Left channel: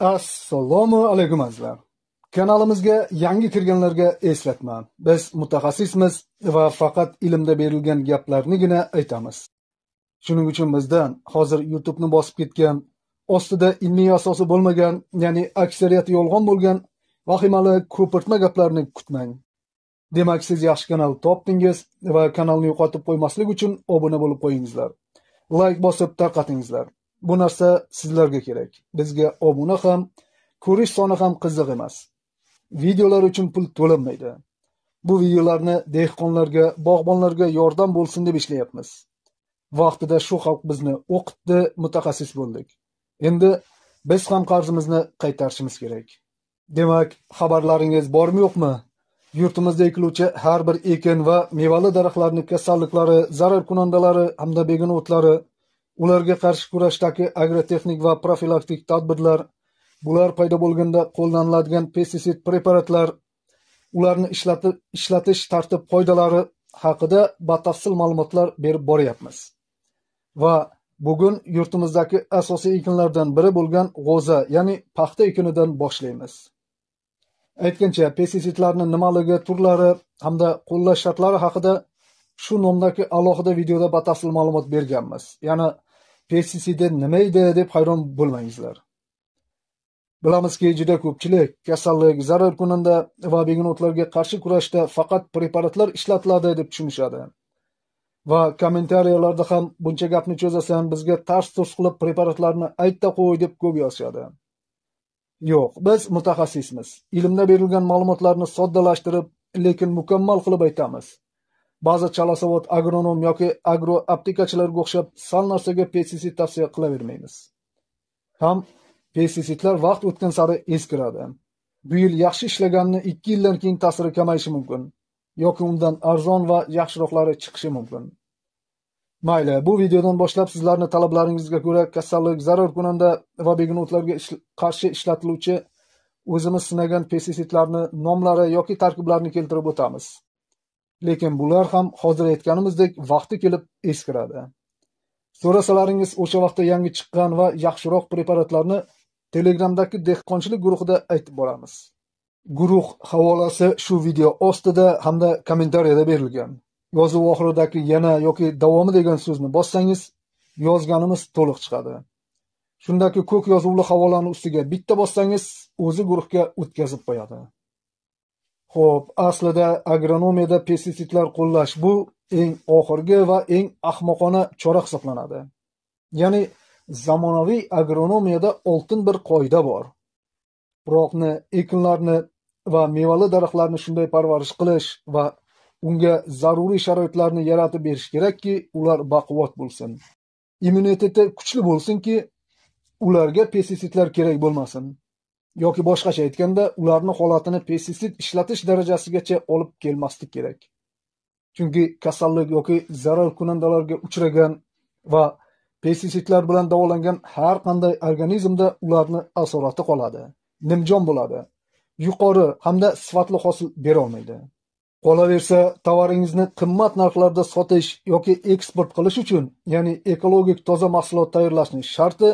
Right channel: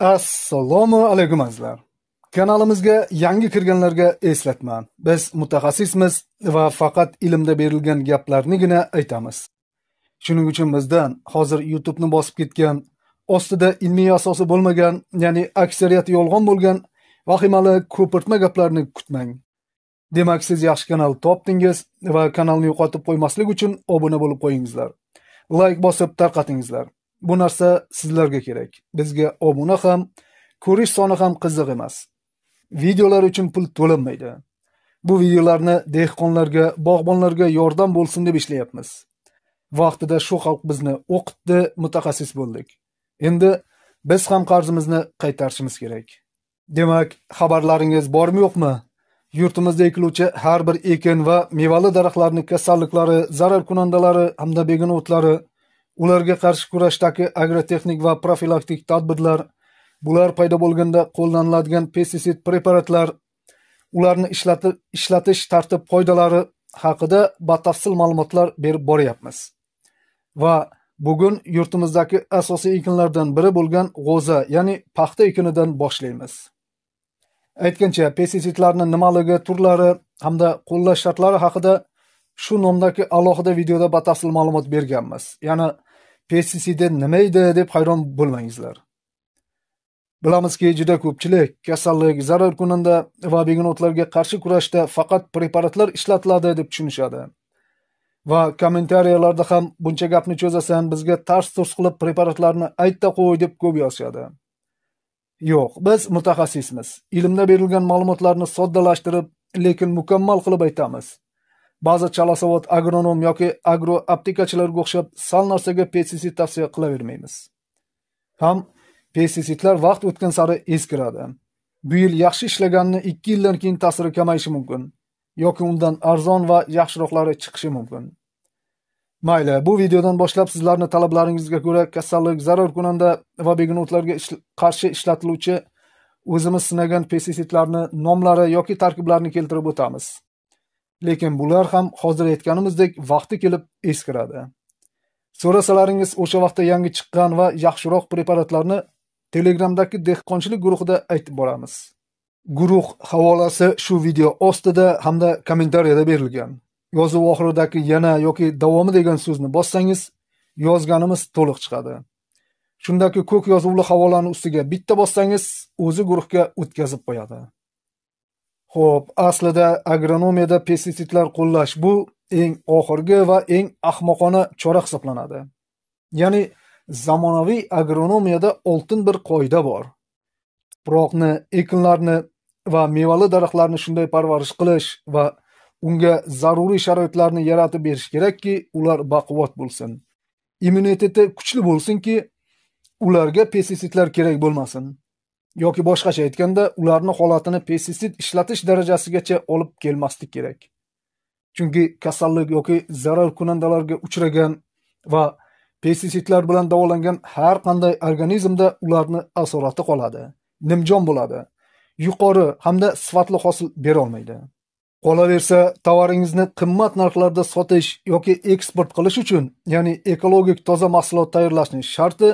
Assalomu alaykum azizlar. Kanalimizga yangi kirganlarga eslatma. Biz mutaxassismiz va faqat ilmda berilgan gaplarnigina aytamiz. Shuning uchun bizdan hozir YouTube'ni bosib ketgan, ostida ilmiy asosi bo'lmagan, ya'ni aksariyati yolg'on bo'lgan vahimali ko'pirtma gaplarni kutmang. Demak, siz yaxshi kanal topdingiz va kanalni yo'qotib qo'ymaslik uchun obuna bo'lib qo'yingizlar. Like bosib tarqatingizlar. Bu narsa sizlarga kerak. Bizga obuna ham, ko'rish soni ham qiziq emas. Videolar uchun pul to'lanmaydi. Bu videolarni dehqonlarga, bog'bonlarga yordam bo'lsin deb ishlayapmiz. Vaqtida shu xalq bizni o'qitdi, mutaxassis bo'ldik. Endi biz ham qarzimizni qaytarishimiz kerak. Demak, xabarlaringiz bormi yo'qmi? Yurtimizda ekiluvchi har bir ekin va mevali daraxtlarning kasalliklari, zarar kunandalari hamda begona o'tlari, ularga qarshi kurashdagi agrotexnik va profilaktik tadbirlar, bular paydo bo'lganda qo'llaniladigan pestisid preparatlar, ularni ishlatish tartib-qoidalari haqida batafsil ma'lumotlar berib boryapmiz. Va bugun yurtimizdagi asosiy ekinlardan biri bo'lgan g'o'za, ya'ni paxta ekinidan boshlaymiz. Aytgancha, pestisidlarning nimaligi, turlari hamda qo'llash shartlari haqida shu nomdagi alohida videoda batafsil ma'lumot berganmiz. Ya'ni pestisidi nima edi deb hayron bo'lmangizlar. Bilamizki, juda ko'pchilik kasallik, zarar kunanda va begona o'tlarga qarshi kurashda faqat preparatlar ishlatiladi deb tushunishadi. Va kommentariyalarda ham buncha gapni cho'zasan, bizga tars-turs qilib preparatlarni aytda qo'y deb ko'p yozishadi. Yo'q, biz mutaxassismiz. Ilmda berilgan ma'lumotlarni soddalashtirib, lekin mukammal qilib aytamiz. Ba'zi chalasavod agronom yoki agroaptekachilarga o'xshab sal narsaga pestisid tavsiya qilavermaymiz. Ham pestisidlar vaqt o'tgan sari eskiradi. Bu yil yaxshi ishlaganini 2 yildan keyin ta'siri kamayishi mumkin, yoki undan arzon va yaxshiroqlari chiqishi mumkin. Mayli, bu videodan boshlab sizlarning talablaringizga ko'ra kasallik, zarar kunanda va begona o'tlarga qarshi ishlatiluvchi o'zimiz sinagan pestisidlarni nomlari yoki tarkiblarini keltirib o'tamiz. Lekin bular ham hozir aytganimizdek vaqti kelib eskiradi. So'rasalaringiz o'sha vaqtda yangi chiqqan va yaxshiroq preparatlarni Telegramdagi dehqonchilik guruhida aytib boramiz. Guruh havolasi shu video ostida hamda kommentariyada berilgan. Yozuv oxiridagi yana yoki davomi degan so'zni bossangiz, yozganimiz to'liq chiqadi. Shundaki ko'k yozuvli havolani ustiga bitta bossangiz, o'zi guruhga o'tkazib qo'yadi. Xo'p, aslida agronomiyada pestisidlar qo'llash bu eng oxirgi va eng ahmoqona chora hisoblanadi. Ya'ni zamonaviy agronomiyada oltin bir qoida bor. Tuproqni, ekinlarni va mevali daraxtlarni shunday parvarish qilish va unga zaruriy sharoitlarni yaratib berish kerakki, ular baquvvat bo'lsin. Immuniteti kuchli bo'lsinki, ularga pestisidlar kerak bo'lmasin. Yoki boshqacha aytganda, ularning holatini pestisid ishlatish darajasigacha olib kelmaslik kerak. Chunki kasallik yoki zarar kunandalarga uchragan va pestisidlar bilan davolangan har qanday organizmda ularni asorati qoladi, nimjon bo'ladi, yuqori hamda sifatli hosil bera olmaydi. Qolaversa, tovaringizni qimmat narxlarda sotish yoki eksport qilish uchun, ya'ni ekologik toza mahsulot tayyorlashning sharti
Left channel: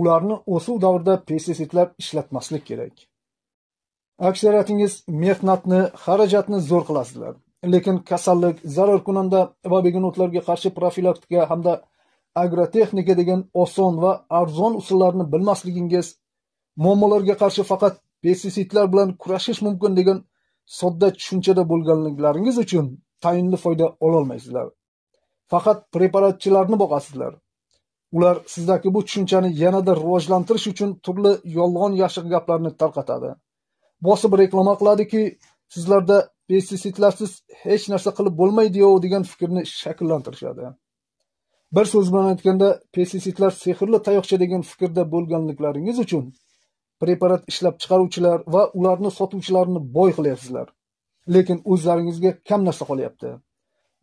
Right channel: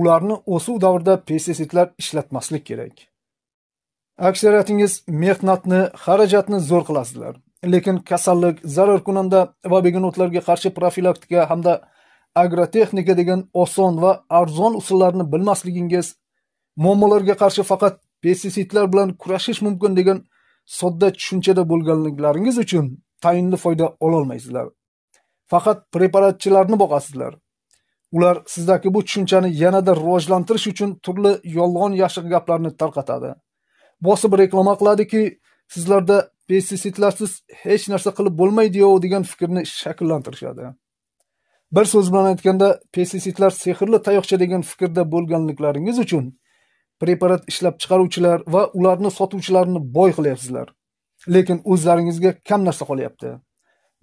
ularni o'suv davrida pestisidlar ishlatmaslik kerak. Aksariyatingiz mehnatni, xarajatni zo'r qilasizlar. Lekin kasallik, zarar kunanda va begona o'tlarga qarshi profilaktika hamda agrotexnika degan oson va arzon usullarni bilmasligingiz, muammolarga qarshi faqat pestisidlar bilan kurashish mumkin degan sodda tushunchada bo'lganliklaringiz uchun tayinli foyda ola olmaysizlar. Faqat preparatchilarni boqasizlar. Ular sizdagi bu tushunchani yanada rivojlantirish uchun turli yolg'on yashiq gaplarni tarqatadi. Bosib reklama qiladiki, sizlarda pestisidlarsiz hech narsa qilib bo'lmaydi-yo degan fikrni shakllantirishadi. Bir so'z bilan aytganda, pestisidlar sehrli tayoqcha degan fikrda bo'lganliklaringiz uchun preparat ishlab chiqaruvchilar va ularni sotuvchilarni boy qilyapsizlar. Lekin o'zlaringizga kam narsa qolyapti.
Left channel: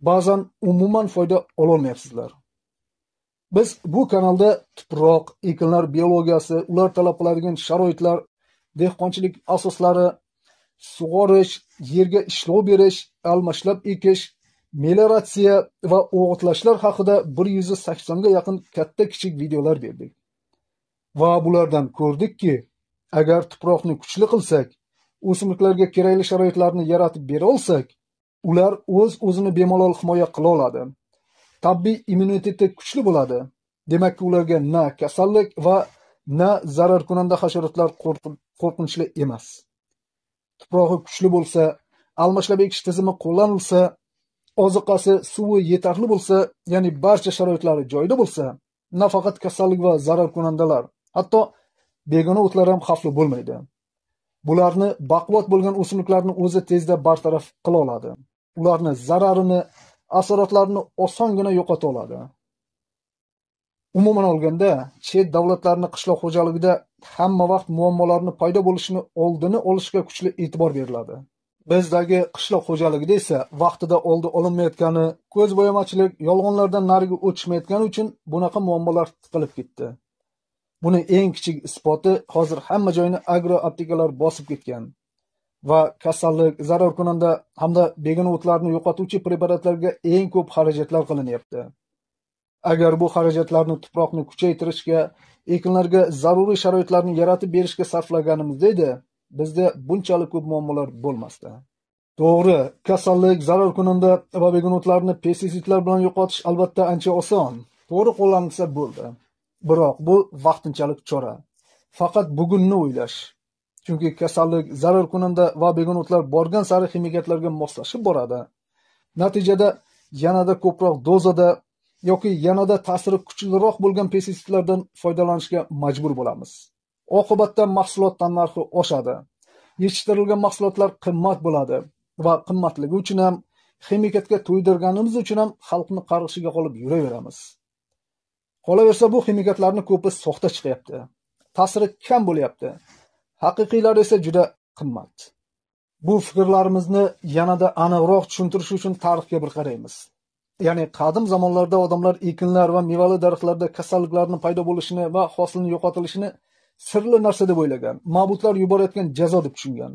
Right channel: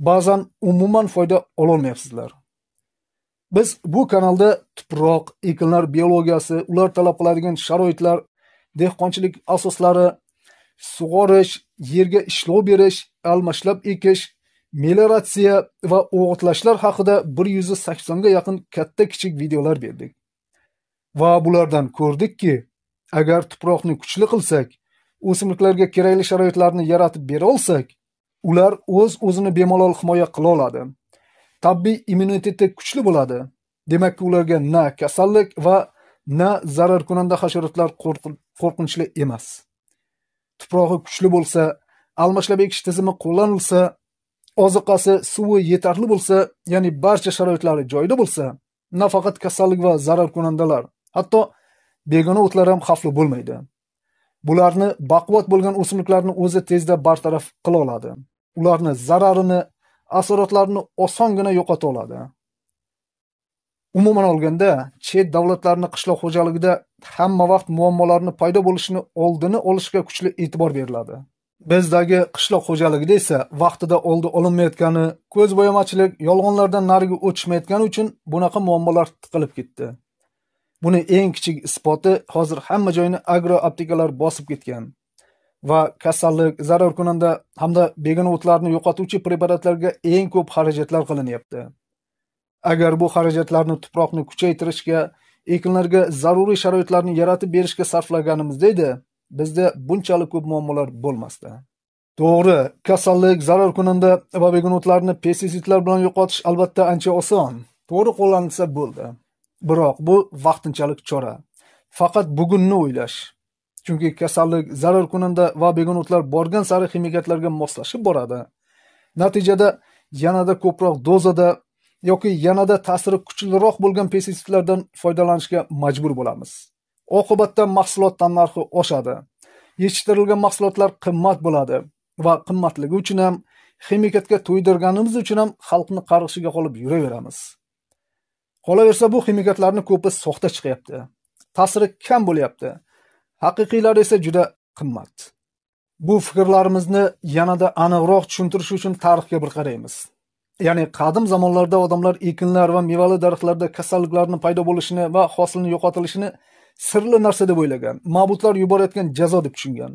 Ba'zan umuman foyda ola olmayapsizlar. Biz bu kanalda tuproq, ekinlar biologiyasi, ular talab qiladigan sharoitlar, dehqonchilik asoslari, sug'orish, yerga ishlov berish, almashlab ekish, melioratsiya va o'g'itlashlar haqida 180 ga yaqin katta-kichik videolar berdik. Va bulardan ko'rdikki, Agar tuproqni kuchli qilsak, o'simliklarga kerakli sharoitlarni yaratib bera olsak, ular o'z-o'zini bemalol himoya qila oladi. Tabiiy immuniteti kuchli bo'ladi. Demakki, ularga na kasallik va na zararkunanda hasharotlar qo'rqinchli emas. Tuprog'i kuchli bo'lsa, almashlab ekish tizimi qo'llanilsa, oziqasi, suvi yetarli bo'lsa, ya'ni barcha sharoitlari joyida bo'lsa, nafaqat kasallik va zararkunandalar, hatto begona o'tlar ham xavfli bo'lmaydi. Bularni baquvvat bo'lgan o'simliklarni o'zi tezda bartaraf qila oladi. Ularni zararini, asoratlarini osongina yo'qota oladi. Umuman olganda, chet davlatlarning qishloq xo'jaligida hamma vaqt muammolarning paydo bo'lishini oldini olishga kuchli e'tibor beriladi. Bizdagi qishloq xo'jaligida esa vaqtida oldi olinmayotgani, ko'zbo'yamachilik, yolg'onlardan nariga o'tishmayotgani uchun bunaqa muammolar tiqilib ketdi. Buni eng kichik isboti hozir hamma joyni agro-aptekalar bosib ketgan va kasallik, zararkunanda hamda begona o'tlarni yo'qotuvchi preparatlarga eng ko'p xarajatlar qilinyapti. Agar bu xarajatlarni tuproqni kuchaytirishga, ekinlarga zaruriy sharoitlarni yaratib berishga sarflaganimizda edi, bizda bunchalik ko'p muammolar bo'lmasdi. To'g'ri, kasallik, zararkunanda va begona o'tlarni pestitsidlar bilan yo'qotish albatta ancha oson. To'g'ri qo'llanilsa bo'ldi. Biroq bu vaqtinchalik chora. Faqat bugunni o'ylash. Chunki kasallik, zararkunanda va begona o'tlar borgan sari ximikatlarga moslashib boradi. Natijada yanada ko'proq dozada yoki yanada ta'siri kuchliroq bo'lgan pestitsidlardan foydalanishga majbur bo'lamiz. Oqibatda mahsulot narxi oshadi. Yetishtirilgan mahsulotlar qimmat bo'ladi va qimmatligi uchun ham, ximikatga to'ydirganimiz uchun ham xalqni qarg'ishiga qolib yuraveramiz. Qolaversa, bu ximikatlarning ko'pi soxta chiqyapti. Ta'siri kam bo'lyapti. Haqiqiylari esa juda qimmat. Bu fikrlarimizni yanada aniqroq tushuntirish uchun tarixga bir qaraymiz. Ya'ni qadim zamonlarda odamlar ekinlar va mevali daraxtlarda kasalliklarning paydo bo'lishini va hosilni yo'qotilishini sirli narsa deb o'ylagan, ma'budlar yuborayotgan jazo deb tushungan.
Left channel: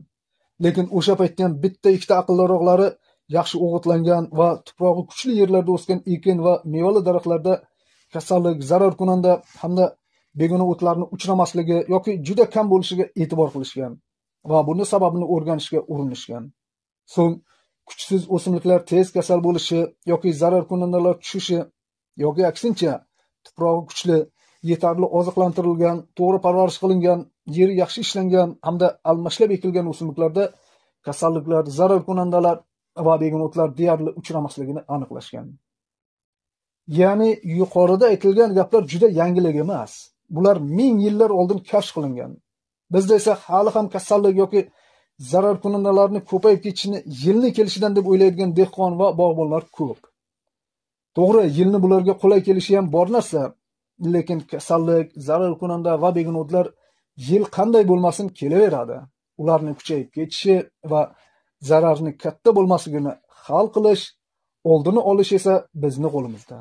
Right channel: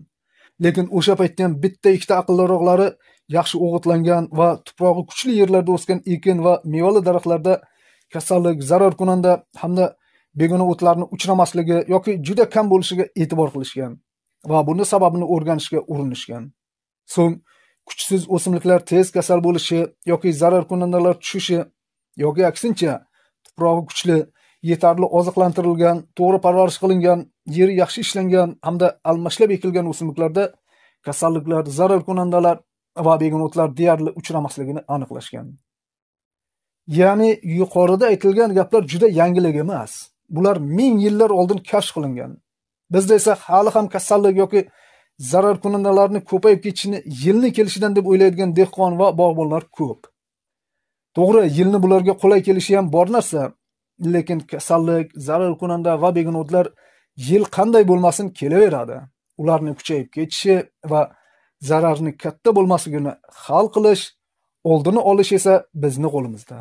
Lekin o'sha paytda ham bitta ikkita aqlliroqlari yaxshi o'g'itlangan va tuprog'i kuchli yerlarda o'sgan ekin va mevali daraxtlarda kasallik, zararkunanda hamda begona o'tlarni uchramasligi yoki juda kam bo'lishiga e'tibor qilishgan va buni sababini o'rganishga urinishgan. So'ng kuchsiz o'simliklar tez kasal bo'lishi yoki zararkunandalar tushishi yoki aksincha tuprog'i kuchli, yetarli oziqlantirilgan, to'g'ri parvarish qilingan, yeri yaxshi ishlangan hamda almashlab ekilgan o'simliklarda kasalliklar, zararkunandalar va begona o'tlar deyarli uchramasligini aniqlashgan. Ya'ni yuqorida aytilgan gaplar juda yangilik emas. Bular ming yillar oldin kashf qilingan. Bizda esa hali ham kasallik yoki zararkunandalarni ko'payib ketishini yilni kelishidan deb o'ylaydigan dehqon va bog'bonlar ko'p. To'g'ri, yilni bularga qulay kelishi ham bor narsa, lekin kasallik, zararkunanda va begona o'tlar yil qanday bo'lmasin kelaveradi. Ularni kuchayib ketishi va zararni katta bo'lmasligini hal qilish, oldini olish esa bizning qo'limizda.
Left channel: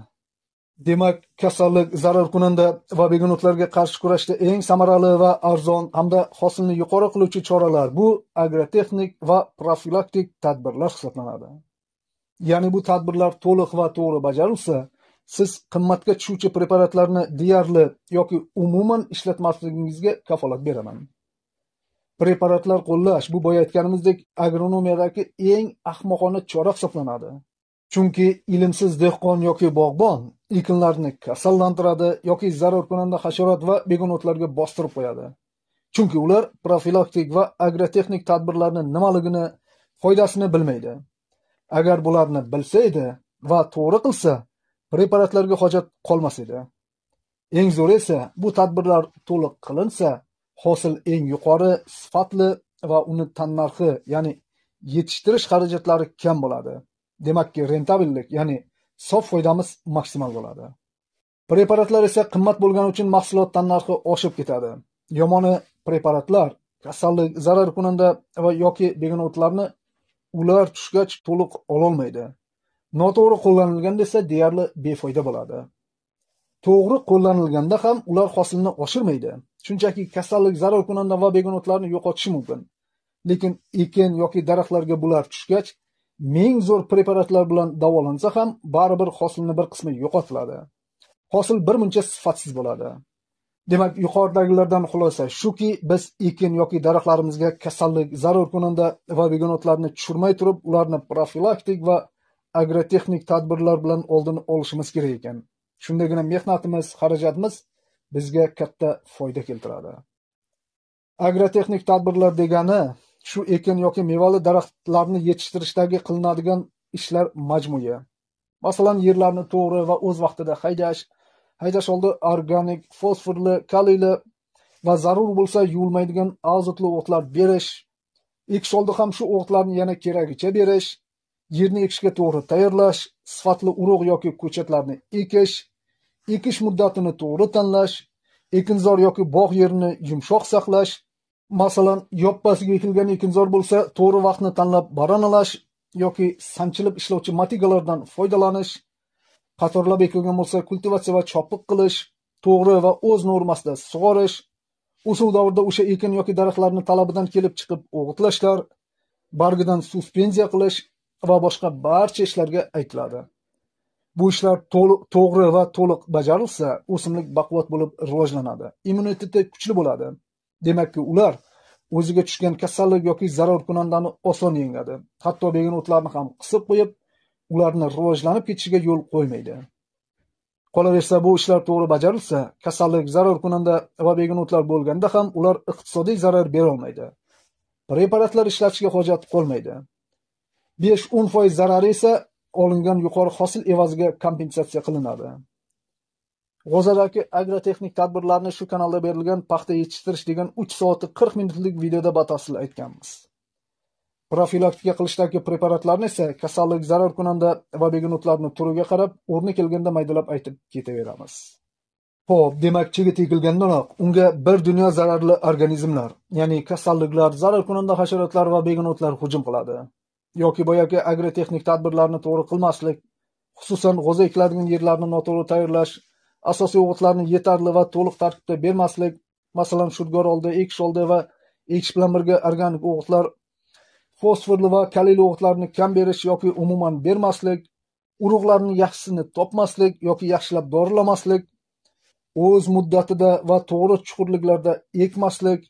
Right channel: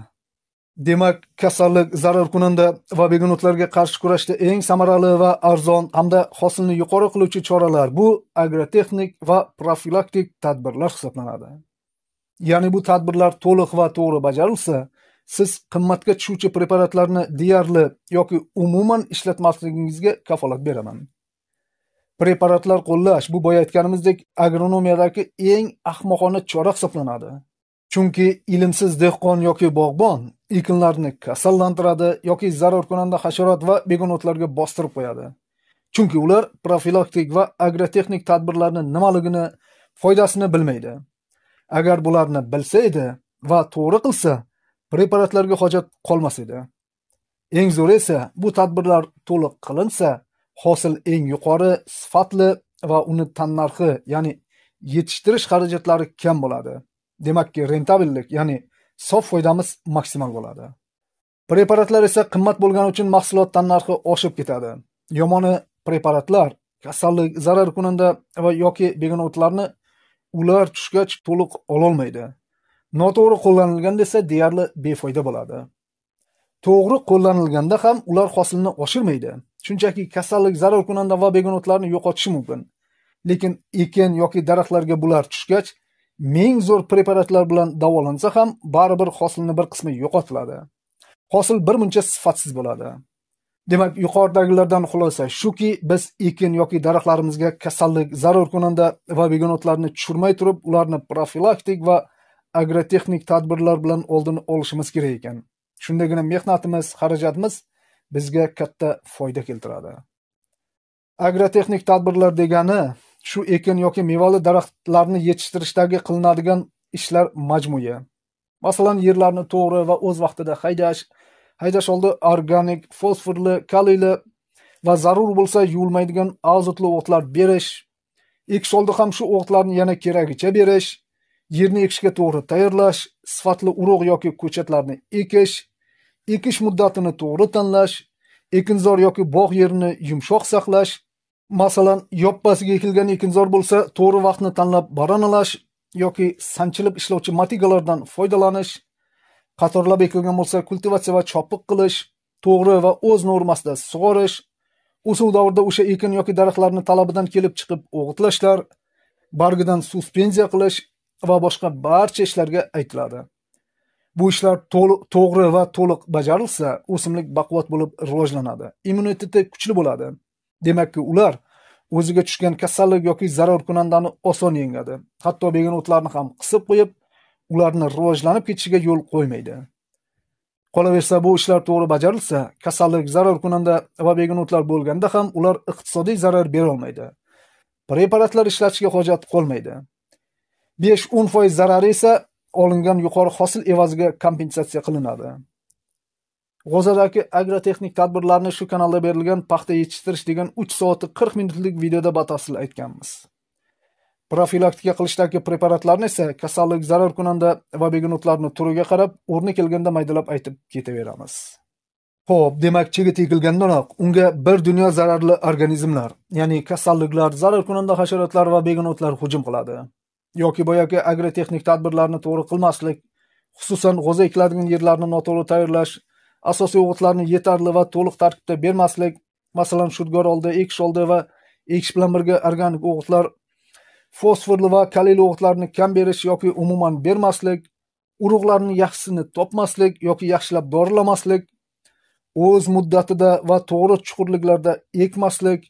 Demak, kasallik, zararkunanda va begona o'tlarga qarshi kurashda eng samarali va arzon hamda hosilni yuqori qiluvchi choralar bu agrotexnik va profilaktik tadbirlar hisoblanadi. Ya'ni bu tadbirlar to'liq va to'g'ri bajarilsa, siz qimmatga tushuvchi preparatlarni deyarli yoki umuman ishlatmasligingizga kafolat beraman. Preparatlar qo'llash bu boya aytganimizdek agronomiyadagi eng ahmoqona chora hisoblanadi. Chunki ilmsiz dehqon yoki bog'bon ekinlarni kasallantiradi yoki zararkunanda hasharot va begona o'tlarga bostirib qo'yadi. Chunki ular profilaktik va agrotexnik tadbirlarning nimaligini, foydasini bilmaydi. Agar bularni bilsa edi va to'g'ri qilsa, preparatlarga hojat qolmas edi. Eng zo'ri esa bu tadbirlar to'liq qilinsa, hosil eng yuqori, sifatli va uni tannarxi, ya'ni yetishtirish xarajatlari kam bo'ladi. Demakki, rentabillik, ya'ni sof foydamiz maksimal bo'ladi. Preparatlar esa qimmat bo'lgani uchun mahsulot tannarxi oshib ketadi. Yomoni preparatlar kasallik, zararkunanda va yoki begona o'tlarni ular tushgach to'liq ololmaydi. Noto'g'ri qo'llanilganda esa deyarli befoyda bo'ladi. To'g'ri qo'llanilganda ham ular hosilni oshirmaydi. Shunchaki kasallik, zararkunanda va begona o'tlarni yo'qotishi mumkin. Lekin ekin yoki daraxtlarga bular tushgach, ming zo'r preparatlar bilan davolansa ham baribir hosilning bir qismi yo'qotiladi. Hosil bir muncha sifatsiz bo'ladi. Demak, yuqoridagilardan xulosa shuki, biz ekin yoki daraxtlarimizga kasallik, zarur kunanda va begonotlarni tushirmay turib, ularni profilaktik va agrotexnik tadbirlar bilan oldini olishimiz kerak ekan. Shundagina mehnatimiz, xarajatimiz bizga katta foyda keltiradi. Agrotexnik tadbirlar degani shu ekin yoki mevali daraxtlarni yetishtirishdagi qilinadigan ishlar majmui. Masalan, yerlarni to'g'ri va o'z vaqtida haydash oldi organik, fosforli, kaliyli va zarur bo'lsa yuvilmaydigan azotli o'tlar berish, ekish oldi ham shu o'tlarni yana keragicha berish, yerni ekishga to'g'ri tayyorlash, sifatli urug' yoki ko'chatlarni ekish muddatini to'g'ri tanlash, ekinzor yoki bog' yerini yumshoq saqlash, masalan, yoppasiga ekilgan ekinzor bo'lsa, to'g'ri vaqtni tanlab baranalash yoki sanchilib ishlovchi motigalardan foydalanish, qatorlab ekilgan bo'lsa, kultivatsiya va chopiq qilish, to'g'ri va o'z normasida sug'orish, o'suv davrida o'sha ekin yoki daraxtlarni talabidan kelib chiqib o'g'itlashlar, bargidan suspenziya qilish va boshqa barcha ishlarga aytiladi. Bu ishlar to'g'ri va to'liq bajarilsa, o'simlik baquvvat bo'lib rivojlanadi, immuniteti kuchli bo'ladi. Demakki, ular o'ziga tushgan kasallik yoki zarar kunandani oson yengadi. Hatto begonotlarni ham qisib qo'yib, ularni rivojlanib ketishiga yo'l qo'ymaydi. Qolaversa, bu ishlar to'g'ri bajarilsa, kasallik, zarar kunanda va begonotlar bo'lganda ham ular iqtisodiy zarar bera olmaydi. Preparatlar ishlatishga hojat qolmaydi. 5-10% zarari esa olingan yuqori hosil evaziga kompensatsiya qilinadi. G'o'zadagi agrotexnik tadbirlarni shu kanalda berilgan paxta yetishtirish degan 3 soatlik 40 minutlik videoda batafsil aytganmiz. Profilaktika qilishdagi preparatlarni esa kasallik, zarar kunanda va begonotlarni turiga qarab, o'rni kelganda maydalab aytib ketaveramiz. Xo'p, demak, chigit ekilgandanoq unga bir dunyo zararli organizmlar, ya'ni kasalliklar, zarar kunanda hasharotlar va begonotlar hujum qiladi. Yoki boyagi agrotexnik tadbirlarni to'g'ri qilmaslik, xususan g'o'za ekiladigan yerlarni noto'g'ri tayyorlash, asosiy o'g'itlarni yetarli va to'liq tarkibda bermaslik, masalan, shudgor oldi, ekish oldi va ekish bilan birga organik o'g'itlar, fosforli va kaliyli o'g'itlarni kam berish yoki umuman bermaslik, urug'larni yaxshisini topmaslik yoki yaxshilab dorilamaslik, o'z muddatida va to'g'ri chuqurliklarda ekmaslik,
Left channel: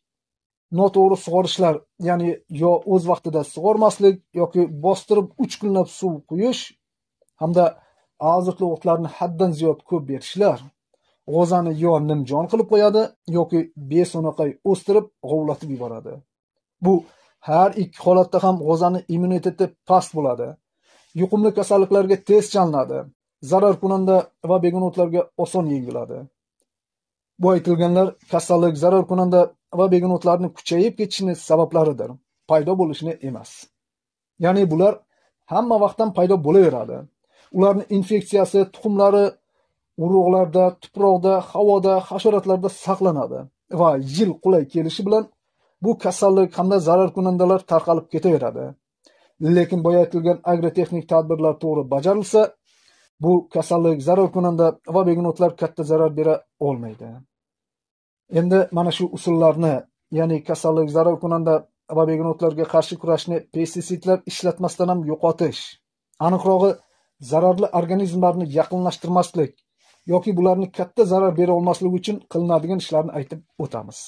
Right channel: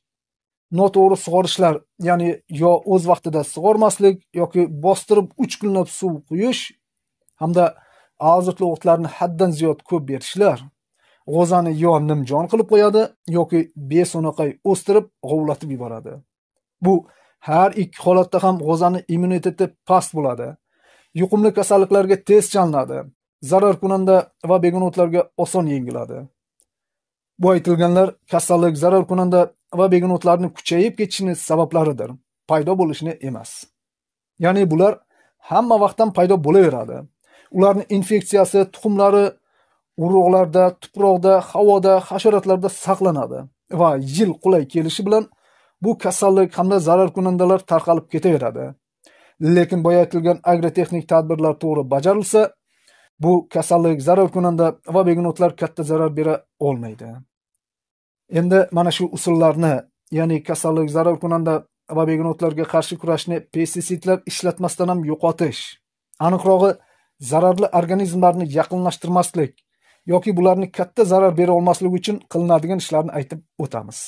noto'g'ri sug'orishlar, ya'ni yo o'z vaqtida sug'ormaslik yoki bostirib 3 kunlab suv quyish hamda azotli o'tlarni haddan ziyod ko'p berishlar g'o'zani yo nimjon qilib qo'yadi yoki beso'naqay o'stirib g'ovlatib yuboradi. Bu har ikki holatda ham g'o'zani immuniteti past bo'ladi. Yuqumli kasalliklarga tez chalinadi. Zarar kunanda va begonotlarga oson yengiladi. Bu aytilganlar kasallik, zarar kunanda va begonotlarni kuchayib ketishini sabablaridir, paydo bo'lishini emas. Ya'ni bular hamma vaqtdan paydo bo'laveradi. Ularning infeksiyasi tuxumlari urug'larda, tuproqda, havoda, hasharotlarda saqlanadi va yil qulay kelishi bilan bu kasallik hamda zarar kunandalar tarqalib ketaveradi. Lekin boya aytilgan agrotexnik tadbirlar to'g'ri bajarilsa, bu kasallik, zarar kunanda va begonotlar katta zarar bera olmaydi. Endi mana shu usullarni, ya'ni kasallik, zarar kunanda va begonotlarga qarshi kurashni pestitsidlar ishlatmasdan ham yo'qotish, aniqrog'i zararli organizmlarni yaqinlashtirmaslik yoki bularni katta zarar bera olmasligi uchun qilinadigan ishlarni aytib o'tamiz.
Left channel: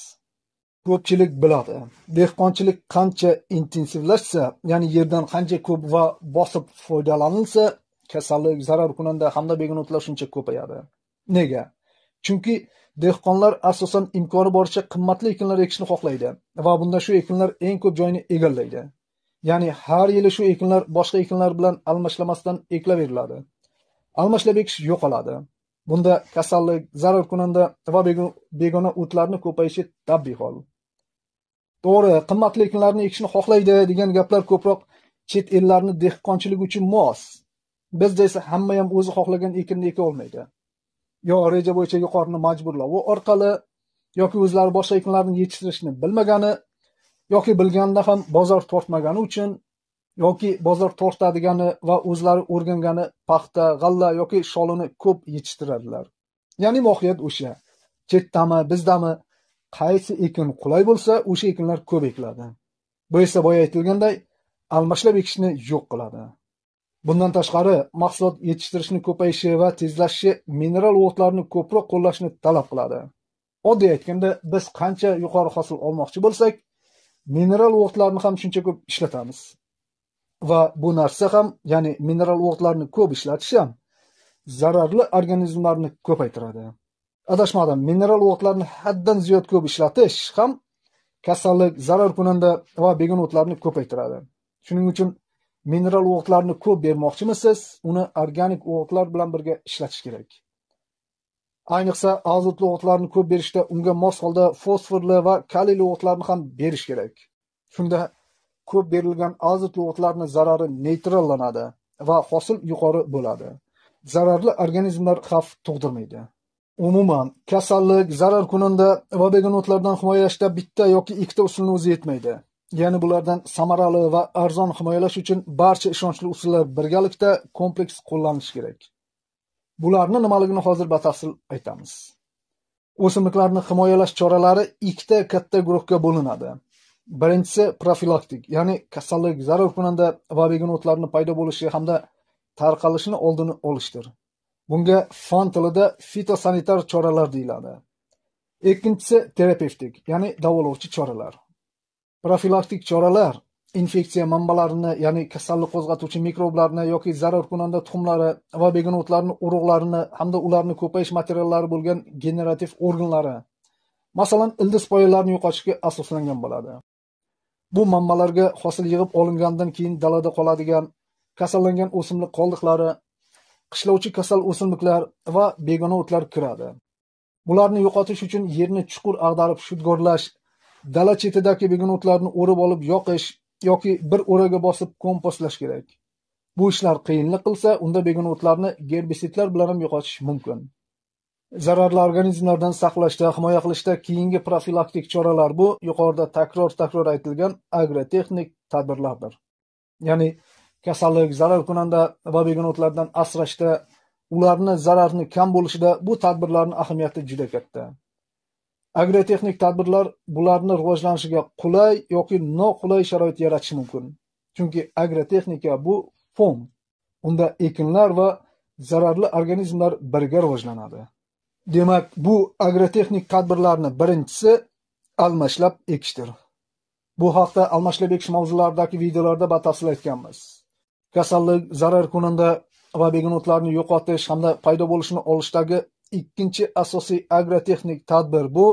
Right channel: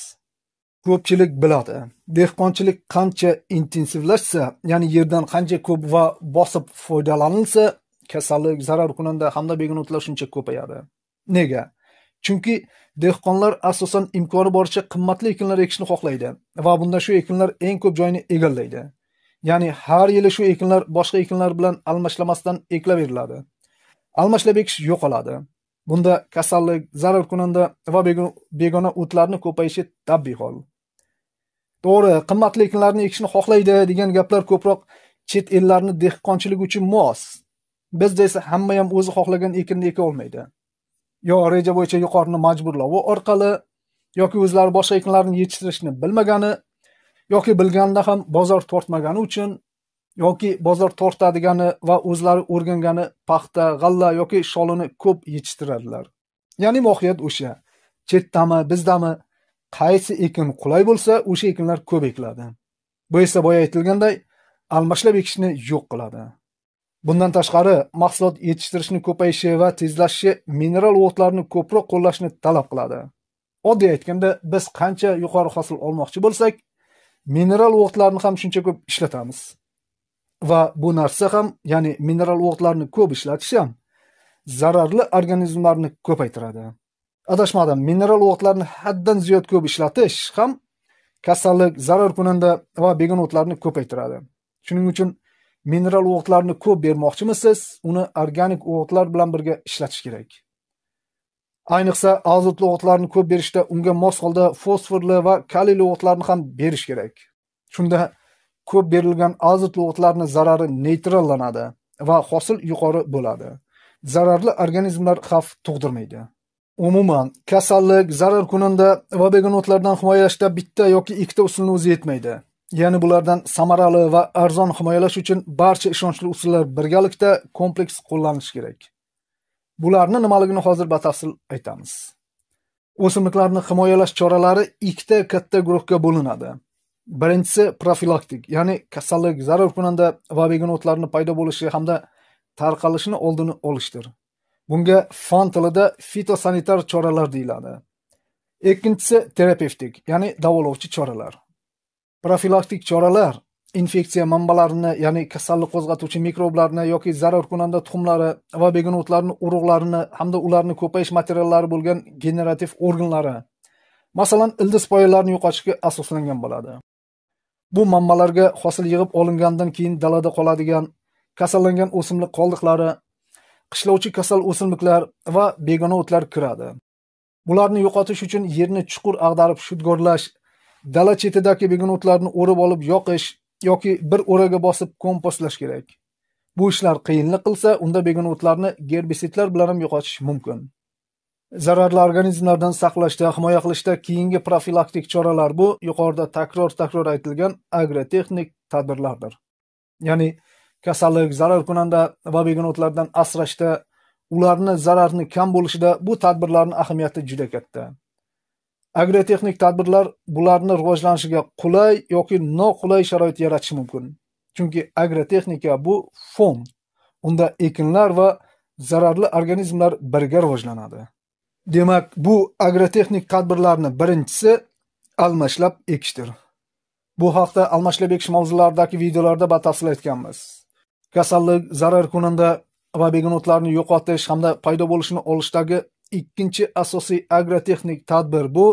Ko'pchilik biladi, dehqonchilik qancha intensivlashsa, ya'ni yerdan qancha ko'p va bosib foydalanilsa, kasallik, zarar kunanda hamda begonotlar shuncha ko'payadi. Nega? Chunki dehqonlar asosan imkoni boricha qimmatli ekinlar ekishni xohlaydi va bunda shu ekinlar eng ko'p joyni egallaydi. Ya'ni har yili shu ekinlar boshqa ekinlar bilan almashlamasdan ekilaveriladi. Almashlab ekish yo'qoladi. Bunda kasallik, zarar kunanda va begona o'tlarni ko'payishi tabiiy hol. To'g'ri, qimmatli ekinlarni ekishni xohlaydi degan gaplar ko'proq chet ellarni dehqonchilik uchun mos. Bizda esa hamma ham o'zi xohlagan ekinni eka olmaydi. Yo reja bo'yicha yuqorini majburlovi orqali yoki o'zlari boshqa ekinlarni yetishtirishni bilmagani yoki bilganda ham bozor tortmagani uchun yoki bozor tortadigani va o'zlari o'rgangani paxta, g'alla yoki sholini ko'p yetishtiradilar. Ya'ni mohiyat o'sha. Chetdami, bizdami qaysi ekin qulay bo'lsa, o'sha ekinlar ko'p ekiladi. Bu esa boya aytilganday almashlab ekishni yo'q qiladi. Bundan tashqari, mahsulot yetishtirishni ko'payishi va tezlashishi mineral o'g'itlarni ko'proq qo'llashni talab qiladi. Oddiy aytganda, biz qancha yuqori hosil olmoqchi bo'lsak, mineral o'g'itlarni ham shuncha ko'p ishlatamiz. Va bu narsa ham, ya'ni mineral o'g'itlarni ko'p ishlatish ham zararli organizmlarni ko'paytiradi. Adashmadim, mineral o'g'itlarni haddan ziyod ko'p ishlatish ham kasallik, zarar kunanda va begonotlarni ko'paytiradi. Shuning uchun mineral o'g'itlarni ko'p bermoqchimisiz, uni organik o'g'itlar bilan birga ishlatish kerak. Ayniqsa azotli o'g'itlarni ko'p berishda unga mos holda fosforli va kaliyli o'g'itlarni ham berish kerak. Shunda ko'p berilgan azotli o'g'itlarning zarari neytrallanadi va hosil yuqori bo'ladi. Zararli organizmlar xavf tug'dirmaydi. Umuman, kasallik, zarar kunanda va begonotlardan himoyalashda bitta yoki ikkita usulni o'zi yetmaydi. Ya'ni bulardan samarali va arzon himoyalash uchun barcha ishonchli usullar birgalikda kompleks qo'llanishi kerak. Bularni nimaligini hozir batafsil aytamiz. O'simliklarni himoyalash choralari ikkita katta guruhga bo'linadi. Birinchisi profilaktik, ya'ni kasallik, zarar kunanda va begonotlarning paydo bo'lishi hamda tarqalishini oldini olishdir. Bunga fan tilida fitosanitar choralar deyiladi. Ikkinchisi terapevtik, ya'ni davolovchi choralar. Profilaktik choralar infeksiya manbalarini, ya'ni kasallik qo'zg'atuvchi mikroblarni yoki zarar kunanda tuxumlari va begonotlarning urug'larini hamda ularning ko'payish materiallari bo'lgan generativ organlari, masalan, ildiz poyalarini yo'qotishga asoslangan bo'ladi. Bu manbalarga hosil yig'ib olingandan keyin dalada qoladigan kasallangan o'simlik qoldiqlari, qishlovchi kasal o'simliklar va begona o'tlar kiradi. Bularni yo'qotish uchun yerni chuqur ag'darib shudgorlash, dala chetidagi begona o'tlarni o'rib olib yoqish yoki bir o'raga bosib kompostlash kerak. Bu ishlar qiyinlik qilsa, unda begona o'tlarni gerbisidlar bilan ham yo'qotish mumkin. Zararli organizmlardan saqlashda, himoya qilishda keyingi profilaktik choralar bu yuqorida takror aytilgan agrotexnik tadbirlardir. Ya'ni kasallik, zarar kunanda va begonotlardan asrashda, ularni zararni kam bo'lishida bu tadbirlarning ahamiyati juda katta. Agrotexnik tadbirlar bularni rivojlanishiga qulay yoki noqulay sharoit yaratishi mumkin. Chunki agrotexnika bu fon. Unda ekinlar va zararli organizmlar birga rivojlanadi. Demak, bu agrotexnik tadbirlarning birinchisi almashlab ekishdir. Bu haqda almashlab ekish mavzularidagi videolarda batafsil aytganmiz. Kasallik, zarar kunanda va begonotlarni yo'qotish hamda paydo bo'lishini olishdagi ikkinchi asosiy agrotexnik tadbir bu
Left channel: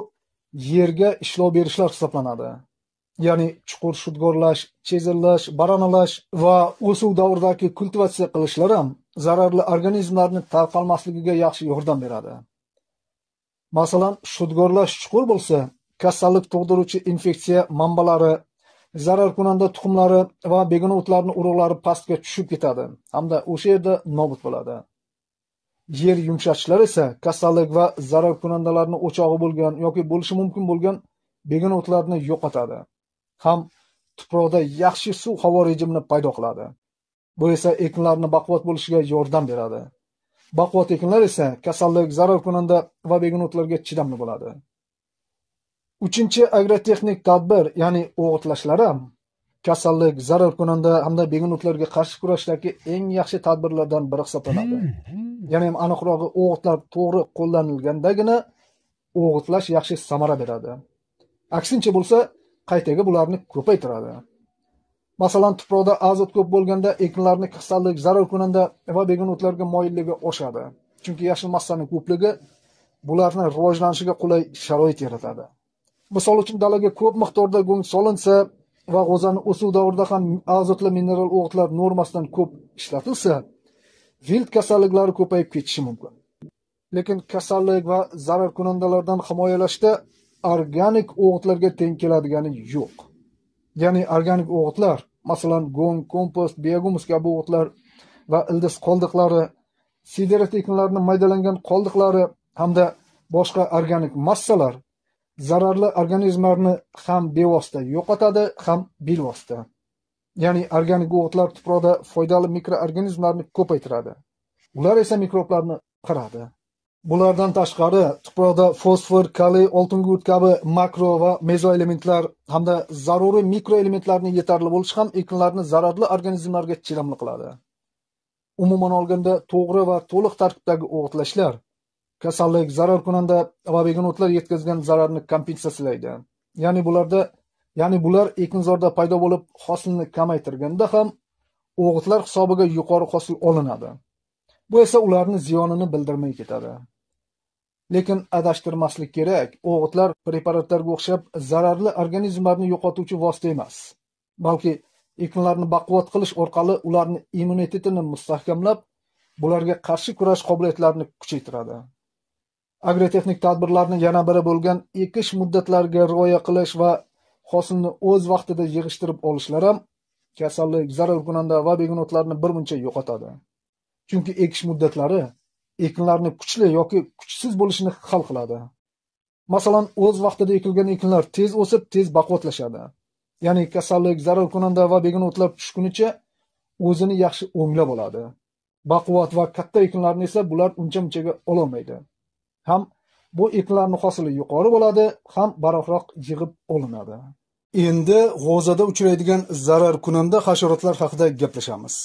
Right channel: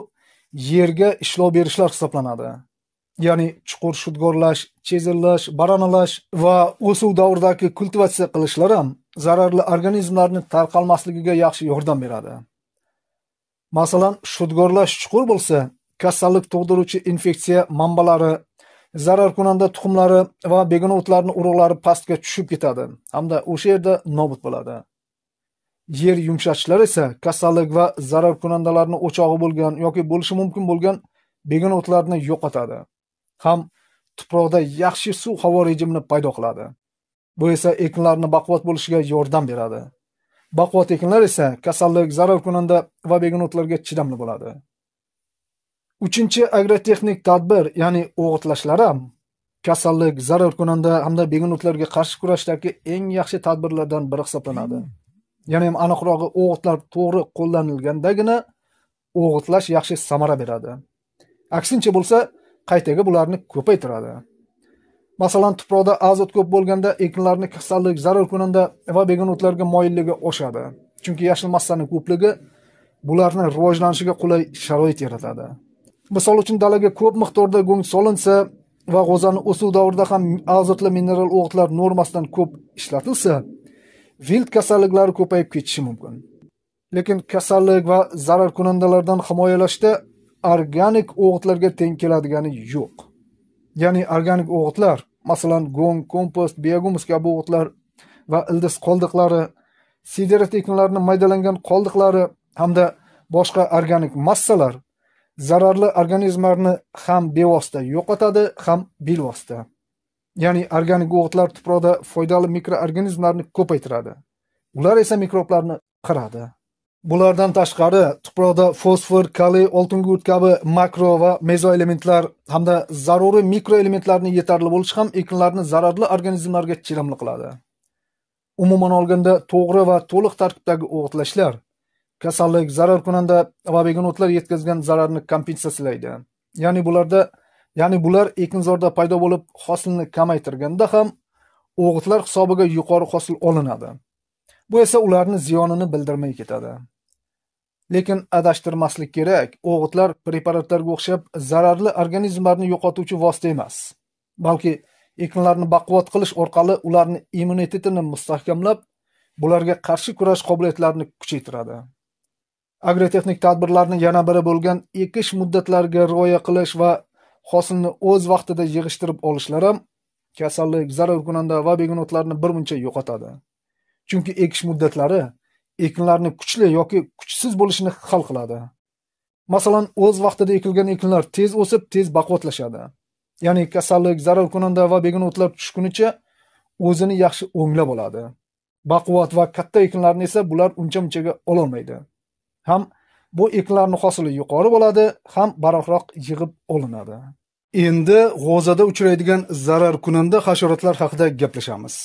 yerga ishlov berishlar hisoblanadi. Ya'ni chuqur shudgorlash, chezillash, baranalash va o'suv davridagi kultivatsiya qilishlar ham zararli organizmlarning tarqalmasligiga yaxshi yordam beradi. Masalan, shudgorlash chuqur bo'lsa, kasallik tug'diruvchi infeksiya manbalari, zarar kunanda tuxumlari va begona o'tlarning urug'lari pastga tushib ketadi hamda o'sha yerda nobud bo'ladi. Yer yumshatishlar esa kasallik va zarar kunandalarning o'chog'i bo'lgan yoki bo'lishi mumkin bo'lgan begona o'tlarni yo'qotadi. Ham tuproqda yaxshi suv-havo rejimini paydo qiladi. Bu esa ekinlarning baquvvat bo'lishiga yordam beradi. Baquvvat ekinlar esa kasallik, zarar kunanda va begona o'tlarga chidamli bo'ladi. Uchinchi agrotexnik tadbir, ya'ni o'g'itlashlar ham kasallik, zarar kunanda hamda begona o'tlarga qarshi kurashdagi eng yaxshi tadbirlardan biri hisoblanadi. Ya'ni aniqrog'i o'g'itlar to'g'ri qo'llanilgandagina o'g'itlash yaxshi samara beradi. Aksincha bo'lsa, qaytaga bularni ko'paytiradi. Masalan, tuproqda azot ko'p bo'lganda ekinlarning kasallik, zarar kunanda va begona o'tlarga moyilligi oshadi. Chunki yashil massaning ko'pligi bularning rivojlanishiga qulay sharoit yaratadi. Misol uchun dalaga ko'p miqdorda go'ng solinsa va g'o'zani o'suv davrida ham azotli mineral o'g'itlar normasidan ko'p ishlatilsa, vilt kasalliklari ko'payib ketishi mumkin. Lekin kasallik va zarar kunandalardan himoyalashda organik o'g'itlarga teng keladigani yo'q. Ya'ni organik o'g'itlar, masalan, go'ng, kompost, biohumus kabi o'g'itlar va ildiz qoldiqlari, sidrat ekinlarining maydalangan qoldiqlari hamda boshqa organik massalar zararli organizmlarni ham bevosita yo'qotadi, ham bilvosita. Ya'ni organik o'g'itlar tuproqda foydali mikroorganizmlarni ko'paytiradi. Ular esa mikroblarni qiradi. Bulardan tashqari, tuproqda fosfor, kaliy, oltin gumurt kabi makro va mezoelementlar hamda zaruriy mikroelementlarning yetarli bo'lishi ham ekinlarni zararli organizmlarga chidamli qiladi. Umuman olganda, to'g'ri va to'liq tarkibdagi o'g'itlashlar kasallik, zararkunanda va begonotlar yetkazgan zararni kompensatsiyalaydi. Ya'ni bular ekinzorda paydo bo'lib, hosilni kamaytirganda ham o'g'itlar hisobiga yuqori hosil olinadi. Bu esa ularni ziyonini bildirmay ketadi. Lekin adashtirmaslik kerak, o'g'itlar preparatlarga o'xshab zararli organizmlarni yo'qotuvchi vosita emas, balki ekinlarni baquvvat qilish orqali ularni immunitetini mustahkamlab, bularga qarshi kurash qobiliyatlarini kuchaytiradi. Agrotexnik tadbirlarning yana biri bo'lgan ekish muddatlariga rioya qilish va hosilni o'z vaqtida yig'ishtirib olishlar ham kasallik, zararkunanda va begonotlarni birmuncha yo'qotadi. Chunki ekish muddatlari ekinlarni kuchli yoki kuchsiz bo'lishini hal qiladi. Masalan, o'z vaqtida ekilgan ekinlar tez o'sib, tez baquvvatlashadi. Ya'ni kasallik, zararkunanda va begonotlar tushgunicha o'zini yaxshi o'nglab oladi. Baquvvat va katta ekinlarni esa bular uncha-munchaga ololmaydi. Ham bu ekinlarning hosili yuqori bo'ladi, ham balandroq yig'ib olinadi. Endi g'o'zada uchraydigan zararkunanda hasharotlar haqida gaplashamiz.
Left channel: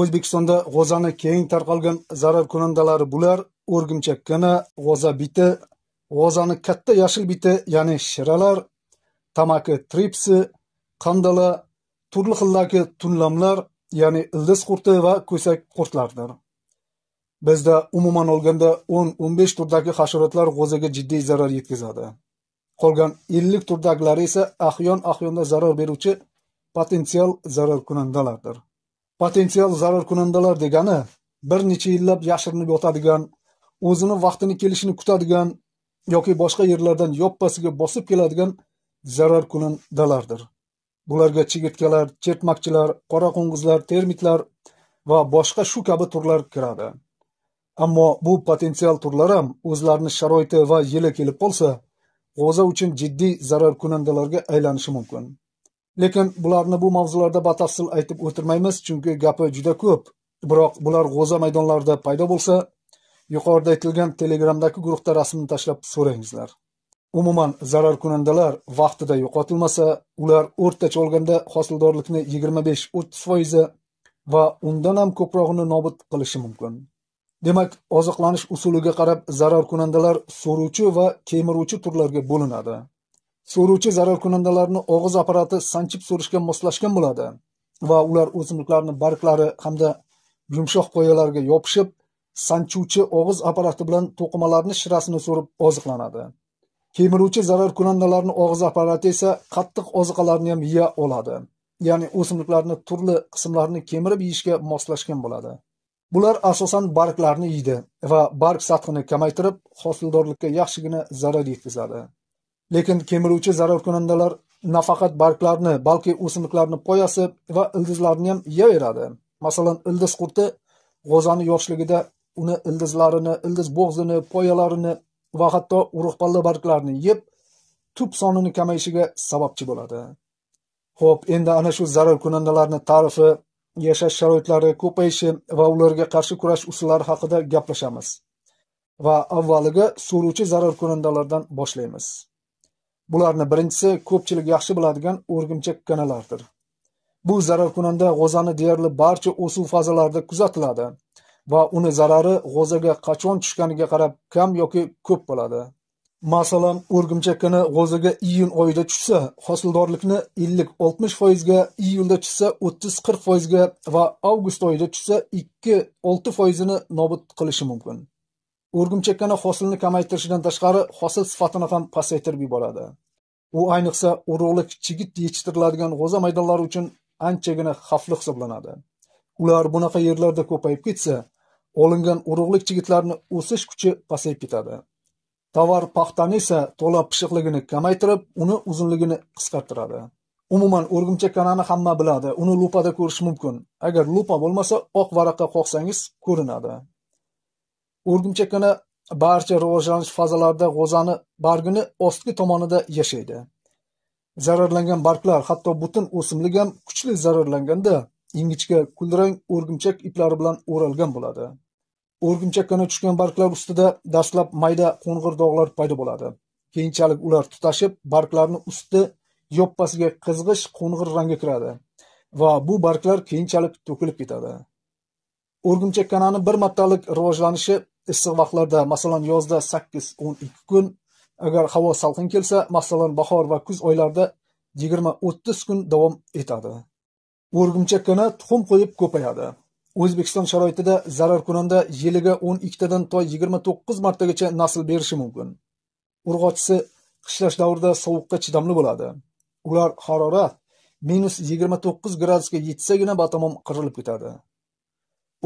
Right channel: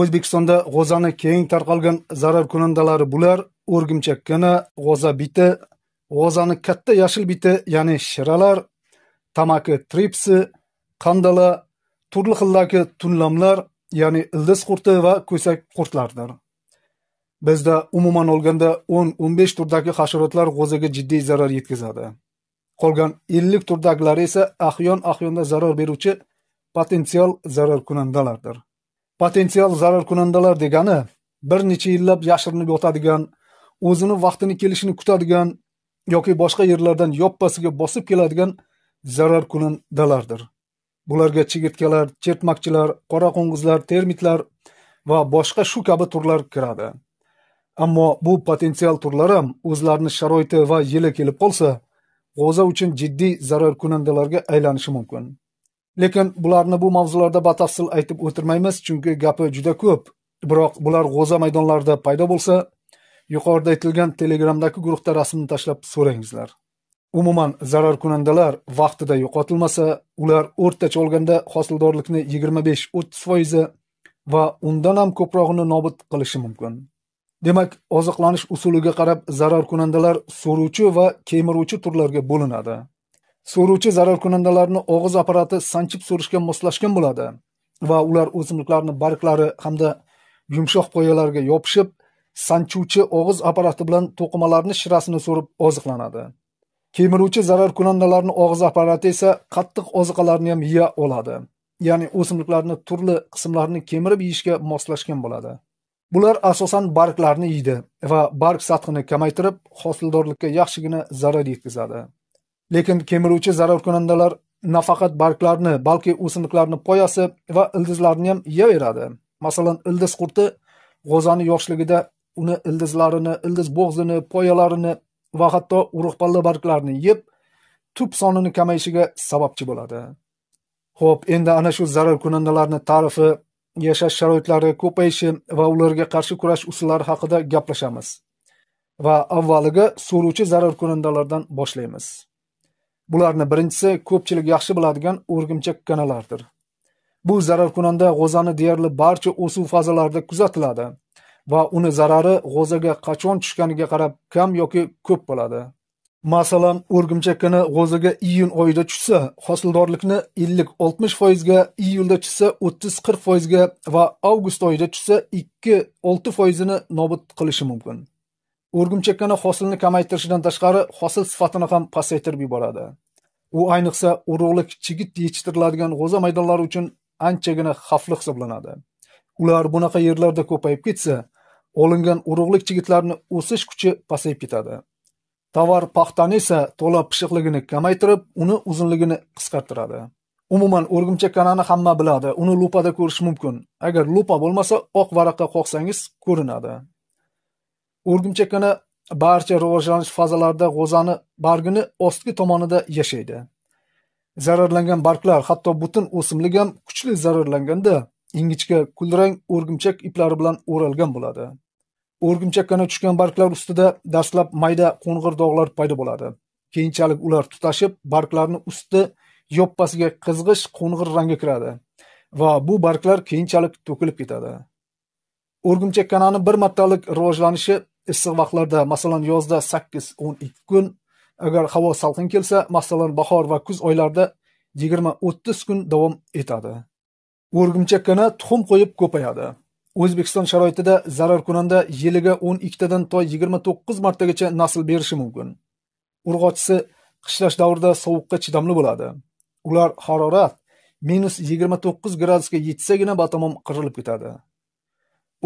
O'zbekistonda g'o'zani keng tarqalgan zararkunandalari bular: o'rgimchak kana, g'o'za biti, g'o'zani katta yashil biti, ya'ni shiralar, tamaki tripsi, qandala, turli xildagi tunlamlar, ya'ni ildiz qurti va ko'sak qurtlardir. Bizda umuman olganda 10-15 turdagi hasharotlar g'o'zaga jiddiy zarar yetkazadi. Qolgan 50 turdagilari esa ahyon-ahyonda zarar beruvchi potensial zararkunandalardir. Potensial zararkunandalar degani bir necha yillab yashirinib yotadigan, o'zini vaqtini kelishini kutadigan yoki boshqa yerlardan yoppasiga bosib keladigan zararkunandalardir. Bularga chigirtkalar, chertmoqchilar, qora qo'ng'izlar, termitlar va boshqa shu kabi turlar kiradi. Ammo bu potensial turlar ham o'zlarini sharoiti va yili kelib qolsa, g'o'za uchun jiddiy zararkunandalarga aylanishi mumkin. Lekin bularni bu mavzularda batafsil aytib o'tirmaymiz, chunki gapi juda ko'p. Biroq bular g'o'za maydonlarida paydo bo'lsa, yuqorida aytilgan Telegramdagi guruhda rasmini tashlab so'rangizlar. Umuman zararkunandalar vaqtida yo'qotilmasa, ular o'rtacha olganda hosildorlikni 25-30% va undan ham ko'prog'ini nobud qilishi mumkin. Demak, oziqlanish usuliga qarab zararkunandalar so'ruvchi va kemiruvchi turlarga bo'linadi. So'ruvchi zararkunandalarni og'iz apparati sanchib so'rishga moslashgan bo'ladi va ular o'simliklarning barglari hamda yumshoq qoyalarga yopishib, sanchuvchi og'iz apparati bilan to'qimalarning shirasini so'rib oziqlanadi. Kemiruvchi zararkunandalarning og'iz apparati esa qattiq oziqalarni ham yeya oladi. Ya'ni o'simliklarning turli qismlarini kemirib yeyishga moslashgan bo'ladi. Bular asosan barglarni yeydi va barg sathini kamaytirib, hosildorlikka yaxshigina zarar yetkazadi. Lekin kemiruvchi zararkunandalar nafaqat barglarni, balki o'simliklarning poyasi va ildizlarini ham yeyaveradi. Masalan, ildiz qurti g'o'zani yoshligida uni ildizlarini, ildiz bo'g'zini, poyalarini va hatto urug'palla barglarini yeb, tub sonini kamayishiga sababchi bo'ladi. Xo'p, endi ana shu zararkunandalarning ta'rifi, yashash sharoitlari, ko'payishi va ularga qarshi kurash usullari haqida gaplashamiz. Va avvaliga so'ruvchi zararkunandalardan boshlaymiz. Bularning birinchisi ko'pchilik yaxshi biladigan o'rgimchak kanalardir. Bu zararkunanda g'o'zani deyarli barcha o'suv fazalarida kuzatiladi va uni zarari g'o'zaga qachon tushganiga qarab kam yoki ko'p bo'ladi. Masalan, o'rgimchak kana g'o'zaga iyun oyida tushsa, hosildorlikni 50-60% ga, iyulda tushsa 30-40% ga va avgust oyida tushsa 2-6% ni nobud qilishi mumkin. O'rgimchak kana hosilni kamaytirishidan tashqari hosil sifatini ham pasaytirib yuboradi. U ayniqsa urug'lik chigit yetishtiriladigan g'o'za maydonlari uchun anchagina xavfli hisoblanadi. Ular bunaqa yerlarda ko'payib ketsa, olingan urug'lik chigitlarning o'sish kuchi pasayib ketadi. Tovar paxtani esa to'la pishiqligini kamaytirib, uni uzunligini qisqartiradi. Umuman o'rgimchak kanani hamma biladi, uni lupada ko'rish mumkin. Agar lupa bo'lmasa, oq varaqqa qoqsangiz ko'rinadi. O'rgimchak kana barcha rivojlanish fazalarida g'o'zani bargini ostki tomonida yashaydi. Zararlangan barglar, hatto butun o'simlik ham kuchli zararlanganda ingichka kulrang o'rgimchak iplari bilan o'ralgan bo'ladi. O'rgimchak kana tushgan barglar ustida dastlab mayda qo'ng'ir dog'lar paydo bo'ladi. Keyinchalik ular tutashib, barglarning usti yoppasiga qizg'ish qo'ng'ir rangga kiradi va bu barglar keyinchalik to'kilib ketadi. O'rgimchak kanani bir martalik rivojlanishi issiq vaqtlarda, masalan yozda 8-12 kun, agar havo salqin kelsa, masalan bahor va kuz oylarida 20-30 kun davom etadi. O'rgimchakkana tuxum qo'yib ko'payadi. O'zbekiston sharoitida zararkunanda yiliga 12 tadan to 29 martagacha nasl berishi mumkin. Urg'ochisi qishlash davrida sovuqqa chidamli bo'ladi. Ular harorat -29 gradusga yetsagina batamom qirilib ketadi.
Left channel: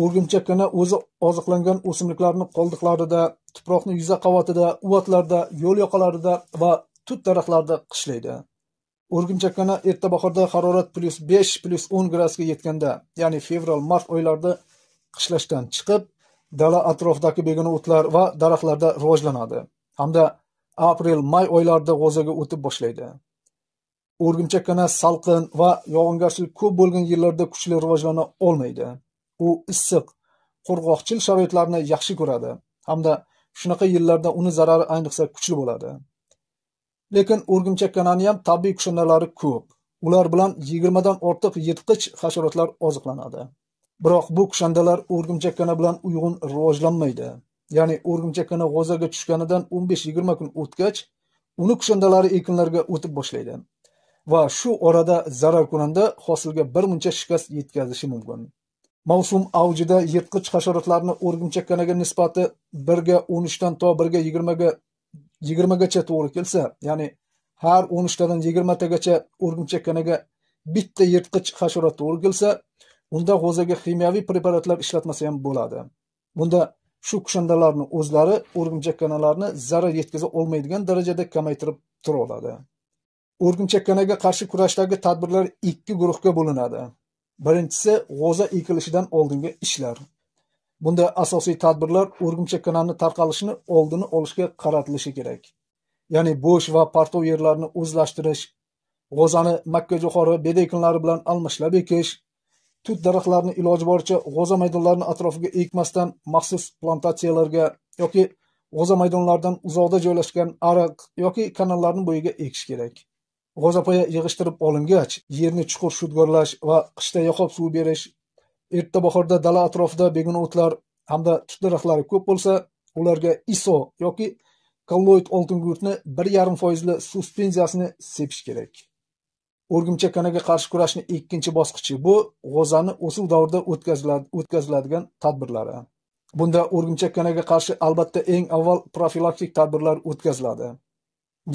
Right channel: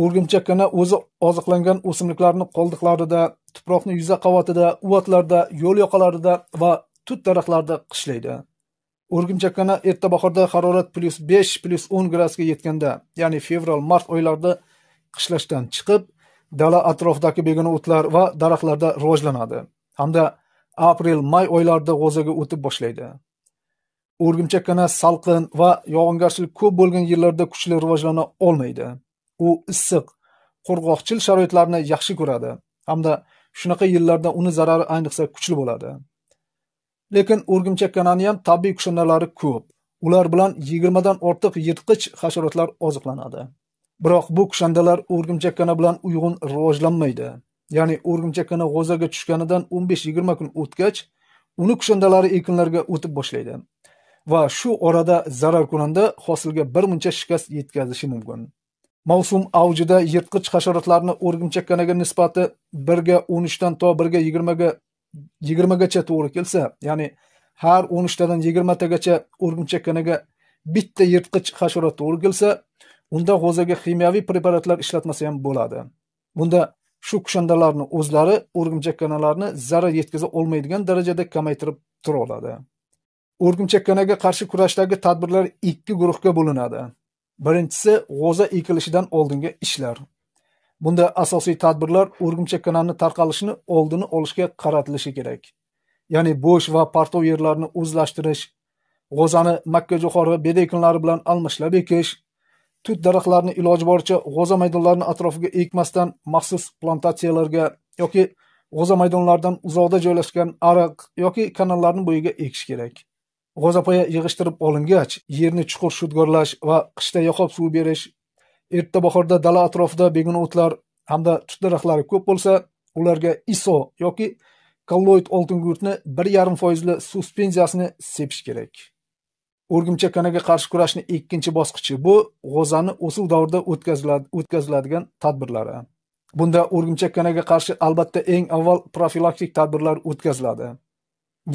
O'rgimchakkana o'zi oziqlangan o'simliklarning qoldiqlarida, tuproqning yuza qavatida, uvatlarda, yo'l yoqalarida va tut daraxtlarida qishlaydi. O'rgimchakkana erta bahorda harorat +5, +10 gradusga yetganda, ya'ni fevral-mart oylarida qishlashdan chiqib, dala atrofidagi begona o'tlar va daraxtlarda rivojlanadi, hamda aprel-may oylarida g'o'zaga o'tib boshlaydi. O'rgimchakkana salqin va yog'ingarchilik ko'p bo'lgan yillarda kuchli rivojlana olmaydi. U issiq, qurg'oqchil sharoitlarni yaxshi ko'radi, hamda shunaqa yillarda uni zarari ayniqsa kuchli bo'ladi. Lekin o'rgimchakkananing ham tabiiy kushandalari ko'p. Ular bilan 20 dan ortiq yirtqich hasharotlar oziqlanadi. Biroq bu kushandalar o'rgimchakkana bilan uyg'un rivojlanmaydi. Ya'ni o'rgimchakkana g'o'zaga tushganidan 15-20 kun o'tgach, uni kushandalari ekinlarga o'tib boshlaydi va shu orada zararkunanda hosilga bir muncha shikast yetkazishi mumkin. Mavsum avjida yirtqich hasharotlarni o'rgimchakkanaga nisbati 1:13 dan to 1:20gacha to'g'ri kelsa, ya'ni har 13 tadan 20 tagacha o'rgimchakkanaga bitta yirtqich hasharot to'g'ri kelsa, unda g'o'zaga kimyoviy preparatlar ishlatmasa ham bo'ladi. Bunda shu kushandalarni o'zlari o'rgimchakkanalarni zarar yetkaza olmaydigan darajada kamaytirib tura oladi. O'rgimchakkanaga qarshi kurashdagi tadbirlar ikki guruhga bo'linadi. Birinchisi g'o'za ekilishidan oldingi ishlar. Bunda asosiy tadbirlar o'rgimchakkanani tarqalishini oldini olishga qaratilishi kerak. Ya'ni bo'sh va partov yerlarni o'zlashtirish, g'o'zani makkajo'xori bedekinlari bilan almashlab ekish, tut daraxtlarini iloji boricha g'o'za maydonlarini atrofiga ekmasdan maxsus plantatsiyalarga yoki g'o'za maydonlaridan uzoqda joylashgan ariq yoki kanallarning bo'yiga ekish kerak. G'o'zapoya yig'ishtirib olingach, yerni chuqur shudgorlash va qishda yoqib suv berish, erta bahorda dala atrofida begona o'tlar hamda tut daraxtlari ko'p bo'lsa, ularga ISO yoki kolloid oltingugurtni 1,5% suspenziyasini sepish kerak. O'rgimchakkanaga qarshi kurashning ikkinchi bosqichi bu g'o'zani o'suv davrida o'tkaziladigan tadbirlari. Bunda o'rgimchakkanaga qarshi albatta eng avval profilaktik tadbirlar o'tkaziladi.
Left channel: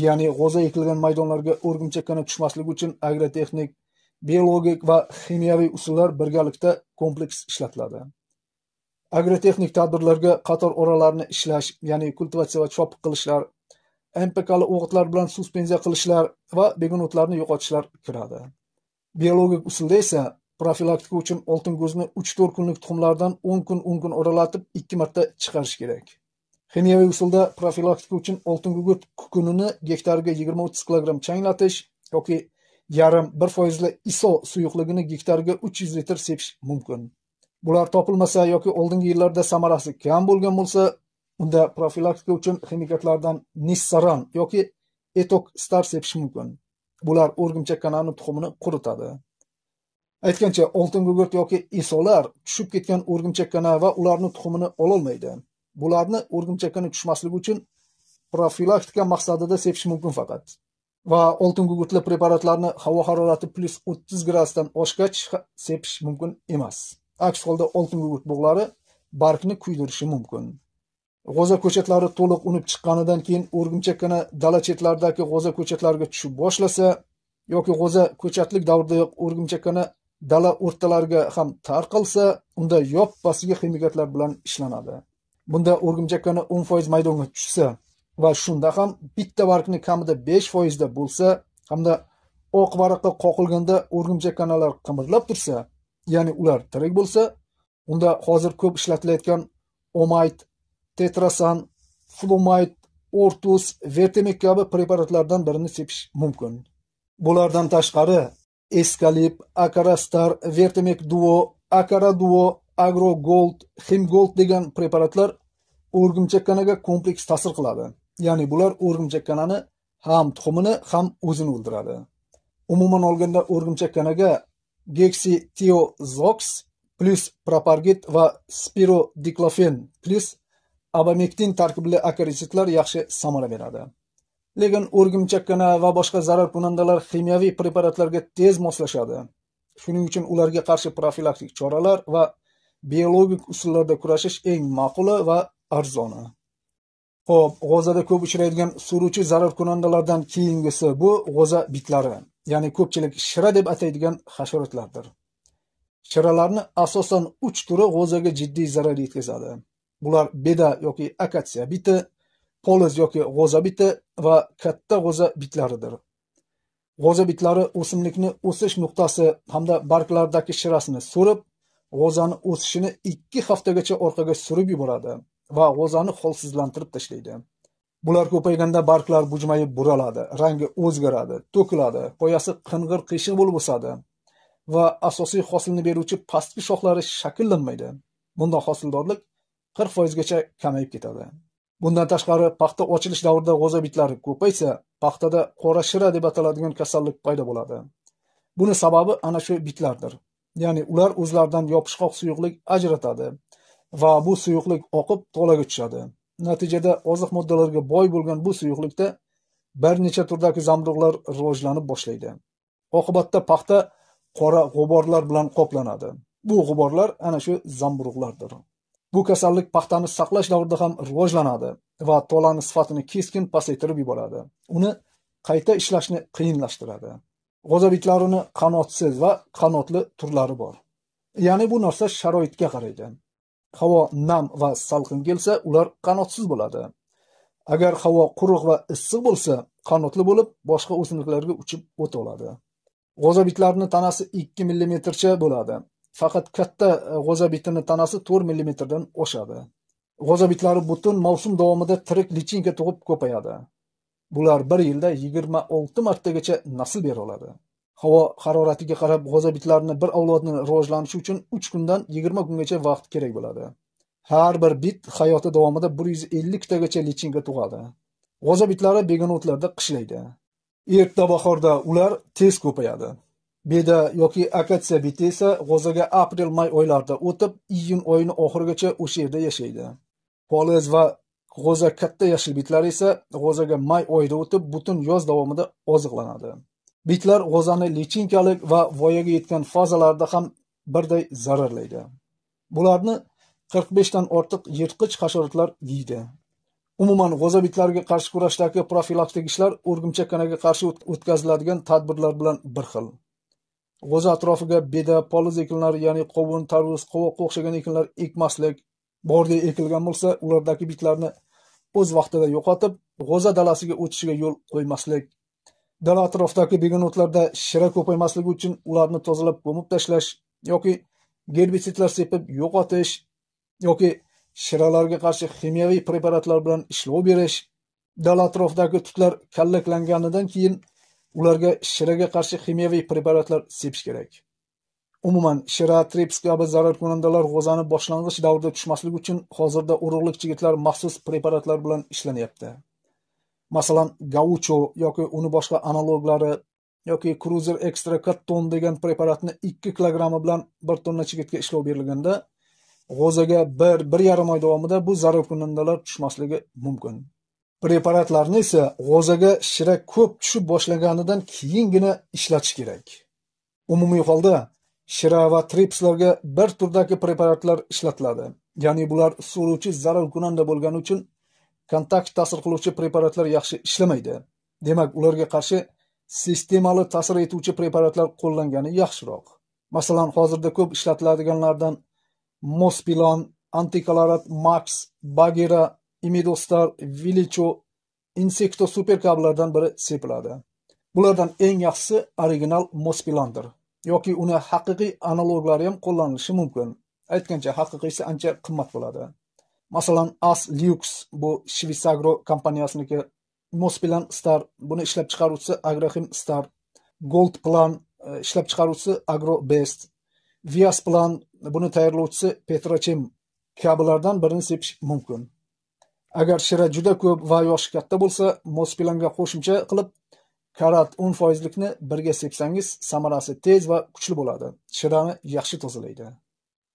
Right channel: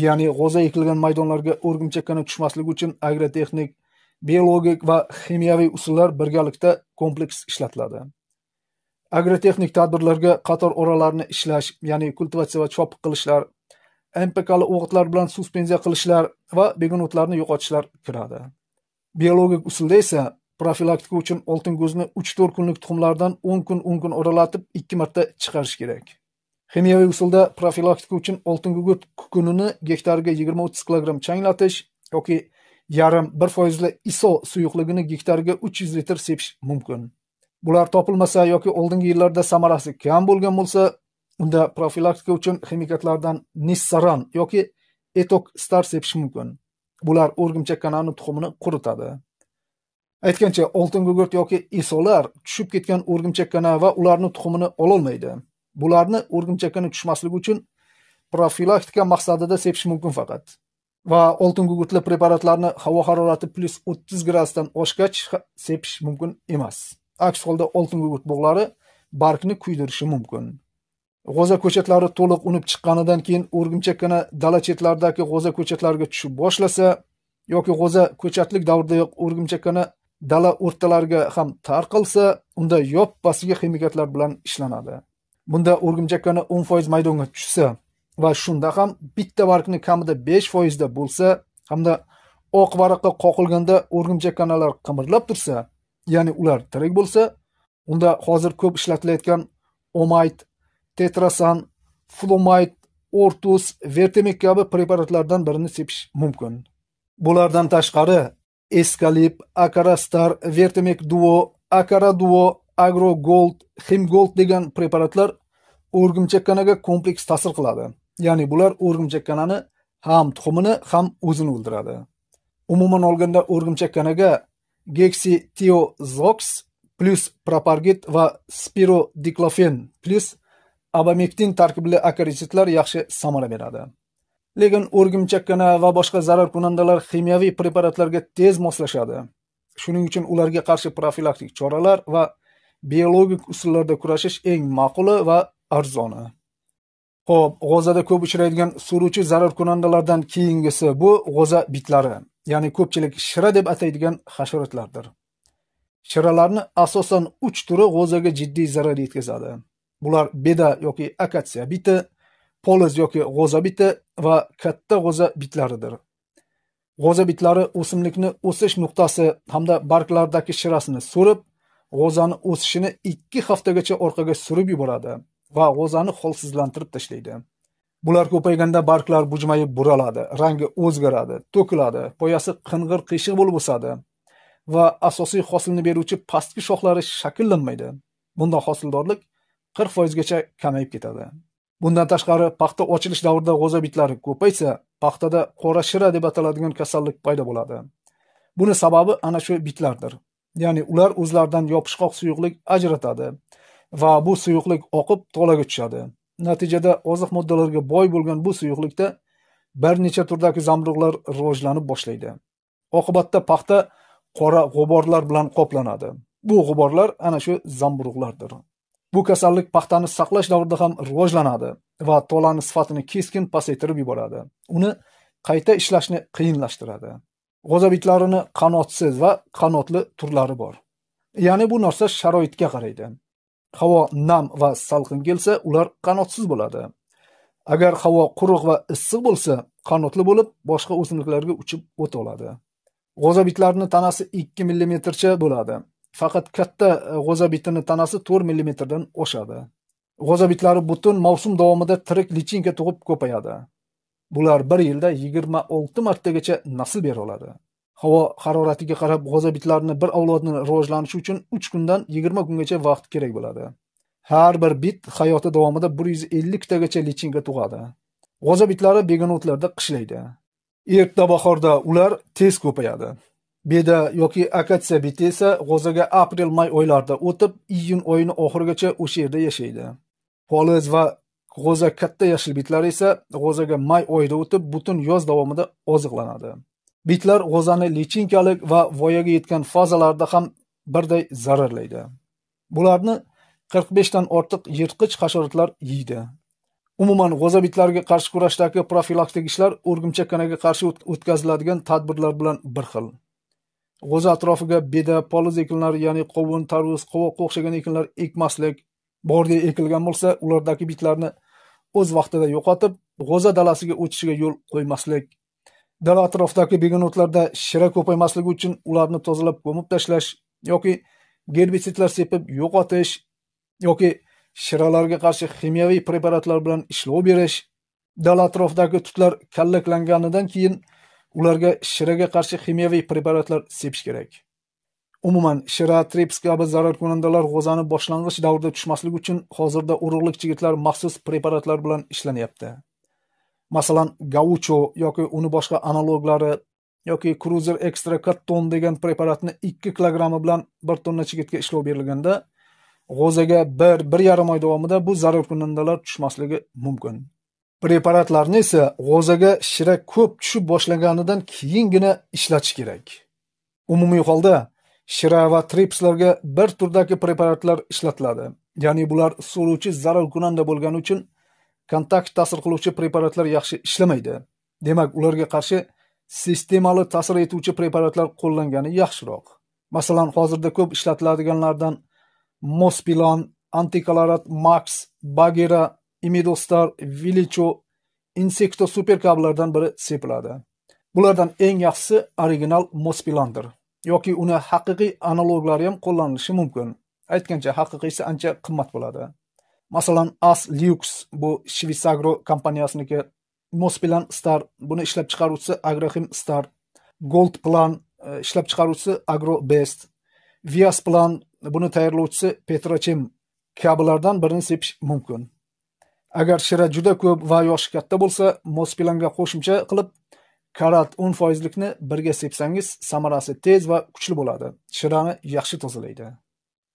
Ya'ni g'o'za ekilgan maydonlarga o'rgimchakkana tushmasligi uchun agrotexnik, biologik va kimyoviy usullar birgalikda kompleks ishlatiladi. Agrotexnik tadbirlarga qator oralarni ishlash, ya'ni kultivatsiya va chopiq qilishlar, NPKli o'g'itlar bilan suspenziya qilishlar va begona o'tlarni yo'qotishlar kiradi. Biologik usulda esa profilaktika uchun oltin ko'zni 3-4 kunlik tuxumlardan 10 kun oralatib 2 marta chiqarish kerak. Kimyoviy usulda profilaktika uchun oltin gugurt kukunini gektariga 20-30 kg changlatish yoki 0,5% ISO suyuqligini gektariga 300 litr sepish mumkin. Bular topilmasa yoki oldingi yillarda samarasi kam bo'lgan bo'lsa, unda profilaktika uchun ximikatlardan Nissaran yoki Etok Star sepish mumkin. Bular o'rgimchakkananing tuxumini quritadi. Aytgancha, oltin gugurt yoki ISOlar tushib ketgan o'rgimchakkana va ularning tuxumini ololmaydi. Bularni o'rgimchakkana tushmasligi uchun profilaktika maqsadida sepish mumkin faqat. Va oltin gugurtli preparatlarni havo harorati +30 gradusdan oshgach sepish mumkin emas. Aks holda oltin gugurt bog'lari bargni kuydirishi mumkin. G'o'za ko'chatlari to'liq unib chiqqanidan keyin o'rgimchakkana dala chetlaridagi g'o'za ko'chatlariga tushib boshlasa yoki g'o'za ko'chatlik davridayoq o'rgimchakkana dala o'rtalariga ham tarqalsa, unda yoppasiga ximikatlar bilan ishlanadi. Bunda o'rgimchakkana 10% maydonga tushsa va shunda ham bitta bargni kamida 5% da bo'lsa, hamda oq varaqqa qoqilganda o'rgimchakkanalar qimirlab tursa, ya'ni ular tirik bo'lsa, unda hozir ko'p ishlatilayotgan Omite, Tetrasan, Flumite, Ortus, Vertemek kabi preparatlardan birini sepish mumkin. Bulardan tashqari Escalip, Acarastar, Vertemek Duo, Acara Duo, Agro Gold, Him Gold degan preparatlar o'rgimchakkanaga kompleks ta'sir qiladi. Ya'ni bular o'rgimchakkanani ham tuxumini ham o'zini o'ldiradi. Umuman olganda o'rgimchakkanaga Gexitiozox plus Propargit va Spirodiclofen plus abamektin tarkibli akarisidlar yaxshi samara beradi. Lekin o'rgimchakkana va boshqa zarar kunandalar kimyoviy preparatlarga tez moslashadi. Shuning uchun ularga qarshi profilaktik choralar va biologik usullarda kurashish eng ma'quli va arzoni. Xo'p, g'o'zada ko'p uchraydigan suruvchi zarar kunandalardan keyingisi bu g'o'za bitlari, ya'ni ko'pchilik shira deb ataydigan hasharotlardir. Shiralarni asosan 3 turi g'o'zaga jiddiy zarar yetkazadi. Bular beda yoki akatsiya biti, poliz yoki g'o'za biti va katta g'o'za bitlaridir. G'o'za bitlari o'simlikni o'sish nuqtasi hamda barglardagi shirasini so'rib, g'o'zani o'sishini 2 haftagacha orqaga surib yuboradi va g'o'zani holsizlantirib tashlaydi. Bular ko'payganda barglar bujmayib buraladi, rangi o'zgaradi, to'kiladi, poyasi qing'ir qiyshiq bo'lib o'sadi va asosiy hosilni beruvchi pastki shoxlari shakllanmaydi. Bunda hosildorlik 40% gacha kamayib ketadi. Bundan tashqari, paxta ochilish davrida g'o'za bitlari ko'paysa, paxtada qora shira deb ataladigan kasallik paydo bo'ladi. Buni sababi ana shu bitlardir. Ya'ni ular o'zlaridan yopishqoq suyuqlik ajratadi va bu suyuqlik oqib tolaga tushadi. Natijada oziq moddalarga boy bo'lgan bu suyuqlikda bir necha turdagi zamburug'lar rivojlanib boshlaydi. Oqibatda paxta qora g'uborlar bilan qoplanadi. Bu g'uborlar ana shu zamburug'lardir. Bu kasallik paxtani saqlash davrida ham rivojlanadi va tolaning sifatini keskin pasaytirib yuboradi. Uni qayta ishlashni qiyinlashtiradi. G'o'za bitlarini qanotsiz va qanotli turlari bor. Ya'ni bu narsa sharoitga qaraydi. Havo nam va salqin kelsa, ular qanotsiz bo'ladi. Agar havo quruq va issiq bo'lsa, qanotli bo'lib, boshqa o'simliklarga uchib o'ta oladi. G'o'za bitlarining tanasi 2 mm cha bo'ladi. Faqat katta g'o'za bitining tanasi 4 mm dan oshadi. G'o'za bitlari butun mavsum davomida tirik lichinka tug'ib ko'payadi. Bular bir yilda 26 martagacha nasl bera oladi. Havo haroratiga qarab g'o'za bitlarining bir avlodning rivojlanishi uchun 3 kundan 20 kungacha vaqt kerak bo'ladi. Har bir bit hayoti davomida 150 tagacha lichinka tug'adi. G'o'za bitlari begonotlarda qishlaydi. Erta bahorda ular tez ko'payadi. Beda yoki akatsiya biti esa g'o'zaga aprel-may oylarida o'tib, iyun oyining oxirigacha o'sha yerda yashaydi. Poliz va g'o'za katta yashil bitlar esa g'o'zaga may oyida o'tib, butun yoz davomida oziqlanadi. Bitlar g'o'zani lichinkalik va voyaga yetgan fazalarida ham birday zararlaydi. Bularni 45 dan ortiq yirtqich hasharotlar yeydi. Umuman g'o'za bitlariga qarshi kurashdagi profilaktik ishlar o'rgimchakkanaga qarshi o'tkaziladigan tadbirlar bilan bir xil. G'o'za atrofiga beda, poliz ekinlari, ya'ni qovun, tarvuz, qovoqqa o'xshagan ekinlar ekmaslik, bordi ekilgan bo'lsa, ulardagi bitlarni o'z vaqtida yo'qotib, g'o'za dalasiga o'tishiga yo'l qo'ymaslik. Dala atrofidagi begonotlarda shira ko'paymasligi uchun ularni tozalab ko'mib tashlash yoki gerbisidlar sepib yo'qotish yoki shiralarga qarshi kimyoviy preparatlar bilan ishlov berish. Dala atrofidagi tutlar kallaklanganidan keyin ularga shiraga qarshi kimyoviy preparatlar sepish kerak. Umuman, shira, trips kabi zarar kunandalar g'o'zani boshlang'ich davrda tushmasligi uchun hozirda urug'lik yigitlar maxsus preparatlar bilan ishlanyapti. Masalan, gaucho yoki uni boshqa analoglari yoki Cruiser Extra Cotton degan preparatni 2 kilogrammi bilan 1 tonna chigitga ishlov berilganda, g'o'zaga 1-1,5 oy davomida bu zarar kunandalar tushmasligi mumkin. Preparatlarni esa g'o'zaga shira ko'p tushib boshlaganidan keyingina ishlatish kerak. Umumiy holda shira va tripslarga bir turdagi preparatlar ishlatiladi. Ya'ni bular so'ruvchi zarar kunanda bo'lgani uchun kontakt ta'sir qiluvchi preparatlar yaxshi ishlamaydi. Demak, ularga qarshi sistemali ta'sir etuvchi preparatlar qo'llangani yaxshiroq. Masalan, hozirda ko'p ishlatiladiganlardan Mospilon, Antikolorat Max, Bagheera, Imidostar, Vilicho, Insecto Super kabilardan biri sepiladi. Bulardan eng yaxshisi original Mospilondir. Yoki uni haqiqiy analoglari ham qo'llanilishi mumkin. Aytgancha, haqiqiysi ancha qimmat bo'ladi. Masalan, As Lux bu Shvisagro kompaniyasiniki, Mospilon Star buni ishlab chiqaruvchisi Agrochim Star, Gold Plan ishlab chiqaruvchisi Agro Best, Vias Plan buni tayyorlovchisi Petrochem kabilardan birini sepish mumkin. Agar shira juda ko'p va yoshi katta bo'lsa, Mospilonga qo'shimcha qilib karat 10%likni birga sepsangiz, samarasi tez va kuchli bo'ladi. Shirani yaxshi tozalaydi.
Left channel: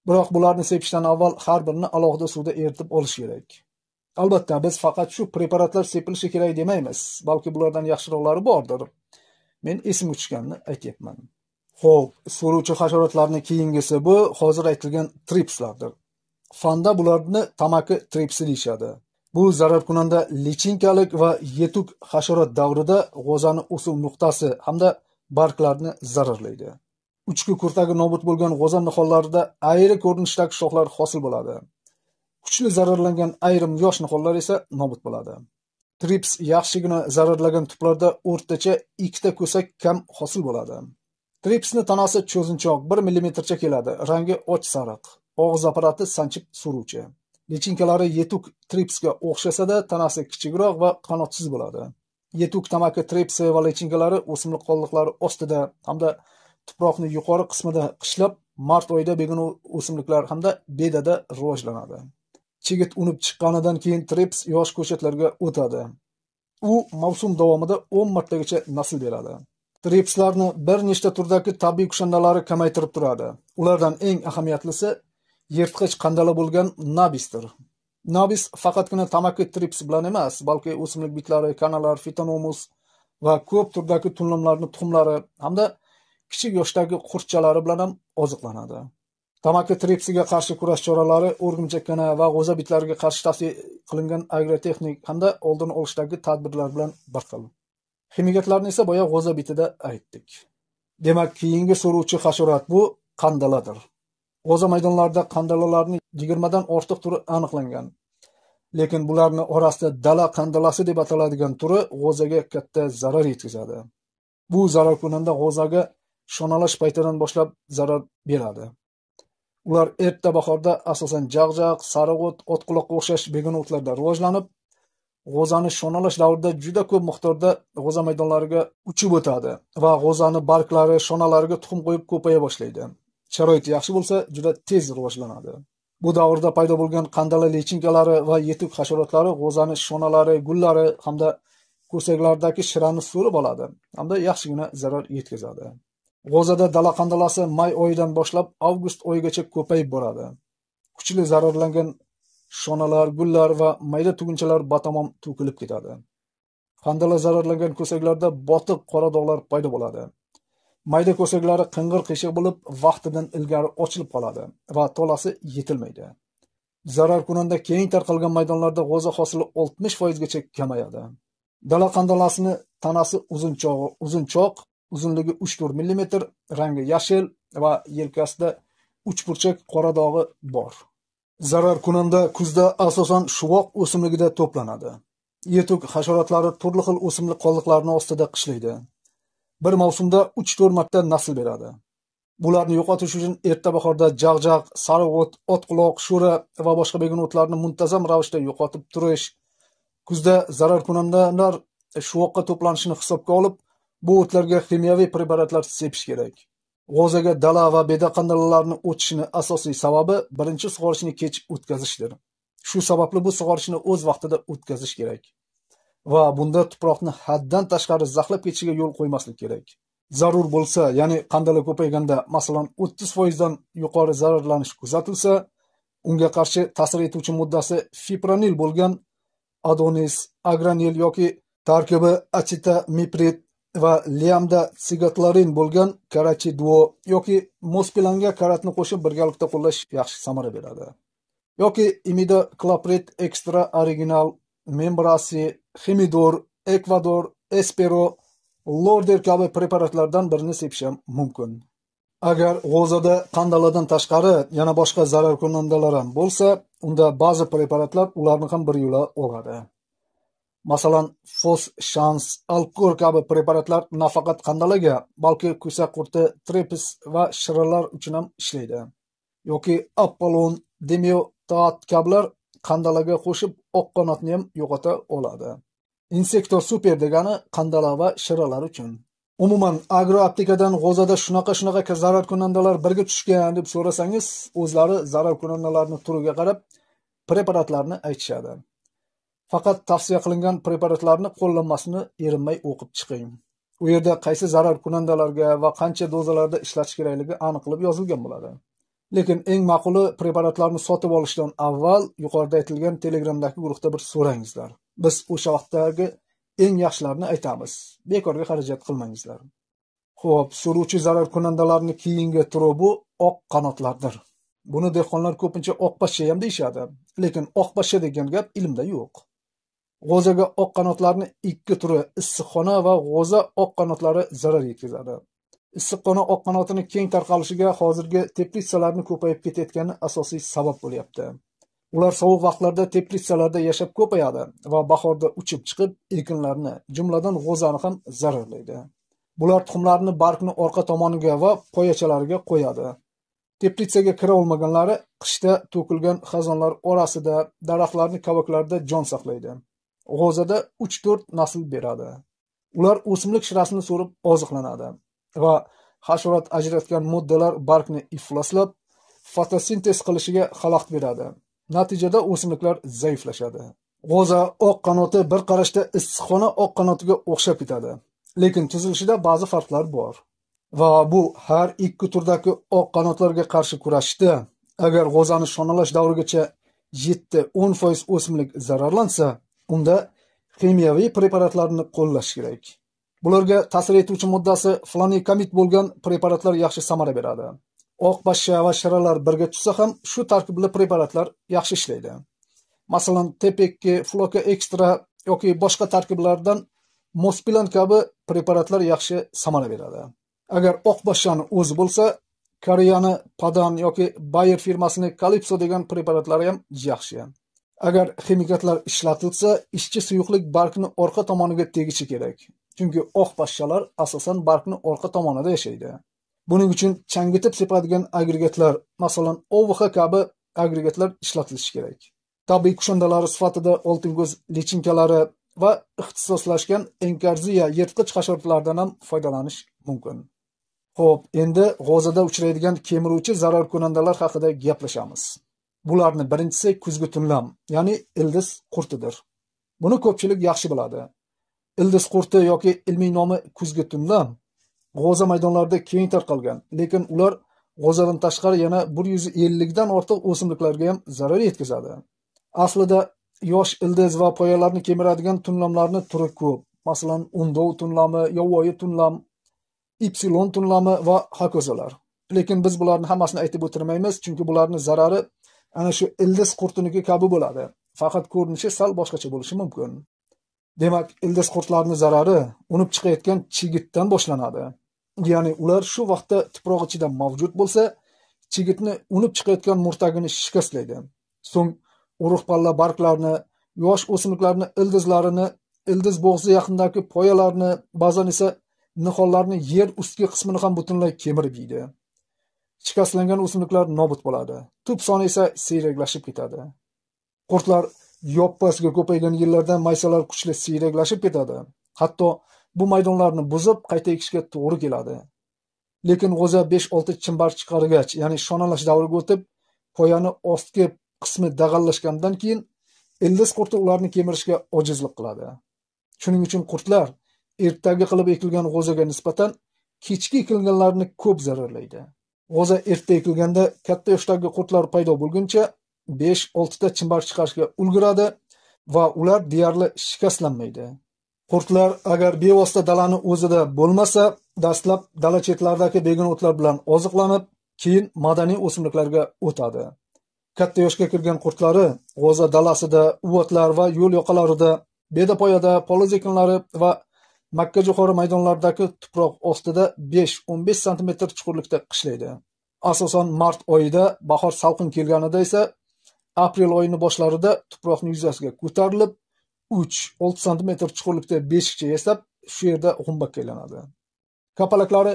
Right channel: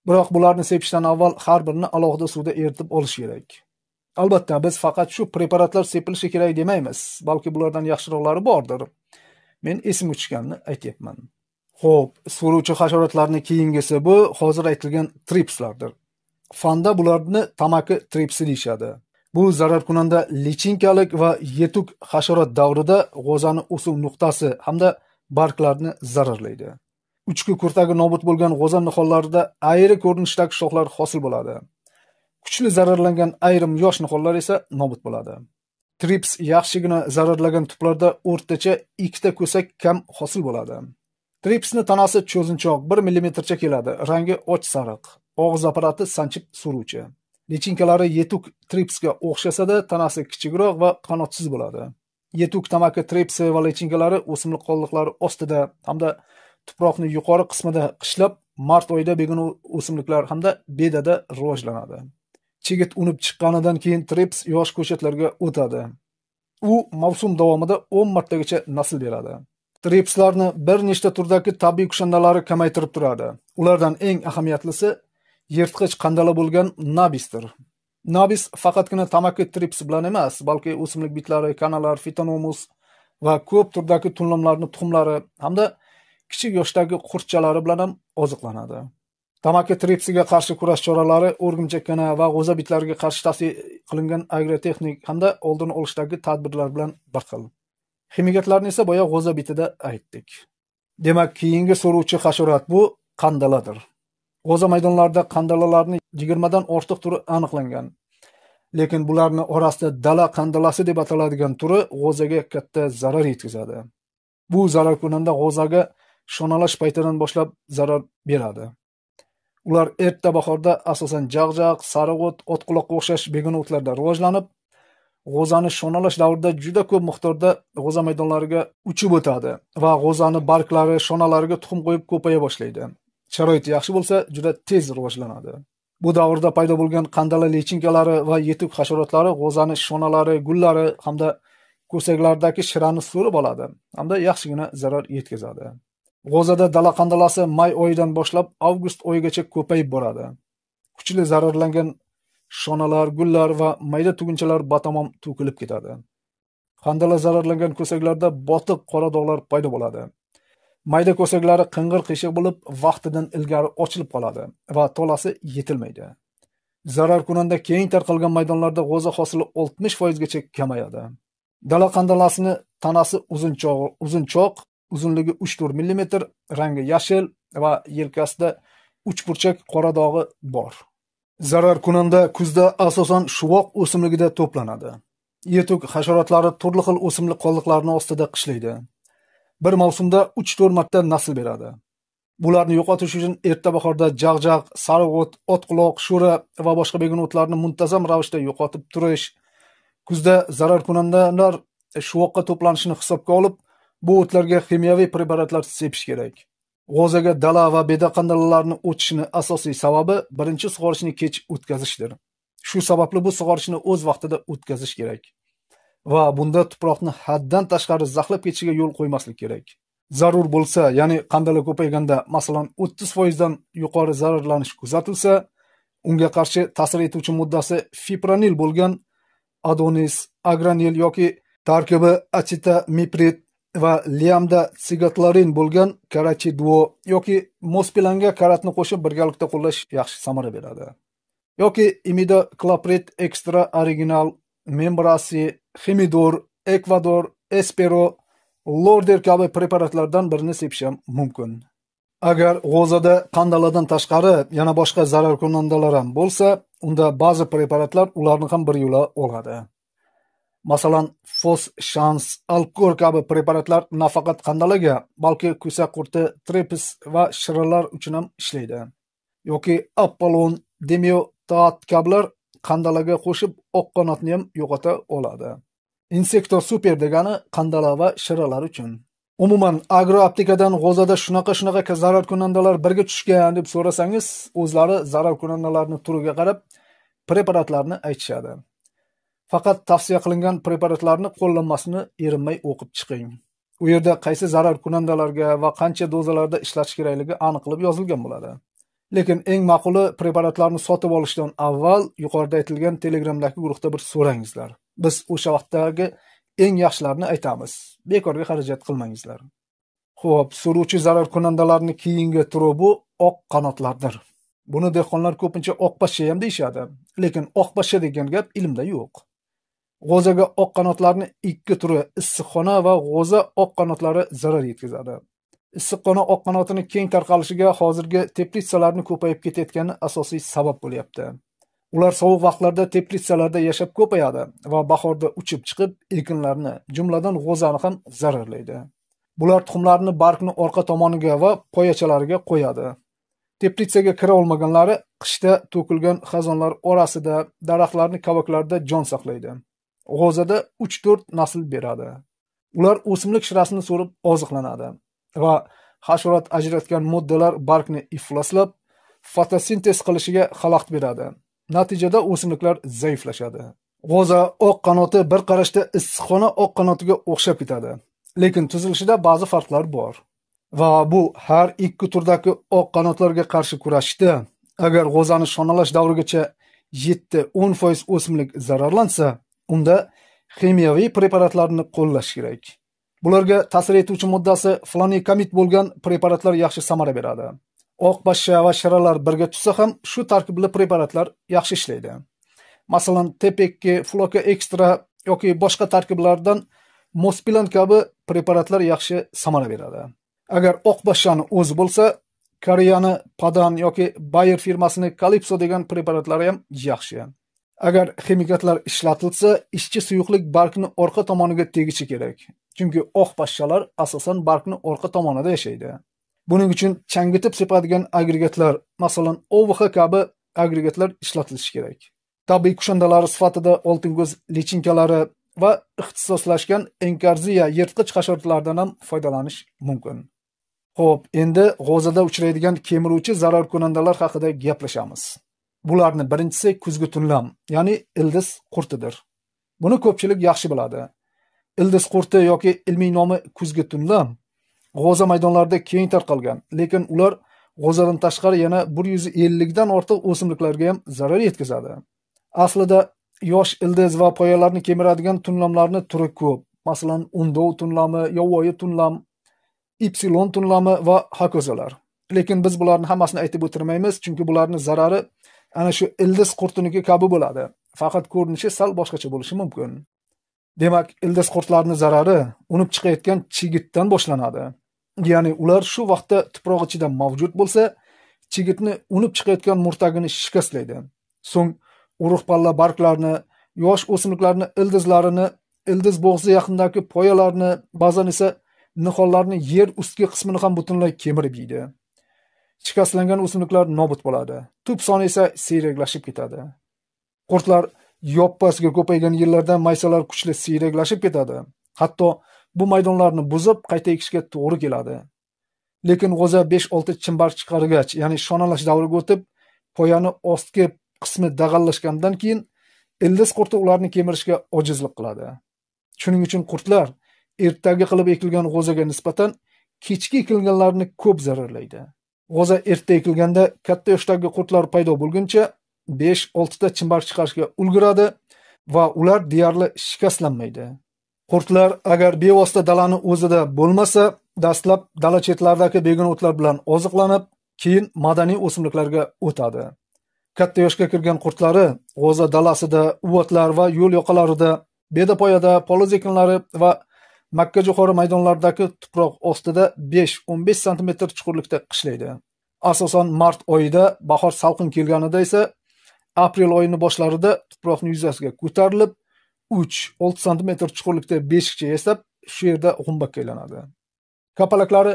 Biroq bularni sepishdan avval har birini alohida suvda eritib olish kerak. Albatta, biz faqat shu preparatlar sepilishi kerak demaymiz, balki bulardan yaxshiroqlari bordir. Men esim uchganini aytyapman. Xo'p, so'ruvchi hasharotlarning keyingisi bu hozir aytilgan tripslardir. Fanda bularni tamaki tripsi deyishadi. Bu zararkunanda lichinkalik va yetuk hasharot davrida g'o'zani o'suv nuqtasi hamda barglarni zararlaydi. Uchki kurtagi nobud bo'lgan g'o'za nihollarida ayri ko'rinishdagi shoxlar hosil bo'ladi. Kuchli zararlangan ayrim yosh nihollar esa nobud bo'ladi. Trips yaxshigina zararlangan tuplarda o'rtacha 2 ta ko'sak kam hosil bo'ladi. Tripsni tanasi cho'zinchoq 1 mm keladi, rangi och sariq, og'iz apparati sanchib suruvchi. Lichinkalari yetuk tripsga o'xshasa-da, tanasi kichikroq va qanotsiz bo'ladi. Yetuk tamaki tripsi va lichinkalari o'simlik qoldiqlari ostida hamda tuproqning yuqori qismida qishlab, mart oyida begona o'simliklar hamda bedada rivojlanadi. Chigit unib chiqqanidan keyin trips yosh ko'chatlarga o'tadi. U mavsum davomida 10 martagacha nasl beradi. Tripslarni bir nechta turdagi tabiiy kushandalari kamaytirib turadi. Ulardan eng ahamiyatlisi yirtqich qandala bo'lgan nabisdir. Nabis faqatgina tamaki trips bilan emas, balki o'simlik bitlari, kanalar, fitonomus va ko'p turdagi tunlamlarning tuxumlari hamda kichik yoshdagi qurtchalari bilan ham oziqlanadi. Tamaki tripsiga qarshi kurash choralari o'rgimchakkana va g'o'za bitlariga qarshi tavsiya qilingan agrotexnik hamda oldini olishdagi tadbirlar bilan bir xil. Ximikatlarni esa boya g'o'za bitida aytdik. Demak, keyingi so'ruvchi hasharot bu qandaladir. G'o'za maydonlarida qandalalarning 20 dan ortiq turi aniqlangan. Lekin bularning orasida dala qandalasi deb ataladigan turi g'o'zaga katta zarar yetkazadi. Bu zararkunanda g'o'zaga shonalash paytidan boshlab zarar beradi. Ular erta bahorda asosan jag'jaq, sariq o't, otquloqqa o'xshash begona o'tlarda rivojlanib, g'o'zani shonalash davrida juda ko'p miqdorda g'o'za maydonlariga uchib o'tadi va g'o'zani barglari, shonalariga tuxum qo'yib ko'paya boshlaydi. Sharoit yaxshi bo'lsa, juda tez rivojlanadi. Bu davrda paydo bo'lgan qandala lichinkalari va yetuk hasharotlari g'o'zani shonalari, gullari hamda ko'saklardagi shirani so'rib oladi hamda yaxshigina zarar yetkazadi. G'o'zada dala qandalasi may oyidan boshlab avgust oyigacha ko'payib boradi. Kuchli zararlangan shonalar, gullar va mayda tugunchalar batamom to'kilib ketadi. Qandala zararlangan ko'saklarda botiq qora dog'lar paydo bo'ladi. Mayda ko'saklari qing'ir qiyshiq bo'lib, vaqtidan ilgari ochilib qoladi va tolasi yetilmaydi. Zararkunanda keng tarqalgan maydonlarda g'o'za hosili 60% gacha kamayadi. Dala qandalasini tanasi uzunchoq, uzunligi 3-4 mm, rangi yashil va yelkasida uchburchak qora dog'i bor. Zararkunanda kuzda asosan shuvoq o'simligida to'planadi. Yetuk hasharotlari turli xil o'simlik qoldiqlarini ostida qishlaydi. Bir mavsumda 3-4 marta nasl beradi. Bularni yo'qotish uchun erta bahorda jag'jaq, sariq o't, otquloq, sho'ra va boshqa begona o'tlarni muntazam ravishda yo'qotib turish, kuzda zararkunandalar shuvoqqa to'planishini hisobga olib, bu o'tlarga kimyoviy preparatlar sepish kerak. G'o'zaga dala va beda qandalalarni o'tishini asosiy sababi birinchi sug'orishni kech o'tkazishdir. Shu sababli bu sug'orishni o'z vaqtida o'tkazish kerak. Va bunda tuproqni haddan tashqari zaxlab ketishiga yo'l qo'ymaslik kerak. Zarur bo'lsa, ya'ni qandala ko'payganda, masalan 30% dan yuqori zararlanish kuzatilsa, unga qarshi ta'sir etuvchi moddasi fipronil bo'lgan adonis, agranil yoki tarkibi achetamiprid va liamda sigatlarin bo'lgan karachiduo yoki mospilanga karatni qo'shib birgalikda qo'llash yaxshi samara beradi. Yoki imidacloprid extra original, membrasi, Hemidor, Ecuador, Espero, Lorder kabi preparatlardan birini sepish ham mumkin. Agar g'o'zada qandaladan tashqari yana boshqa zararkunandalar ham bo'lsa, unda ba'zi preparatlar ularni ham bir yo'la oladi. Masalan, Fos Shans, Alkor kabi preparatlar nafaqat qandalaga, balki ko'sak qurti, tripis va shiralar uchun ham ishlaydi. Yoki Apollon, Demiotat kabilar qandalaga qo'shib oq qanotni ham yo'qota oladi. Insektor super degani qandala va shiralar uchun. Umuman agroaptekadan g'o'zada shunaqa zararkunandalar birga tushgan deb so'rasangiz, o'zlari zararkunandalarning turiga qarab preparatlarni aytishadi. Faqat tavsiya qilingan preparatlarni qo'llanmasini erinmay o'qib chiqing. U yerda qaysi zararkunandalarga va qancha dozalarda ishlatish kerakligi aniq qilib yozilgan bo'ladi. Lekin eng ma'quli preparatlarni sotib olishdan avval yuqorida aytilgan Telegramdagi guruhda bir so'rangizlar. Biz o'sha vaqtdagi eng yaxshilarini aytamiz. Bekorga xarajat qilmangizlar. Xo'p, suruvchi zararkunandalarning keyingi turi bu oq qanotlardir. Buni dehqonlar ko'pincha oq pashsha ham deyishadi, lekin oq pashsha degan gap ilmda yo'q. G'o'zaga oq qanotlarning ikki turi issiqxona va g'o'za oq qanotlari zarar yetkazadi. Issiqxona oq qanotini keng tarqalishiga hozirgi teplitsalarning ko'payib ketayotgani asosiy sabab bo'lyapti. Ular sovuq vaqtlarda teplitsalarda yashab ko'payadi va bahorda uchib chiqib ekinlarni, jumladan g'o'zani ham zararlaydi. Bular tuxumlarni bargni orqa tomoniga va poyachalariga qo'yadi. Teplitsaga kira olmaganlari qishda to'kilgan xazonlar orasida, daraxtlarning kavaklarida jon saqlaydi. G'o'zada 3-4 nasl beradi. Ular o'simlik shirasini so'rib oziqlanadi va hasharot ajratgan moddalar bargni ifloslab, fotosintez qilishiga xalaqit beradi. Natijada o'simliklar zaiflashadi. G'o'za oq qanoti bir qarashda issiqxona oq qanotiga o'xshab ketadi, lekin tuzilishida ba'zi farqlar bor. Va bu har ikki turdagi oq qanotlarga qarshi kurashishda agar g'o'zani shonalash davrigacha 7-10% o'simlik zararlansa, unda ximiyaviy preparatlarni qo'llash kerak. Bularga ta'sir etuvchi moddasi flonikamid bo'lgan preparatlar yaxshi samara beradi. Oq pashsha va shiralar birga tushsa ham shu tarkibli preparatlar yaxshi ishlaydi. Masalan, TP2, Floka Extra yoki boshqa tarkiblardan Mospilan kabi preparatlar yaxshi samara beradi. Agar oq pashshani o'zi bo'lsa, Koreyani Padan yoki Bayer firmasining Calypso degan preparatlari ham yaxshi. Agar ximikatlar ishlatilsa, ishchi suyuqlik bargni orqa tomoniga tegishi kerak. Chunki oq pashshalar asosan bargni orqa tomonida yashaydi. Buning uchun changitib sepadigan agregatlar, masalan, OVH kabi agregatlar ishlatilishi kerak. Tabiiy kushandalari sifatida olting'o'z lichinkalari va ixtisoslashgan enkarziya yirtqich hasharotlardan ham foydalanish mumkin. Xo'p, endi g'o'zada uchraydigan kemiruvchi zararkunandalar haqida gaplashamiz. Bularning birinchisi kuzgi tunlam, ya'ni ildiz qurtidir. Buni ko'pchilik yaxshi biladi. Ildiz qurti yoki ilmiy nomi kuzgi tunlam g'o'za maydonlarida keng tarqalgan, lekin ular g'o'zadan tashqari yana 150 dan ortiq o'simliklarga ham zarar yetkazadi. Aslida yosh ildiz va poyalarni kemiradigan tunlamlarning turi ko'p. Masalan, undov tunlami, yovvoyi tunlam, ipsilon tunlami va hokozalar. Lekin biz bularni hammasini aytib o'tirmaymiz, chunki bularning zarari ana shu ildiz qurtiniki kabi bo'ladi. Faqat ko'rinishi sal boshqacha bo'lishi mumkin. Demak, ildiz qurtlarining zarari unib chiqayotgan chigitdan boshlanadi. Ya'ni ular shu vaqtda tuproq ichida mavjud bo'lsa, chigitni unib chiqayotgan murtagini shikastlaydi. So'ng urug' palla barglarni, yosh o'simliklarni ildizlarini, ildiz bo'g'zi yaqinidagi poyalarni, ba'zan esa nihollarning yer ustki qismini ham butunlay kemirib yeydi. Shikastlangan o'simliklar nobud bo'ladi. Tub soni esa siyraklashib ketadi. Qurtlar yoppasiga ko'paygan yillarda maysalar kuchli siyraklashib ketadi. Hatto bu maydonlarni buzib qayta ekishga to'g'ri keladi. Lekin g'o'za 5-6 chimbar chiqargach, ya'ni shonalash davriga o'tib, poyani ostki qismi dag'allashgandan keyin ildiz qurti ularni kemirishga ojizlik qiladi. Shuning uchun qurtlar ertagi qilib ekilgan g'o'zaga nisbatan kechki ekilganlarni ko'p zararlaydi. G'o'za erta ekilganda katta yoshdagi qurtlar paydo bo'lguncha 5-6 ta chimbar chiqarishga ulguradi va ular deyarli shikastlanmaydi. Qurtlar agar bevosita dalani o'zida bo'lmasa, dastlab dala chetlaridagi begona o'tlar bilan oziqlanib, keyin madaniy o'simliklarga o'tadi. Katta yoshga kirgan qurtlari g'o'za dalasida, uvotlar va yo'l yoqalarida, bedapoyada, poliz ekinlari va Makka jo'xori maydonlaridagi tuproq ostida 5-15 sm chuqurlikda qishlaydi. Asosan mart oyida, bahor salqin kelganida esa aprel oyining boshlarida tuproqning yuzasiga ko'tarilib, 3-6 sm chuqurlikda beshikcha yasab, shu yerda g'umbakka aylanadi. Kapalaklari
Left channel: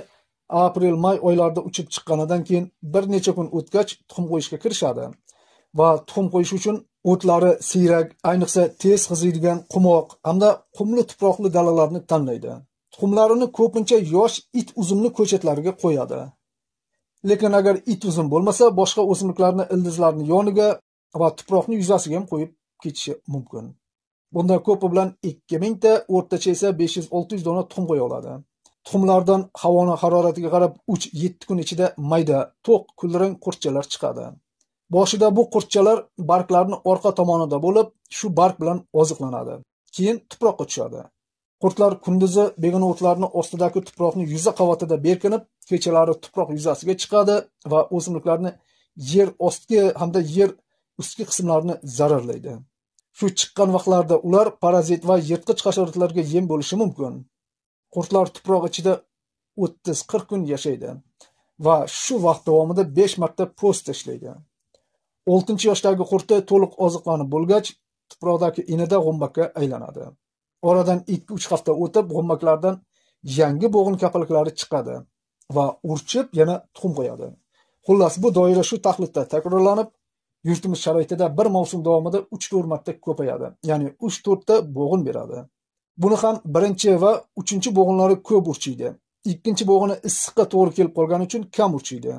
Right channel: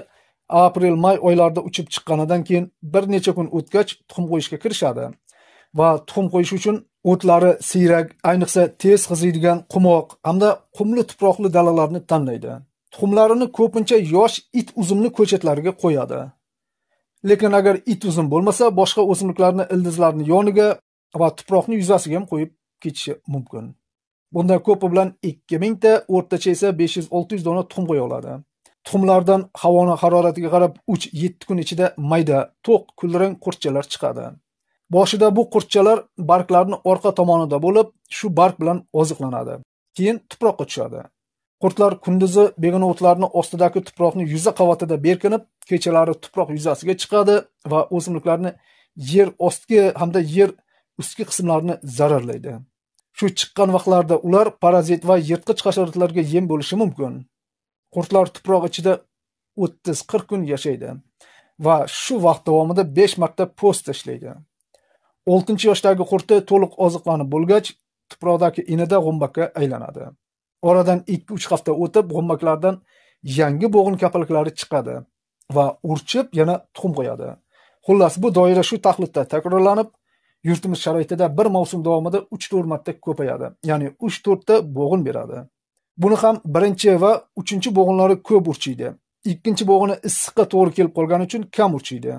aprel-may oylarida uchib chiqqanidan keyin bir necha kun o'tgach tuxum qo'yishga kirishadi va tuxum qo'yish uchun o'tlari siyrak, ayniqsa tez qiziydigan qumoq hamda qumli tuproqli dalalarni tanlaydi. Tuxumlarini ko'pincha yosh it uzumli ko'chatlariga qo'yadi. Lekin agar it uzum bo'lmasa, boshqa o'simliklarni ildizlarni yoniga va tuproqning yuzasiga ham qo'yib ketishi mumkin. Bunda ko'pi bilan 2000 ta, o'rtacha esa 500-600 dona tuxum qo'ya oladi. Tuxumlardan havoni haroratiga qarab 3-7 kun ichida mayda, to'q, kulrang qurtchalar chiqadi. Boshida bu qurtchalar barglarning orqa tomonida bo'lib, shu barg bilan oziqlanadi. Keyin tuproqqa tushadi. Qurtlar kunduzi begona o'tlarning ostidagi tuproqning yuza qavatida berkinib, kechalari tuproq yuzasiga chiqadi va o'simliklarni yer ostki hamda yer ustki qismlarini zararlaydi. Shu chiqqan vaqtlarda ular parazit va yirtqich hasharotlarga yem bo'lishi mumkin. Qurtlar tuproq ichida 30-40 kun yashaydi va shu vaqt davomida 5 marta po'st tashlaydi. 6-yoshdagi qurti to'liq oziqlanib bo'lgach, tuproqdagi inida g'ombakka aylanadi. Oradan 2-3 hafta o'tib, g'ombaklardan yangi bo'g'in kapalklari chiqadi va urchib yana tuxum qo'yadi. Xullas, bu doira shu taxlitda takrorlanib, yurtimiz sharoitida bir mavsum davomida 3-4 marta ko'payadi. Ya'ni 3-4 ta bo'g'in beradi. Buni ham birinchi va 3-chi bo'g'inlari ko'p urchiydi. Ikkinchi bo'g'ini issiqqa to'g'ri kelib qolgani uchun kam urchiydi.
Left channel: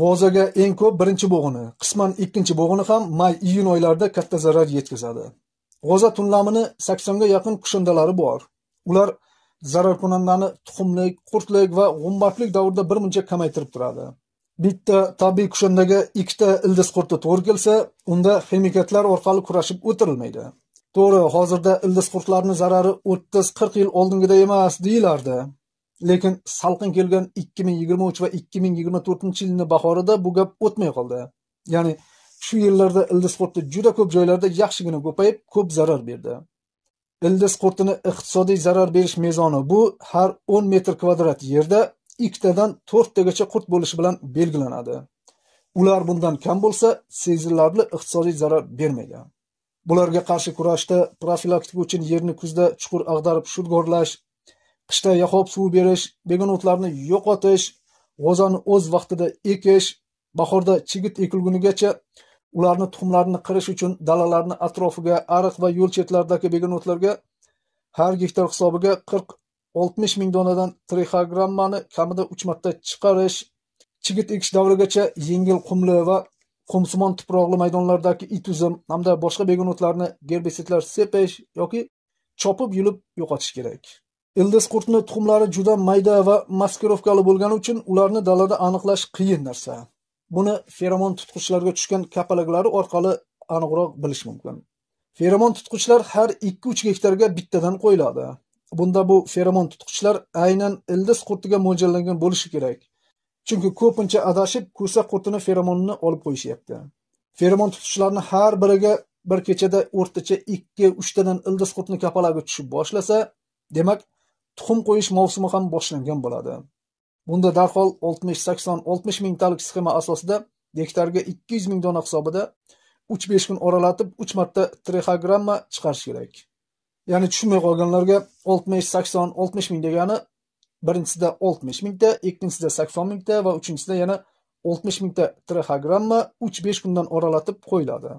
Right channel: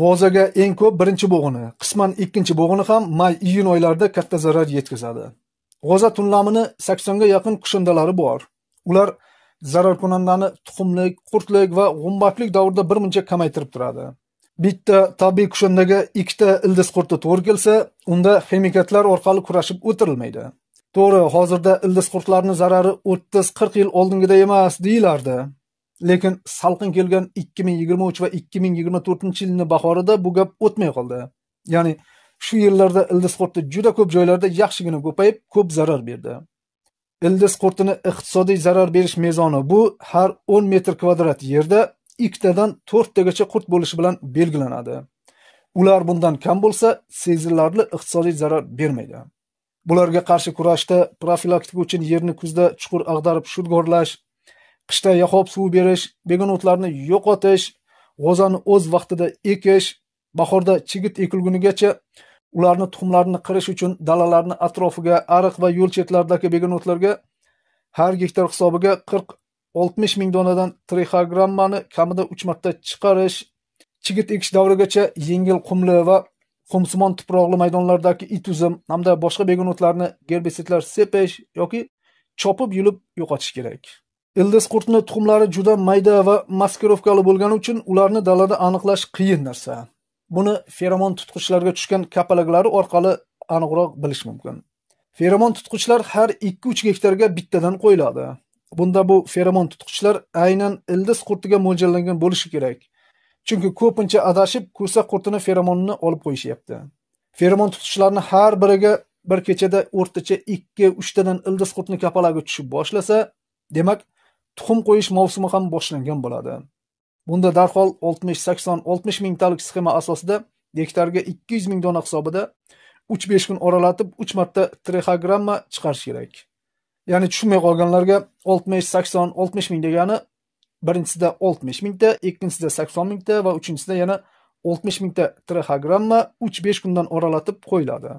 G'ozaga eng ko'p birinchi bo'g'ini, qisman ikkinchi bo'g'ini ham may-iyun oylarida katta zarar yetkazadi. G'oza tunlamini 80 ga yaqin kushandalari bor. Ular zararkunandani tuxumlik, qurtlik va g'umbaklik davrida bir muncha kamaytirib turadi. Bitta tabiiy kushandaga 2 ta ildiz qurti to'g'ri kelsa, unda ximikatlar orqali kurashib o'tirilmaydi. To'g'ri, hozirda ildiz qurtlarning zarari 30-40 yil oldingida emas deyilardi. Lekin salqin kelgan 2023 va 2024-yilning bahorida bu gap o'tmay qoldi. Ya'ni shu yillarda ildiz qurti juda ko'p joylarda yaxshigina ko'payib, ko'p zarar berdi. Ildiz qurtini iqtisodiy zarar berish mezoni bu har 10 metr kvadrat yerda 2 tadan 4 tagacha qurt bo'lishi bilan belgilanadi. Ular bundan kam bo'lsa, sezilarli iqtisodiy zarar bermaydi. Bularga qarshi kurashda profilaktika uchun yerni kuzda chuqur ag'darib shudgorlash, qishda yahob suv berish, begona o'tlarni yo'qotish, g'ozani o'z vaqtida ekish, bahorda chigit ekilgunigacha ularni tuxumlarini qirish uchun dalalarni atrofiga, ariq va yo'l chetlaridagi begona o'tlarga har gektar hisobiga 40-60 ming donadan trixogrammani kamida 3 marta chiqarish, chigit ekish davrigacha yengil qumli va qumsimon tuproqli maydonlardagi it uzum hamda boshqa begona o'tlarni gerbisidlar sepish yoki chopib yulib yo'qotish kerak. Ildiz qurtning tuxumlari juda mayda va maskirovkali bo'lgani uchun ularni dalada aniqlash qiyin narsa. Buni feromon tutqichlarga tushgan kapalaklari orqali aniqroq bilish mumkin. Feromon tutqichlar har 2-3 gektarga bittadan qo'yiladi. Bunda bu feromon tutqichlar aynan ildiz qurtiga mo'ljallangan bo'lishi kerak. Chunki ko'pincha adashib ko'sa qurtini feromonini olib qo'yishyapti. Feromon tutqichlarni har biriga bir kechada o'rtacha 2-3 tadan ildiz qurtni kapalagi tushib boshlasa, demak tuxum qo'yish mavsumi ham boshlangan bo'ladi. Bunda darhol 60 mingtalik sxema asosida gektarga 200 ming dona hisobida 3-5 kun oralatib 3 marta trixogramma chiqarish kerak. Ya'ni tushunmay qolganlarga 60 ming degani birinchisida 60 mingta, ikkinchisida 80 mingta va uchinchisida yana 60 mingta trixogramma 3-5 kundan oralatib qo'yiladi.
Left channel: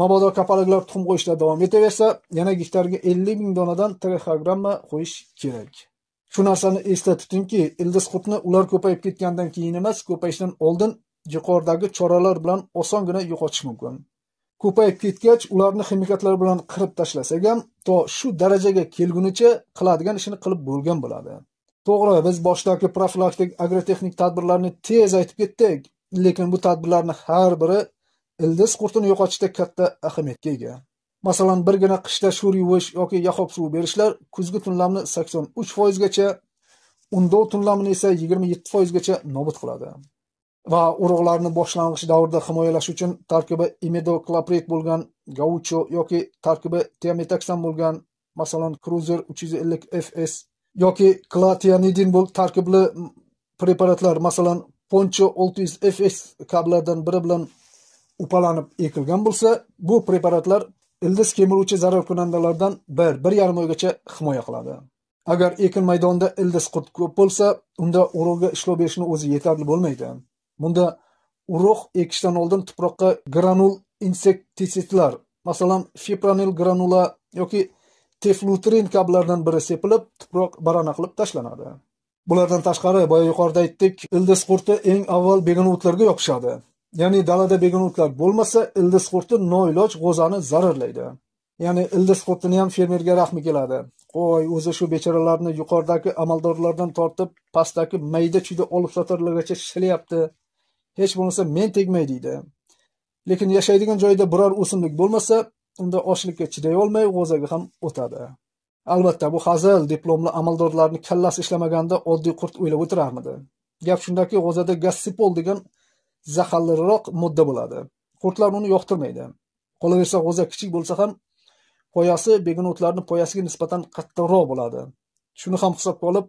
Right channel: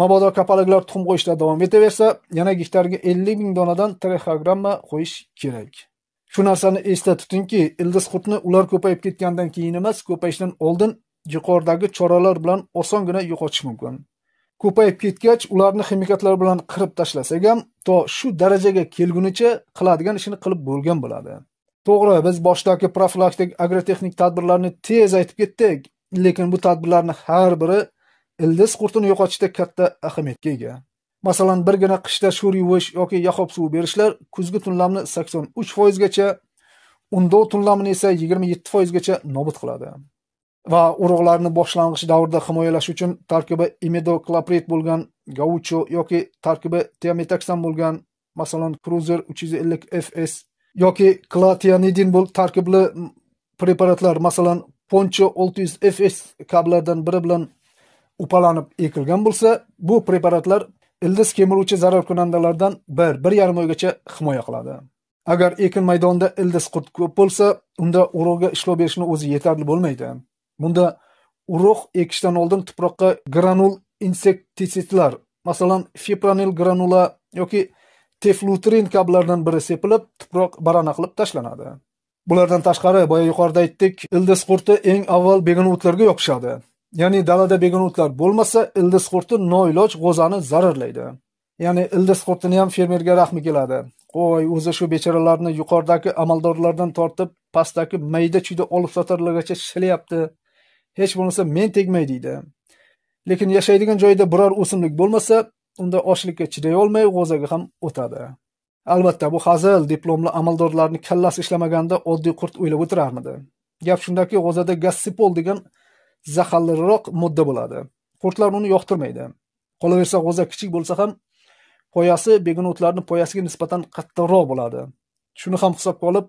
Mabodo kapalaklar tuxum qo'yishda davom etaversa, yana gektarga 50 ming donadan trixogramma qo'yish kerak. Shu narsani esda tutingki, ildiz qurtni ular ko'payib ketgandan keyin emas, ko'payishdan oldin yuqoridagi choralar bilan osongina yo'qotish mumkin. Ko'payib ketgach, ularni ximikatlar bilan qirib tashlasak ham, to shu darajaga kelgunicha qiladigan ishini qilib bo'lgan bo'ladi. To'g'ri, biz boshdagi profilaktik agrotexnik tadbirlarni tez aytib ketdik, lekin bu tadbirlarning har biri ildiz qurtini yo'qotishda katta ahamiyatga ega. Masalan, birgina qishda sho'r yuvish yoki yahob suv berishlar kuzgi tunlamni 83% gacha, undov tunlamini esa 27% gacha nobud qiladi. Va urug'larni boshlang'ich davrda himoyalash uchun tarkibi imidoklopirid bo'lgan gaucho yoki tarkibi tiametaxan bo'lgan, masalan, Cruiser 350 FS yoki klatianidin tarkibli preparatlar, masalan, Poncho 600 FS kabilardan biri bilan upalanib ekilgan bo'lsa, bu preparatlar ildiz kemiruvchi zararkunandalardan 1-1,5 oygacha himoya qiladi. Agar ekin maydonida ildiz qurt ko'p bo'lsa, unda urug'ga ishlov berishni o'zi yetarli bo'lmaydi. Bunda urug' ekishdan oldin tuproqqa granul insektisidlar, masalan, fipronil granula yoki teflutrin kabilardan biri sepilib, tuproq barana qilib tashlanadi. Bulardan tashqari, boya yuqorida aytdik, ildiz qurti eng avval begona o'tlarga yopishadi. Ya'ni dalada begona o'tlar bo'lmasa, ildiz qurti noiloj g'ozani zararlaydi. Ya'ni ildiz qurtini ham fermerga rahmi keladi. Qo'y, o'zi shu bechoralarni yuqoridagi amaldorlardan tortib, pastdagi mayda-chuyda olib sotarlargacha shilayapti. Hech bo'lmasa men tegmay deydi. Lekin yashaydigan joyda biror o'simlik bo'lmasa, unda ochlikka chiday olmay g'o'zaga ham o'tadi. Albatta, bu hazil diplomli amaldorlarning kallasi ishlamaganda oddiy qurt o'ylab o'tirarmidi. Gap shundaki, g'o'zada gassipol degan zaharliroq modda bo'ladi. Qurtlar uni yoqtirmaydi. Qolaversa, g'o'za kichik bo'lsa ham poyasi begona o'tlarning poyasiga nisbatan qattiqroq bo'ladi. Shuni ham hisobga olib,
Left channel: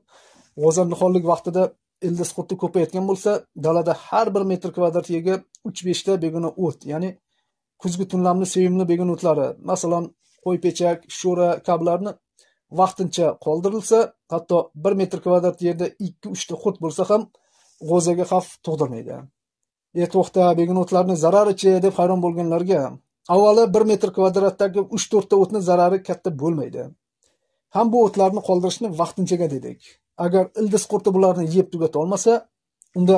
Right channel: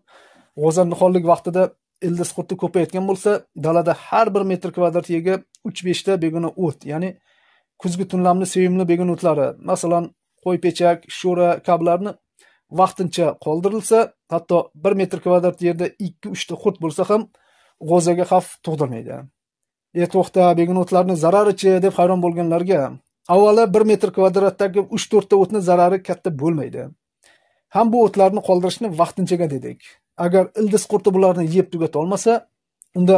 g'o'za nihonlik vaqtida ildiz qurti ko'payotgan bo'lsa, dalada har 1 metr kvadrat yerga 3-5 ta begona o't, ya'ni kuzgi tunlamni sevimli begona o'tlari, masalan, qo'ypechak, sho'ra kabilarni vaqtincha qoldirilsa, hatto 1 metr kvadrat yerda 2-3 ta qurt bo'lsa ham g'o'zaga xavf tug'dirmaydi. To'xta, begona o'tlarni zararichi deb hayron bo'lganlarga, avvalo 1 metr kvadratdagi 3-4 ta o'tning zarari katta bo'lmaydi. Ham bu o'tlarni qoldirishni vaqtinchaga dedik. Agar ildiz qurti bularni yeb tugata olmasa, unda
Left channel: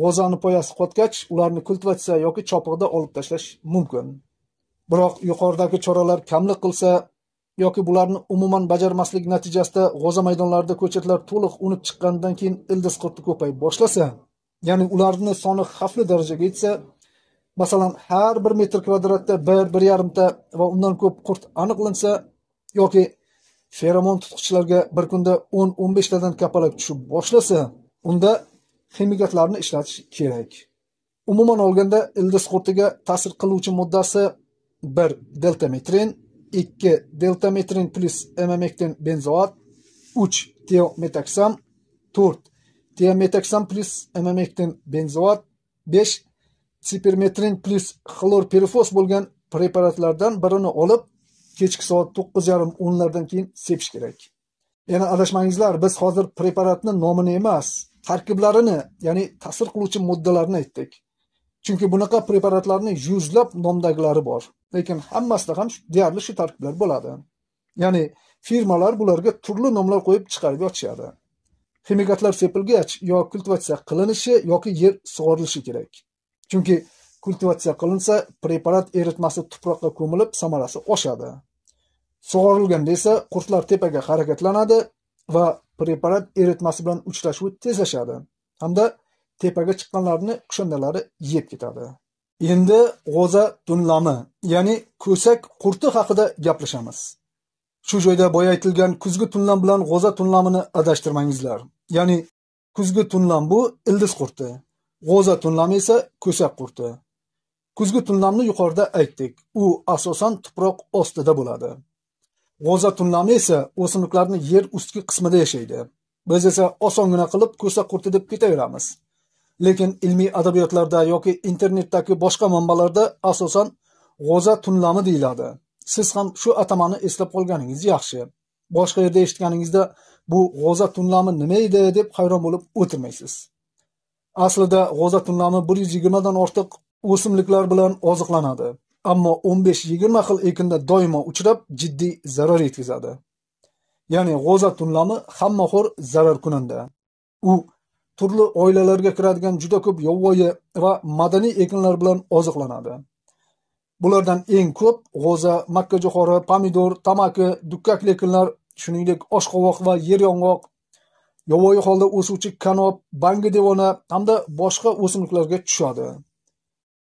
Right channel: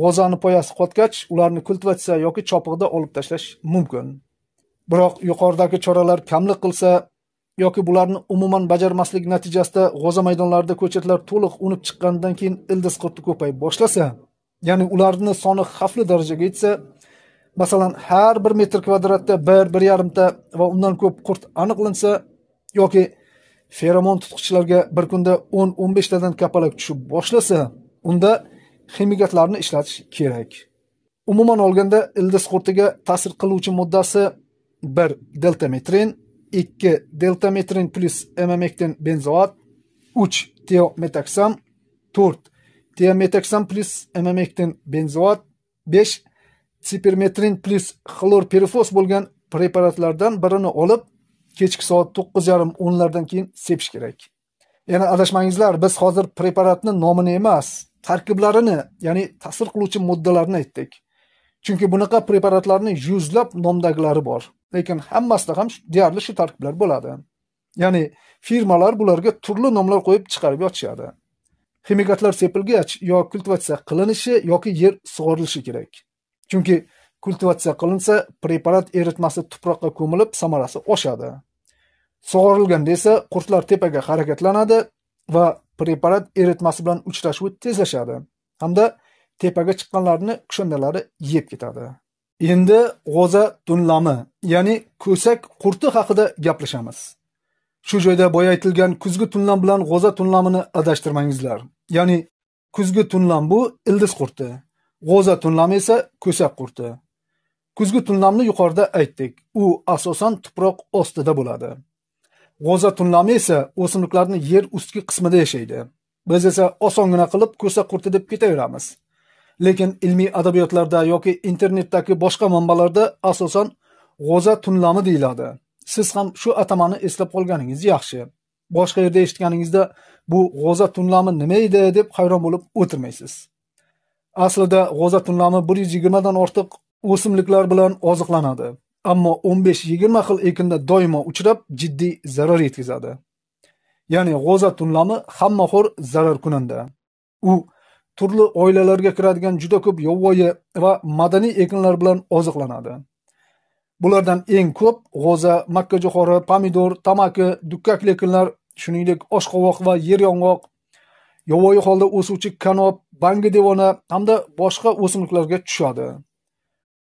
g'o'zani poyasi qotgach, ularni kultivatsiya yoki chopiqda olib tashlash mumkin. Biroq yuqoridagi choralar kamlik qilsa yoki bularni umuman bajarmaslik natijasida g'o'za maydonlarida ko'chatlar to'liq unib chiqqandan keyin ildiz qurti ko'payib boshlasa, ya'ni ularning soni xavfli darajaga yetsa, masalan, har 1 metr kvadratda 1-1,5 ta va undan ko'p qurt aniqlansa yoki feromon tutqichlarga bir kunda 10-15 tadan kapalak tushib boshlasa, unda ximikatlarni ishlatish kerak. Umuman olganda, ildiz qurtiga ta'sir qiluvchi moddasi 1 deltametrin, 2 deltametrin plus emamektin benzoat, 3 tiometaksam, 4 tiometaksam plus emamektin benzoat, 5 sipermetrin plus xlorpirifos bo'lgan preparatlardan birini olib, kechki soat 9:30-10lardan keyin sepish kerak. Yana adashmangizlar, biz hozir preparatning nomini emas, tarkiblarini, ya'ni ta'sir qiluvchi moddalarni aytdik. Chunki bunaqa preparatlarning yuzlab nomdagilari bor, lekin hammasida ham deyarli shu tarkiblar bo'ladi. Ya'ni firmalar bularga turli nomlar qo'yib chiqarib yotishadi. Ximikatlar sepilgach, yo kultivatsiya qilinishi yoki yer sug'orilishi kerak. Chunki kultivatsiya qilinsa, preparat eritmasi tuproqqa ko'milib, samarasi oshadi. Sug'orilganda esa qurtlar tepaga harakatlanadi va preparat eritmasi bilan uchrashuvi tezlashadi hamda tepaga chiqqanlarni kushandalari yeb ketadi. Endi g'o'za tunlami, ya'ni ko'sak qurti haqida gaplashamiz. Shu joyda boya aytilgan kuzgi tunlam bilan g'o'za tunlamini adashtirmangizlar. Ya'ni kuzgi tunlam bu ildiz qurti, g'o'za tunlami esa ko'sak qurti. Kuzgi tunlamni yuqorida aytdik. U asosan tuproq ostida bo'ladi. G'o'za tunlami esa o'simliklarning yer ustki qismida yashaydi. Biz esa osongina qilib ko'sak qurti deb ketaveramiz. Lekin ilmiy adabiyotlarda yoki internetdagi boshqa manbalarda asosan g'o'za tunlami deyiladi. Siz ham shu atamani eslab qolganingiz yaxshi. Boshqa yerda eshitganingizda bu g'o'za tunlami nima edi deb hayron bo'lib o'tirmaysiz. Aslida g'o'za tunlami 120 dan ortiq o'simliklar bilan oziqlanadi. Ammo 15-20 xil ekinda doimo uchrab, jiddiy zarar yetkazadi. Ya'ni g'o'za tunlami hammaxo'r zarar kunanda. U turli oilalarga kiradigan juda ko'p yovvoyi va madaniy ekinlar bilan oziqlanadi. Bulardan eng ko'p g'o'za, makkajo'xori, pomidor, tamaki, dukkakli ekinlar, shuningdek oshqovoq va yer yong'oq, yovvoyi holda o'suvchi kanop, bangi devona hamda boshqa o'simliklarga tushadi.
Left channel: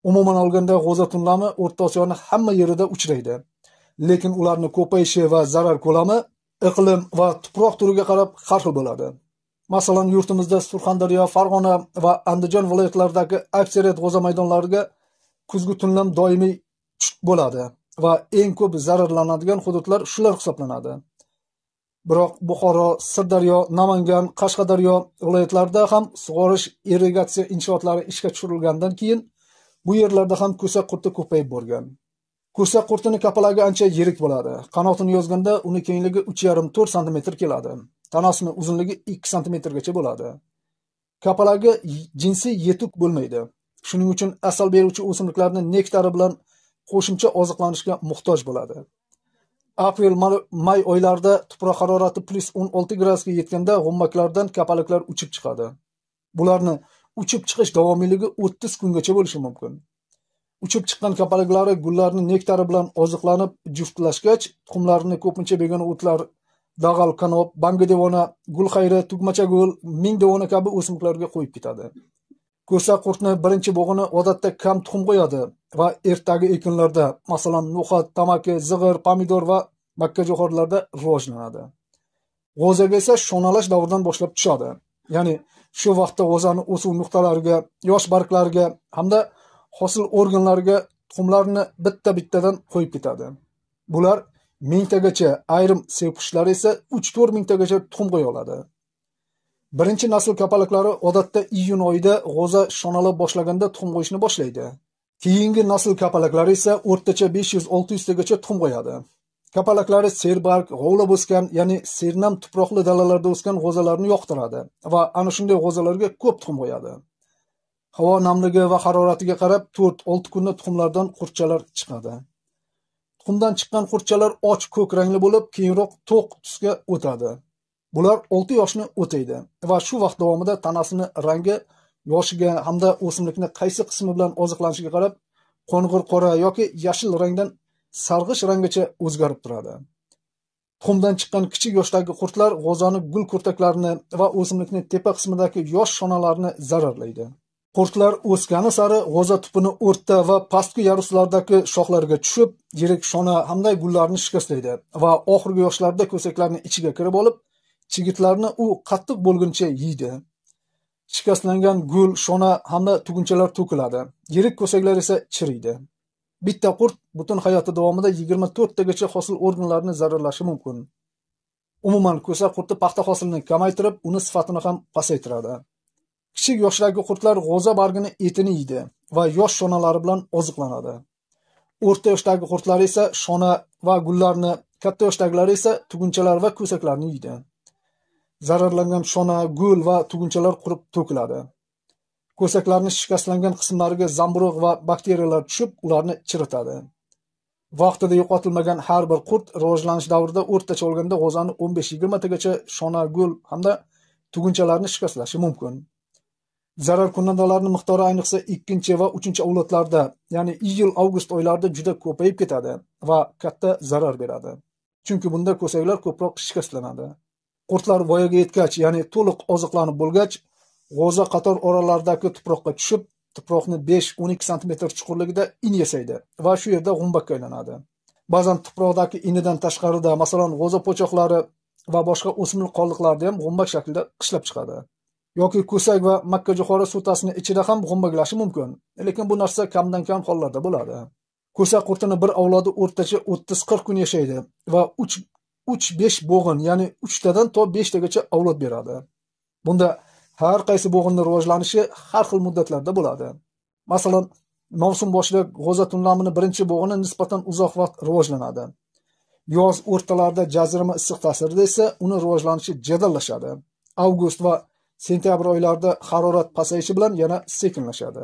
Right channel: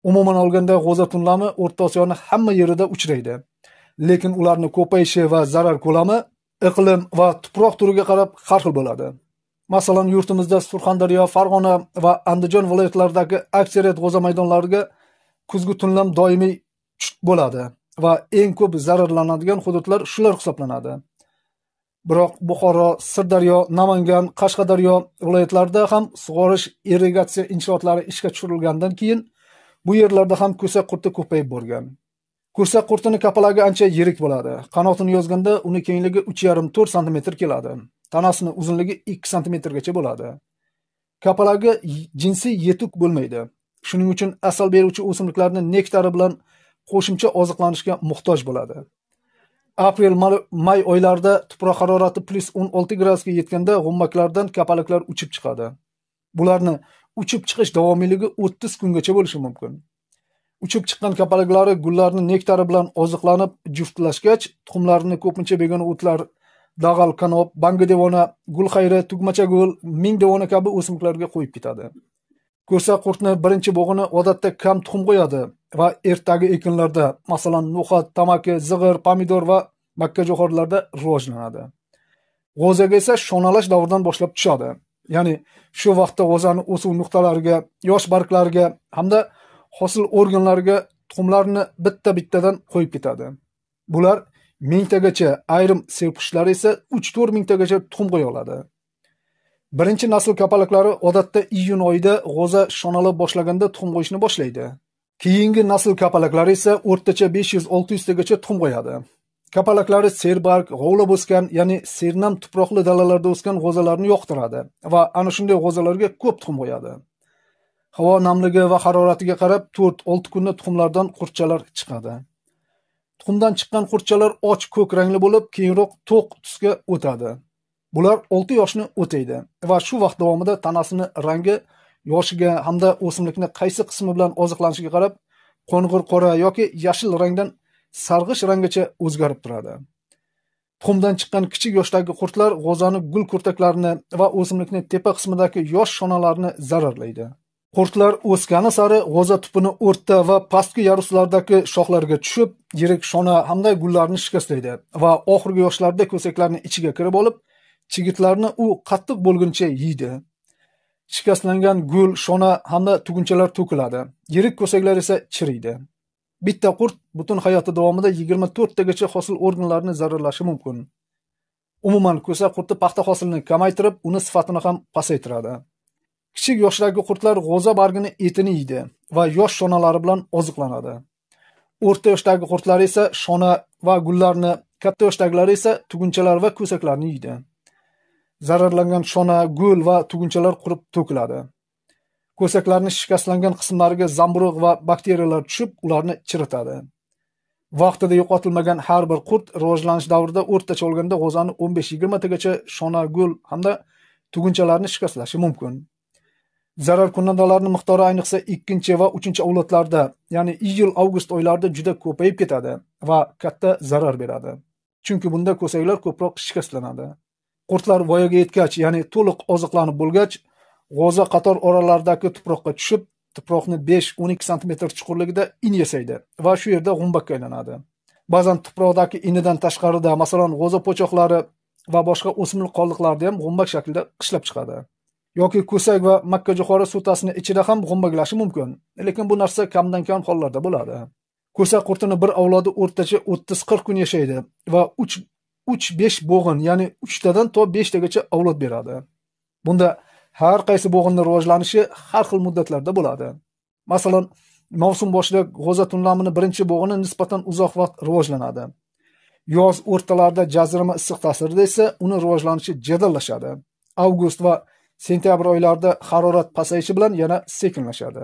Umuman olganda g'o'za tunlami O'rta Osiyoning hamma yerida uchraydi. Lekin ularning ko'payishi va zarar ko'lami iqlim va tuproq turiga qarab har xil bo'ladi. Masalan, yurtimizda Surxondaryo, Farg'ona va Andijon viloyatlaridagi aksariyat g'o'za maydonlariga kuzgi tunlam doimiy bo'ladi va eng ko'p zararlanadigan hududlar shular hisoblanadi. Biroq Buxoro, Sirdaryo, Namangan, Qashqadaryo viloyatlarida ham sug'orish irrigatsiya inshootlari ishga tushirilgandan keyin bu yerlarda ham ko'sak qurti ko'payib borgan. Ko'sak qurtining kapalagi ancha yirik bo'ladi. Qanotini yozganda uni kengligi 3,5-4 sm keladi. Tanasining uzunligi 2 sm gacha bo'ladi. Kapalagi jinsiy yetuk bo'lmaydi. Shuning uchun asal beruvchi o'simliklarning nektari bilan qo'shimcha oziqlanishga muhtoj bo'ladi. Aprel-may oylarida tuproq harorati +16 gradusga yetganda g'ummaklardan kapalaklar uchib chiqadi. Bularni uchib chiqish davomiyligi 30 kungacha bo'lishi mumkin. Uchib chiqqan kapalaklari gullarning nektari bilan oziqlanib juftlashgach, tuxumlarini ko'pincha begona o'tlar dag'al kanop, bangi devona, gulxayri, tugmachagul, ming devona kabi o'simliklarga qo'yib ketadi. Ko'sa qurtni birinchi bog'ini odatda kam tuxum qo'yadi va ertagi ekinlarda, masalan, no'xat, tamaki, zig'ir, pomidor va makkajo'xorilarda rivojlanadi. G'o'zaga esa shonalash davridan boshlab tushadi. Ya'ni shu vaqtda g'o'zani o'suv nuqtalariga, yosh barglariga hamda hosil organlariga tuxumlarni bitta-bittadan qo'yib ketadi. Bular mingtagacha, ayrim sevqushlar esa 3-4 mingtagacha tuxum qo'ya oladi. Birinchi nasl kapalaklari odatda iyun oyida g'o'za shonalab boshlaganda tuxum qo'yishni boshlaydi. Keyingi nasl kapalaklari esa o'rtacha 500-600 tagacha tuxum qo'yadi. Kapalaklari serbarg, g'ovlab o'sgan, ya'ni sernam tuproqli dalalarda o'sgan g'o'zalarni yoqtiradi va ana shunday g'o'zalarga ko'p tuxum qo'yadi. Havo namligi va haroratiga qarab 4-6 kunda tuxumlardan qurtchalar chiqadi. Tuxumdan chiqqan qurtchalar och ko'k rangli bo'lib, keyinroq to'q tusga o'tadi. Bular 6 yoshni o'taydi va shu vaqt davomida tanasini rangi yoshiga hamda o'simlikni qaysi qismi bilan oziqlanishiga qarab qo'ng'ir qora yoki yashil rangdan sarg'ish ranggacha o'zgarib turadi. Tuxumdan chiqqan kichik yoshdagi qurtlar g'o'zani gul kurtaklarini va o'simlikning tepa qismidagi yosh shonalarini zararlaydi. Qurtlar o'sgani sari g'o'za tupini o'rta va pastki yaruslardagi shoxlarga tushib, yirik shona hamda gullarni shikastlaydi va oxirgi yoshlarda ko'saklarning ichiga kirib olib, chigitlarni u qattiq bo'lguncha yeydi. Shikastlangan gul, shona hamda tugunchalar to'kiladi. Yirik ko'saklar esa chiriydi. Bitta qurt butun hayoti davomida 24 tagacha hosil organlarini zararlashi mumkin. Umuman ko'sa qurti paxta hosilini kamaytirib, uni sifatini ham pasaytiradi. Kichik yoshdagi qurtlar g'o'za bargini etini yeydi va yosh shonalari bilan oziqlanadi. O'rta yoshdagi qurtlar esa shona va gullarni, katta yoshdagilar esa tugunchalar va ko'saklarni yeydi. Zararlangan shona, gul va tugunchalar qurib to'kiladi. Ko'saklarning shikastlangan qismlariga zamburug' va bakteriyalar tushib, ularni chiritadi. Vaqtida yo'qotilmagan har bir qurt rivojlanish davrida o'rtacha olganda g'o'zani 15-20 tagacha shona, gul hamda tugunchalarni shikastlashi mumkin. Zarar kunandalarning miqdori ayniqsa 2 va 3 avlodlarda, ya'ni iyul-avgust oylarida juda ko'payib ketadi va katta zarar beradi. Chunki bunda ko'saklar ko'proq shikastlanadi. Qurtlar voyaga yetgach, ya'ni to'liq oziqlanib bo'lgach, g'o'za qator oralaridagi tuproqqa tushib, tuproqni 5-12 sm chuqurligida in yasaydi va shu yerda g'umbakka aylanadi. Ba'zan tuproqdagi inidan tashqarida, masalan, g'o'za po'choqlari va boshqa o'simlik qoldiqlarida ham g'umbak shaklida qishlab chiqadi. Yoki ko'sak va makkajo'xori sutasini ichida ham g'umbaklashi mumkin, lekin bu narsa kamdan kam hollarda bo'ladi. Ko'sak qurtini bir avlodi o'rtacha 30-40 kun yashaydi va 3-5 bo'g'in, ya'ni 3 tadan to 5 tagacha avlod beradi. Bunda har qaysi bo'g'inning rivojlanishi har xil muddatlarda bo'ladi. Masalan, mavsum boshida g'o'za tunlamini birinchi bo'g'ini nisbatan uzoq vaqt rivojlanadi. Yoz o'rtalarida jazirama issiq ta'sirida esa uni rivojlanishi jadallashadi. Avgust va sentyabr oylarida harorat pasayishi bilan yana sekinlashadi.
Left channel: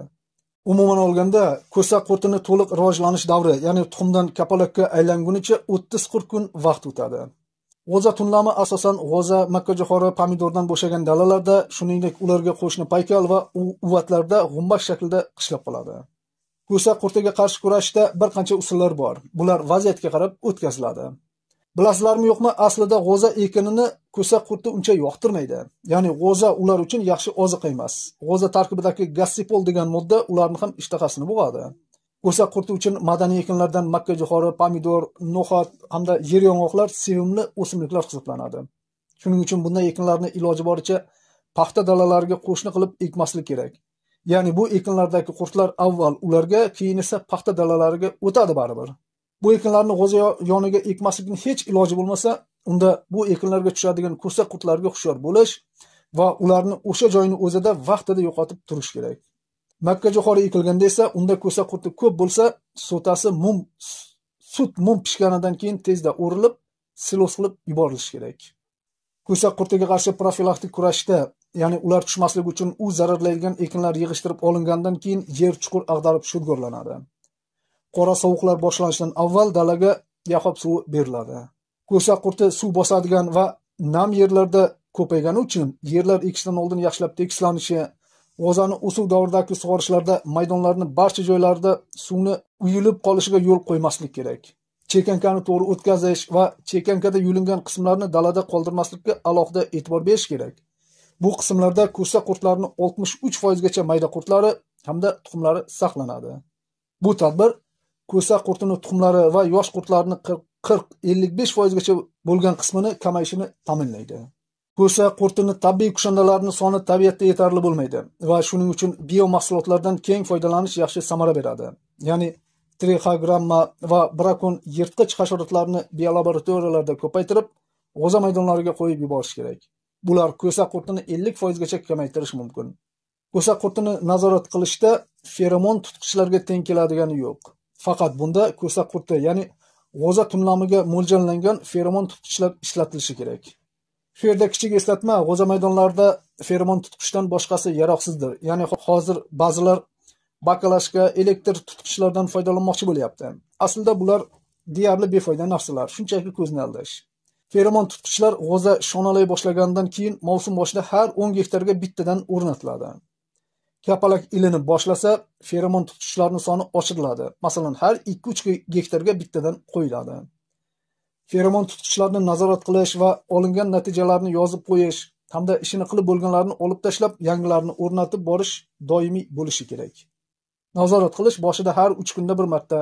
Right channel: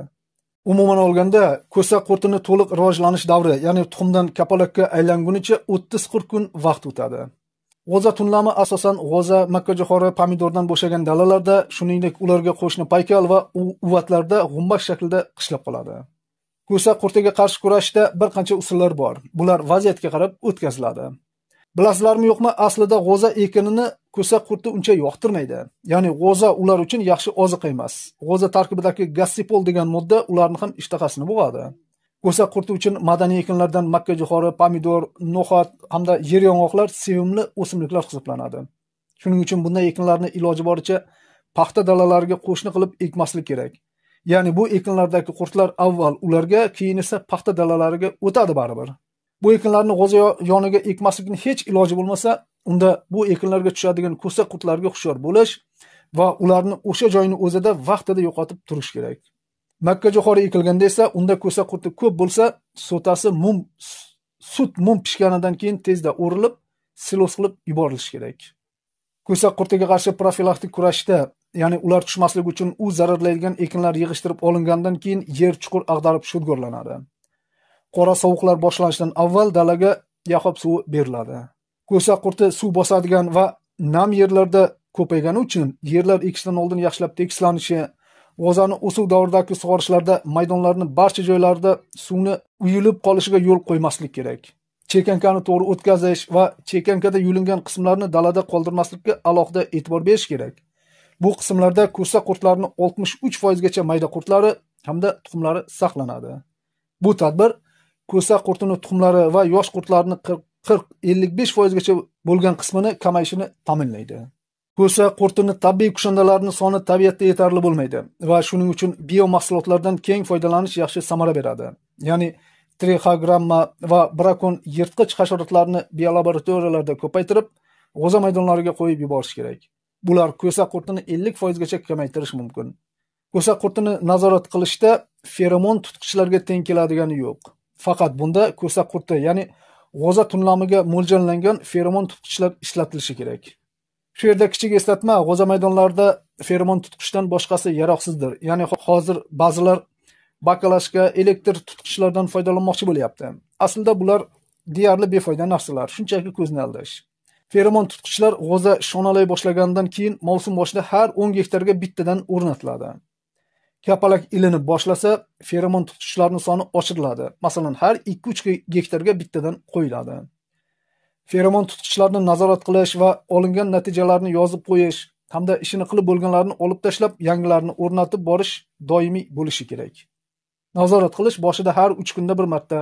Umuman olganda, ko'sak qurtini to'liq rivojlanish davri, ya'ni tuxumdan kapalakka aylangunicha 30-40 kun vaqt o'tadi. G'o'za tunlami asosan g'o'za, makkajo'xori, pomidordan bo'shagan dalalarda, shuningdek ularga qo'shni paykal va uvatlarda g'umbak shaklida qishlab qoladi. Ko'sak qurtiga qarshi kurashishda bir qancha usullar bor. Bular vaziyatga qarab o'tkaziladi. Bilasizlarmi yo'qmi, aslida g'o'za ekinini ko'sak qurti uncha yoqtirmaydi. Ya'ni g'o'za ular uchun yaxshi oziqa emas. G'o'za tarkibidagi gassipol degan modda ularni ham ishtahasini bo'g'adi. Ko'sak qurti uchun madaniy ekinlardan makkajo'xori, pomidor, no'xat hamda yer yong'oqlar sevimli o'simliklar hisoblanadi. Shuning uchun bunday ekinlarni iloji boricha paxta dalalariga qo'shni qilib ekmaslik kerak. Ya'ni bu ekinlardagi qurtlar avval ularga, keyin esa paxta dalalariga o'tadi baribir. Bu ekinlarni g'o'za yoniga ekmaslikning hech iloji bo'lmasa, unda bu ekinlarga tushadigan ko'sak qurtlarga hushyor bo'lish va ularni o'sha joyning o'zida vaqtida yo'qotib turish kerak. Makkajo'xori ekilganda esa unda ko'sak qurti ko'p bo'lsa, sutasi sut mum pishganidan keyin tezda o'rilib, silos qilib yuborilishi kerak. Ko'sak qurtiga qarshi profilaktik kurashda, ya'ni ular tushmasligi uchun u zararlaydigan ekinlar yig'ishtirib olingandan keyin yer chuqur ag'darib shudgorlanadi. Qora sovuqlar boshlanishidan avval dalaga yahob suvi beriladi. Ko'sak qurti suv bosadigan va nam yerlarda ko'paygani uchun yerlar ekishdan oldin yaxshilab tekislanishi, g'o'zani o'suv davridagi sug'orishlarda maydonlarning barcha joylarida suvni uyilib qolishiga yo'l qo'ymaslik kerak. chekankani to'g'ri o'tkazish va chekankada yulingan qismlarni dalada qoldirmaslikka alohida e'tibor berish kerak. Bu qismlarda ko'sa qurtlarining 63% gacha mayda qurtlari hamda tuxumlari saqlanadi. Bu tadbir ko'sa qurtining tuxumlari va yosh qurtlarning 40-55% gacha bo'lgan qismini kamayishini ta'minlaydi. Ko'sa qurtining tabiiy kushandalarining soni tabiatda yetarli bo'lmaydi va shuning uchun biomahsulotlardan keng foydalanish yaxshi samara beradi. Ya'ni trixogramma va brakon yirtqich hasharotlarni biolaboratoriyalarda ko'paytirib, g'o'za maydonlariga qo'yib yuborish kerak. Bular ko'sa qurtini 50% gacha kamaytirish mumkin. Ko'sa qurtini nazorat qilishda feromon tutqichlarga teng keladigani yo'q. Faqat bunda ko'sa qurti, ya'ni g'o'za tunlamiga mo'ljallangan feromon tutqichlar ishlatilishi kerak. Shu yerda kichik eslatma, g'o'za maydonlarida feromon tutqichdan boshqasi yaroqsizdir. Ya'ni hozir ba'zilar bakalashka, elektr tutqichlardan foydalanmoqchi bo'lyapti. Aslida bular deyarli befoyda narsalar, shunchaki ko'zni aldash. Feromon tutqichlar g'o'za shonalay boshlagandan keyin mavsum boshida har 10 gektarga bittadan o'rnatiladi. Kapalak ilinib boshlasa, feromon tutqichlarning soni oshiriladi. Masalan, har 2-3 gektarga bittadan qo'yiladi. Feromon tutqichlarni nazorat qilish va olingan natijalarni yozib qo'yish hamda ishini qilib bo'lganlarni olib tashlab, yangilarini o'rnatib borish doimiy bo'lishi kerak. Nazorat qilish boshida har 3 kunda bir marta,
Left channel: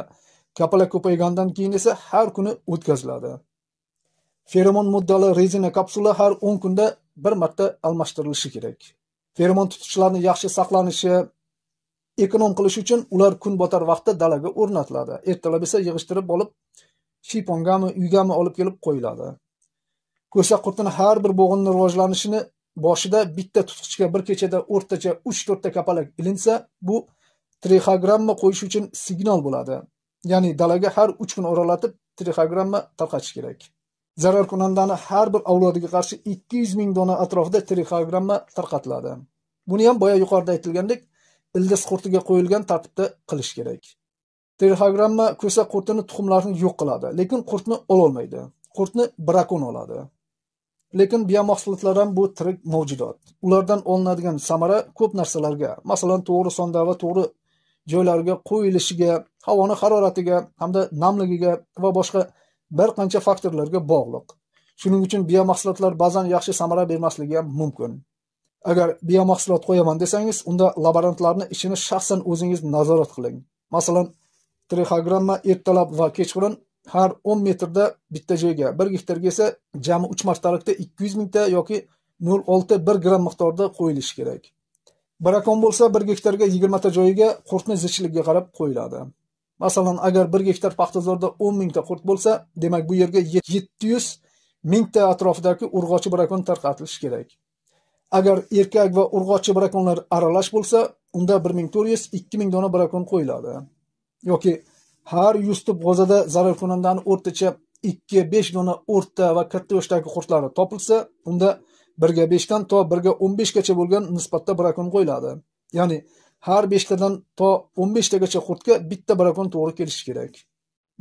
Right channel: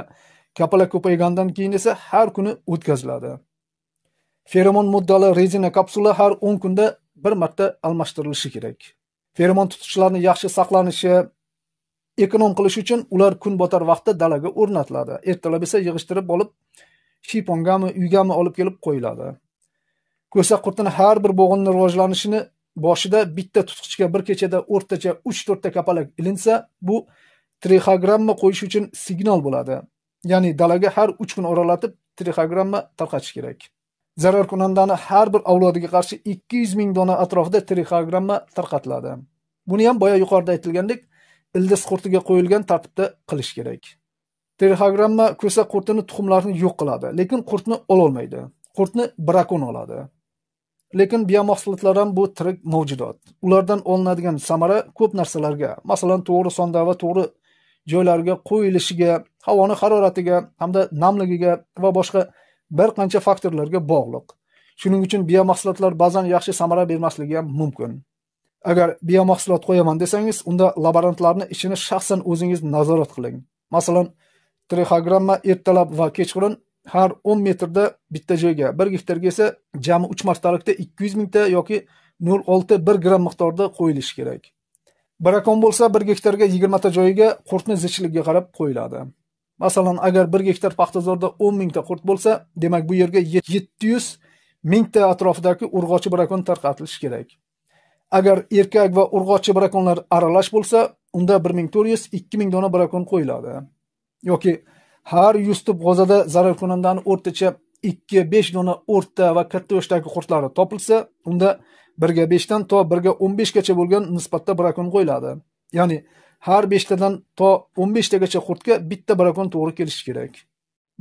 kapalak ko'paygandan keyin esa har kuni o'tkaziladi. Feromon moddali rezina kapsula har 10 kunda bir marta almashtirilishi kerak. Feromon tutqichlarni yaxshi saqlanishi, ekonom qilish uchun ular kun botar vaqtda dalaga o'rnatiladi. Ertalab esa yig'ishtirib olib, shipongami, uygami olib kelib qo'yiladi. Ko'sa qurtini har bir bo'g'inning rivojlanishini boshida bitta tutqichga bir kechada o'rtacha 3-4 ta kapalak ilinsa, bu trixogramma qo'yish uchun signal bo'ladi. Ya'ni dalaga har 3 kun oralatib trixogramma tarqatish kerak. Zararkunandani har bir avlodiga qarshi 200 ming dona atrofida trixogramma tarqatiladi. Buni ham boya yuqorida aytilgandek, ildiz qurtiga qo'yilgan tartibda qilish kerak. Trixogramma ko'sa qurtini tuxumlarini yo'q qiladi, lekin qurtni ololmaydi. Qurtni brakon oladi. Lekin biomahsulotlar ham bu tirik mavjudot. Ulardan olinadigan samara ko'p narsalarga, masalan, to'g'ri sonda va to'g'ri joylarga qo'yilishiga, havoning haroratiga hamda namligiga va boshqa bir qancha faktorlarga bog'liq. Shuning uchun biomahsulotlar ba'zan yaxshi samara bermasligi ham mumkin. Agar biomahsulot qo'yaman desangiz, unda laborantlarning ishini shaxsan o'zingiz nazorat qiling. Masalan, trixogramma ertalab va kechqurun har 10 metrda bitta joyga, 1 gektarga esa jami 3 martalikda 200 mingta yoki 0.6-1 gram miqdorda qo'yilishi kerak. Brakon bo'lsa 1 gektarga 20 ta joyiga qurtni zichligiga qarab qo'yiladi. Masalan, agar 1 gektar paxtazorda 10 mingta qurt bo'lsa, demak bu yerga 700 mingta atrofidagi urg'ochi brakon tarqatilishi kerak. Agar erkak va urg'ochi brakonlar aralash bo'lsa, unda 1400-2000 dona brakon qo'yiladi. Yoki har 100 tup g'o'zada zararkunandani o'rtacha 2-5 dona o'rta va katta yoshdagi qurtlari topilsa, unda 1 ga 5 dan to 1 ga 15 gacha bo'lgan nisbatda brakon qo'yiladi. Ya'ni har 5 tadan to 15 tagacha qurtga bitta brakon to'g'ri kelishi kerak.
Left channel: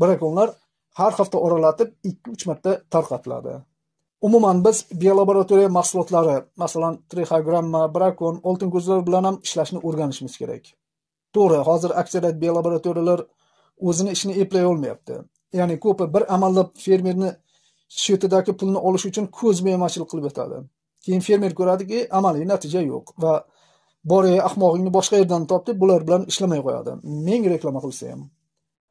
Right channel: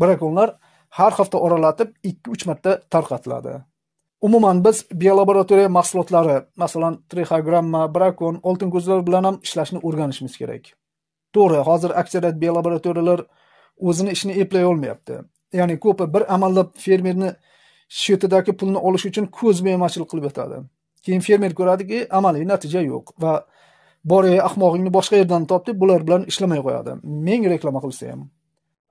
Brakonlar har hafta oralatib 2-3 marta tarqatiladi. Umuman biz biolaboratoriya mahsulotlari, masalan, trixogramma, brakon, oltin ko'zlar bilan ham ishlashni o'rganishimiz kerak. To'g'ri, hozir aksariyat biolaboratoriyalar o'zini ishini eplay olmayapti. Ya'ni ko'pi bir amallab fermerni shetidagi pulni olish uchun ko'zbo'yamachilik qilib o'tadi. Keyin fermer ko'radiki, amaliy natija yo'q va boray ahmoqingni boshqa yerdan top deb bular bilan ishlamay qo'yadi. Ming reklama qilsa ham.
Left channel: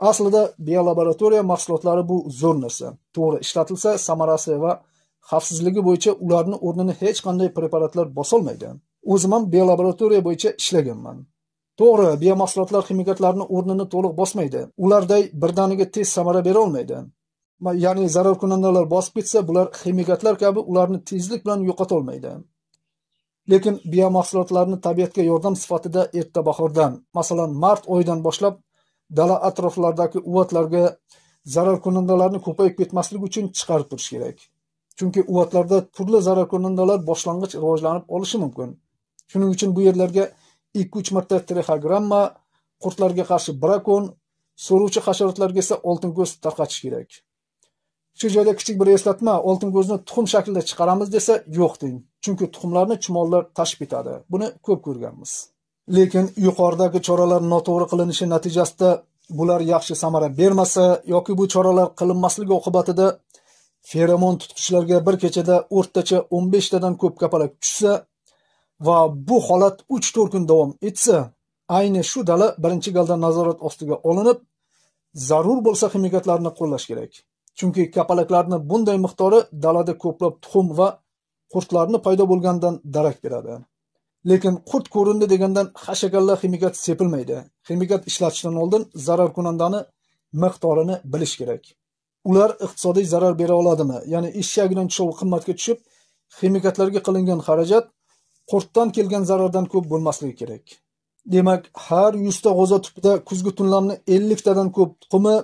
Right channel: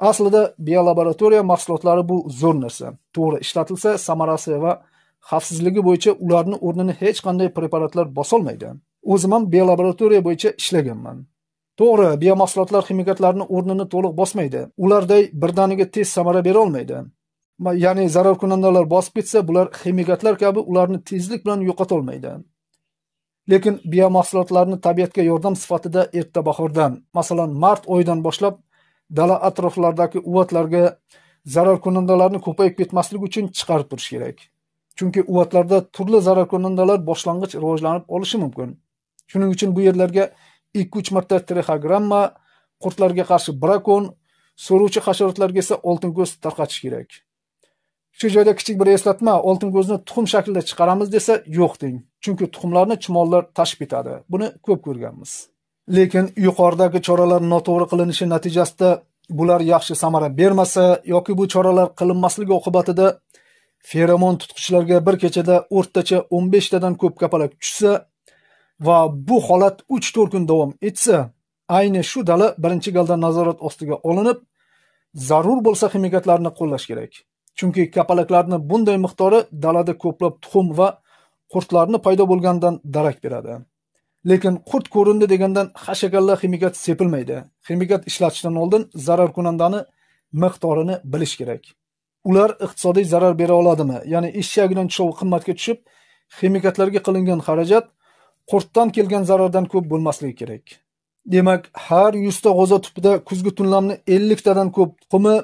Aslida biolaboratoriya mahsulotlari bu zo'r narsa. To'g'ri ishlatilsa, samarasi va xavfsizligi bo'yicha ularning o'rnini hech qanday preparatlar bosolmaydi. O'zim ham biolaboratoriya bo'yicha ishlaganman. To'g'ri, biomahsulotlar ximikatlarning o'rnini to'liq bosmaydi. Ularday birdaniga tez samara bera olmaydi. Ya'ni zararkunandalar bosib ketsa, bular ximikatlar kabi ularni tezlik bilan yo'qota olmaydi. Lekin biomahsulotlarni tabiatga yordam sifatida erta bahordan, masalan, mart oyidan boshlab dala atroflaridagi uvatlarga zararkunandalarni ko'payib ketmasligi uchun chiqarib turish kerak. Chunki uvatlarda turli zararkunandalar boshlang'ich rivojlanib olishi mumkin. Shuning uchun bu yerlarga 2-3 marta trixogramma, qurtlarga qarshi brakon, so'ruvchi hasharotlarga esa oltin ko'z tarqatish kerak. Shu joyda kichik bir eslatma, oltin ko'zni tuxum shaklida chiqaramiz desa yo'q deng. Chunki tuxumlarni chumollar tashib ketadi. Buni ko'p ko'rganmiz. Lekin yuqoridagi choralar noto'g'ri qilinishi natijasida bular yaxshi samara bermasa yoki bu choralar qilinmasligi oqibatida feromon tutqichlarga bir kechada o'rtacha 15 tadan ko'p kapalak tushsa va bu holat 3-4 kun davom etsa, ayni shu dala birinchi galda nazorat ostiga olinib, zarur bo'lsa ximikatlarni qo'llash kerak. Chunki kapalaklarni bunday miqdori dalada ko'plab tuxum va qurtlarni paydo bo'lgandan darak beradi. Lekin qurt ko'rindi degandan hashakalla ximikat sepilmaydi. Ximikat ishlatishdan oldin zararkunandani miqdorini bilish kerak. Ular iqtisodiy zarar bera oladimi? Ya'ni eshagidan tushovi qimmatga tushib, ximikatlarga qilingan xarajat qurtdan kelgan zarardan ko'p bo'lmasligi kerak. Demak, har 100 ta g'o'za tupida kuzgi tunlamni 50 tadan ko'p tuxumi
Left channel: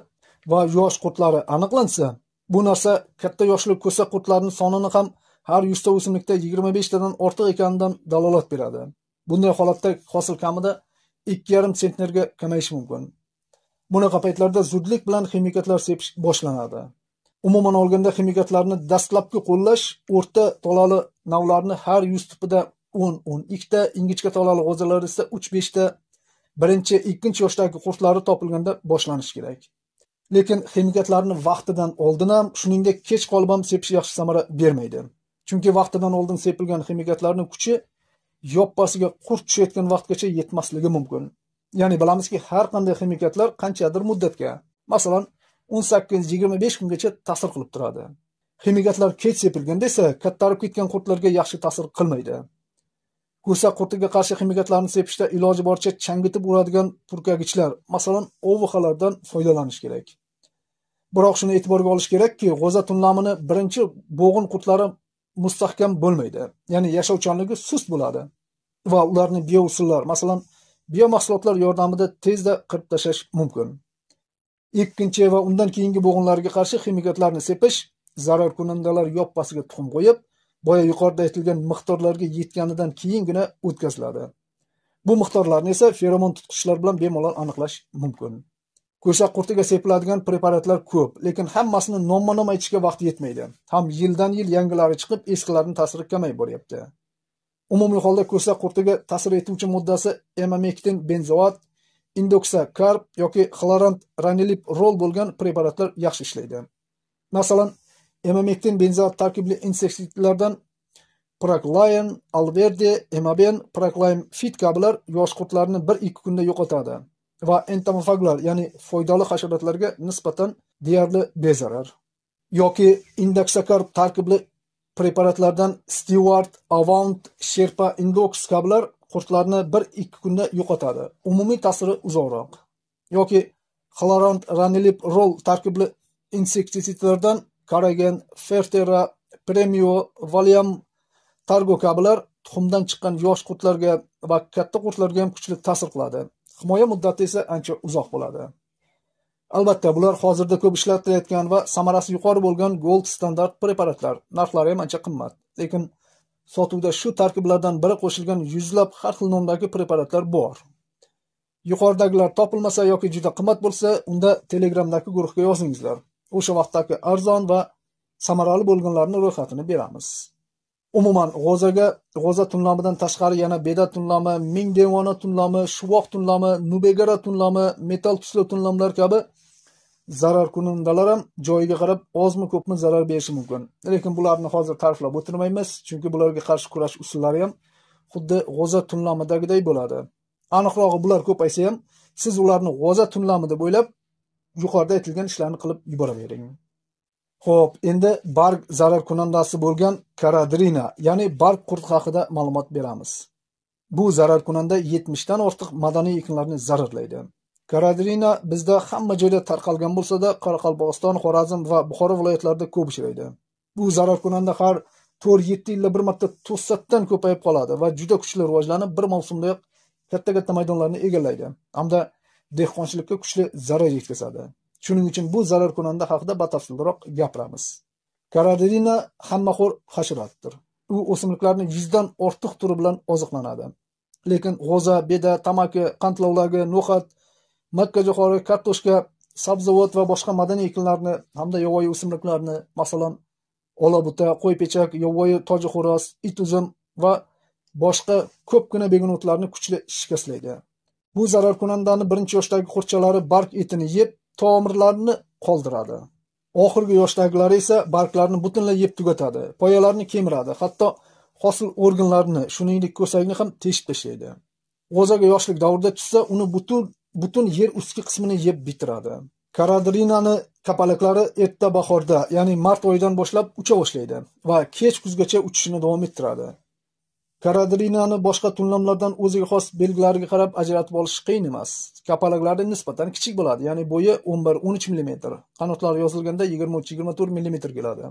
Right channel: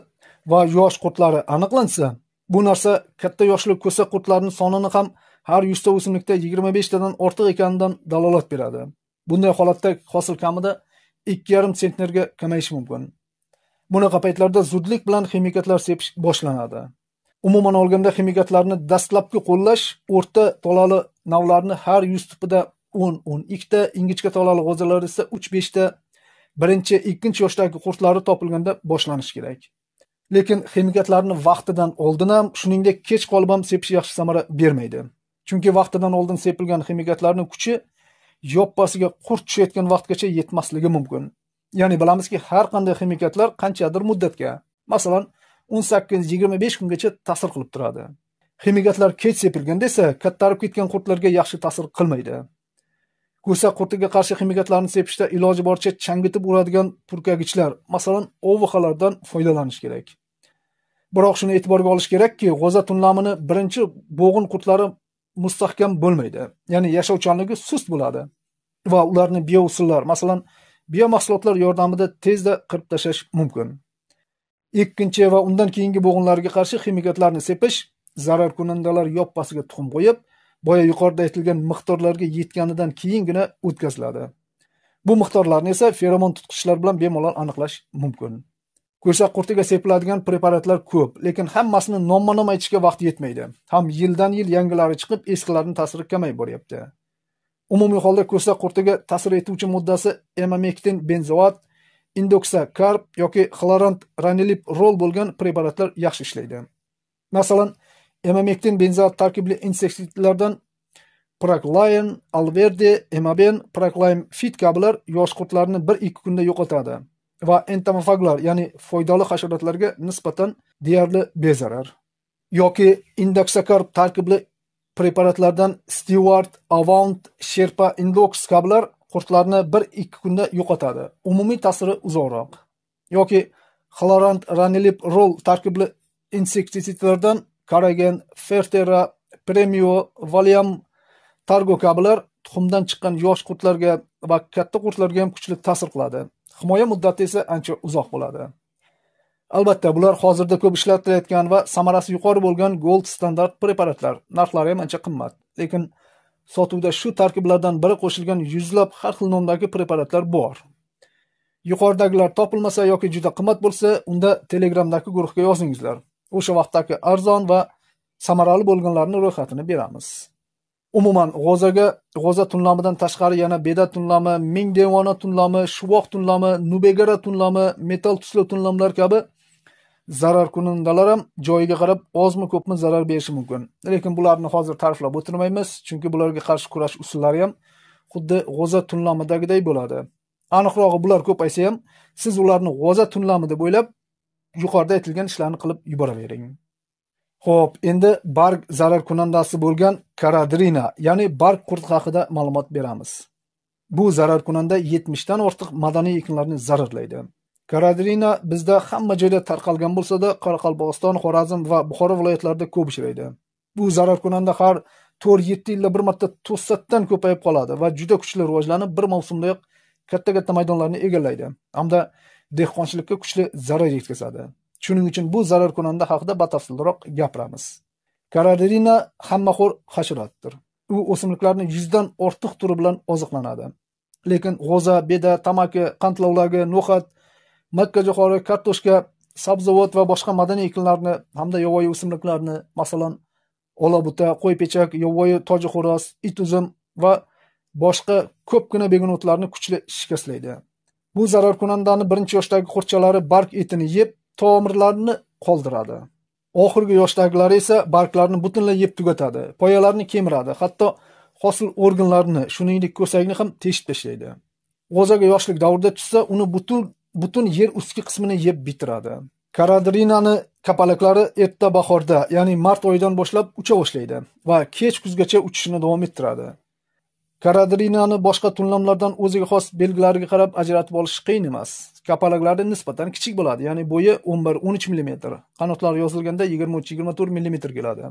va yosh qurtlari aniqlansa, bu narsa katta yoshli ko'sa qurtlarning sonini ham har 100 ta o'simlikda 25 tadan ortiq ekanidan dalolat beradi. Bunday holatda hosil kamida 2,5 sentnerga kamayishi mumkin. Bunaqa paytlarda zudlik bilan ximikatlar sepish boshlanadi. Umuman olganda ximikatlarni dastlabki qo'llash o'rta tolali navlarni har 100 tupida 10-12 ta, ingichka tolali g'o'zalar esa 3-5 ta birinchi, ikkinchi yoshdagi qurtlari topilganda boshlanish kerak. Lekin ximikatlarni vaqtidan oldin ham, shuningdek kech qolib ham sepish yaxshi samara bermaydi. Chunki vaqtidan oldin sepilgan ximikatlarning kuchi yoppasiga qurt tushayotgan vaqtgacha yetmasligi mumkin. Ya'ni bilamizki, har qanday ximikatlar qanchadir muddatga, masalan, 18-25 kungacha ta'sir qilib turadi. Ximikatlar kech sepilganda esa kattarib ketgan qurtlarga yaxshi ta'sir qilmaydi. Ko'sa qurtiga qarshi ximikatlarni sepishda iloji boricha changitib uradigan purkagichlar, masalan, OVXlardan foydalanish kerak. Biroq shuni e'tiborga olish kerakki, g'o'za tunlamini birinchi bo'g'in qurtlari mustahkam bo'lmaydi. Ya'ni yashovchanligi sust bo'ladi va ularni biousullar, masalan, biomahsulotlar yordamida tezda qirib tashlash mumkin. Ikkinchi va undan keyingi bo'g'inlarga qarshi ximikatlarni sepish zararkunandalar yoppasiga tuxum qo'yib, boya yuqorida aytilgan miqdorlarga yetganidan keyingina o'tkaziladi. Bu miqdorlarni esa feromon tutqichlar bilan bemalol aniqlash mumkin. Ko'sa qurtiga sepiladigan preparatlar ko'p, lekin hammasini nomma-nom aytishga vaqt yetmaydi. Ham yildan-yil yangilari chiqib, eskilarining ta'siri kamayib boryapti. Umumiy holda ko'sa qurtiga ta'sir etuvchi moddasi emamektin benzoat, indoxacarb yoki xlorant ranilip rol bo'lgan preparatlar yaxshi ishlaydi. Masalan, emamektin benzoat tarkibli insektisidlardan Proclaim, Alverde, Emaben, Proclaim Fit kabilar yosh qurtlarni 1-2 kunda yo'qotadi va entomofaglar, ya'ni foydali hasharotlarga nisbatan deyarli bezarar. Yoki indoxacarb tarkibli preparatlardan Stewart, Avant, Sherpa Indox kabilar qurtlarni 1-2 kunda yo'qotadi. Umumiy ta'siri uzoqroq. Yoki Xlorant Ranilip Roll tarkibli insektisidlardan Karagen, Fertera, Premio, Valium, Targo kabilar tuxumdan chiqqan yosh qurtlarga va katta qurtlarga ham kuchli ta'sir qiladi. Himoya muddati esa ancha uzoq bo'ladi. Albatta, bular hozirda ko'p ishlatilayotgan va samarasi yuqori bo'lgan gold standart preparatlar. Narxlari ham ancha qimmat. Lekin sotuvda shu tarkiblardan biri qo'shilgan yuzlab har xil nomdagi preparatlar bor. Yuqoridagilar topilmasa yoki juda qimmat bo'lsa, unda Telegramdagi guruhga yozingizlar. O'sha vaqtdagi arzon va samarali bo'lganlarning ro'yxatini beramiz. Umuman, g'o'za tunlamidan tashqari yana beda tunlami, ming devona tunlami, shuvoq tunlami, nubegara tunlami, metal tusli tunlamlar kabi zararkunandalar ham joyiga qarab ozmi ko'pmi zarar berishi mumkin. Lekin bularni hozir ta'riflab o'tirmaymiz, chunki bularga qarshi kurash usullari ham xuddi g'o'za tunlamidagiday bo'ladi. Aniqrog'i bular ko'paysa ham, siz ularni g'o'za tunlami deb o'ylab, yuqorida aytilgan ishlarni qilib yuboravering. Xo'p, endi barg zararkunandasi bo'lgan Caradrina, ya'ni barg qurt haqida ma'lumot beramiz. Bu zararkunanda 70 dan ortiq madaniy ekinlarni zararlaydi. Caradrina bizda hamma joyda tarqalgan bo'lsa-da, Qoraqalpog'iston, Xorazm va Buxoro viloyatlarida ko'p uchraydi. Bu zararkunanda har 4-7 yilda bir marta to'satdan ko'payib qoladi va juda kuchli rivojlanib, bir mavsumdayoq katta maydonlarni egallaydi. Hamda dehqonchilikka kuchli zarar yetkazadi. Shuning uchun bu zararkunanda haqida batafsilroq gapiramiz. Caradrina hammaxo'r hasharotdir. U o'simliklarni 100 dan ortiq turi bilan oziqlanadi. Lekin g'o'za, beda, tamaki, qandlovlagi, no'xat, makkajo'xori, kartoshka, sabzavot va boshqa madaniy ekinlarni hamda yovvoyi o'simliklarni, masalan, olabuta, qo'ypechak, yovvoyi toji xo'roz, it uzum va boshqa ko'pgina begunotlarni kuchli shikastlaydi. Bu zararkunandani birinchi yoshdagi qurtchalari barg etini yeb, tomirlarni qoldiradi. Oxirgi yoshdagilari esa barglarni butunlay yeb tugatadi, poyalarni kemiradi, hatto hosil organlarini, shuningdek ko'sakni ham teshib tashlaydi. G'o'zaga yoshlik davrida tushsa, uni butun yer ustki qismini yeb bitiradi. Karadrinani kapalaklari erta bahorda, ya'ni mart oyidan boshlab ucha boshlaydi va kech kuzgacha uchishini davom ettiradi. Karadrinani boshqa tunlamlardan o'ziga xos belgilariga qarab ajratib olish qiyin emas. Kapalaklari nisbatan kichik bo'ladi, ya'ni bo'yi 11-13 mm, qanotlari yozilganda 23-24 mm keladi.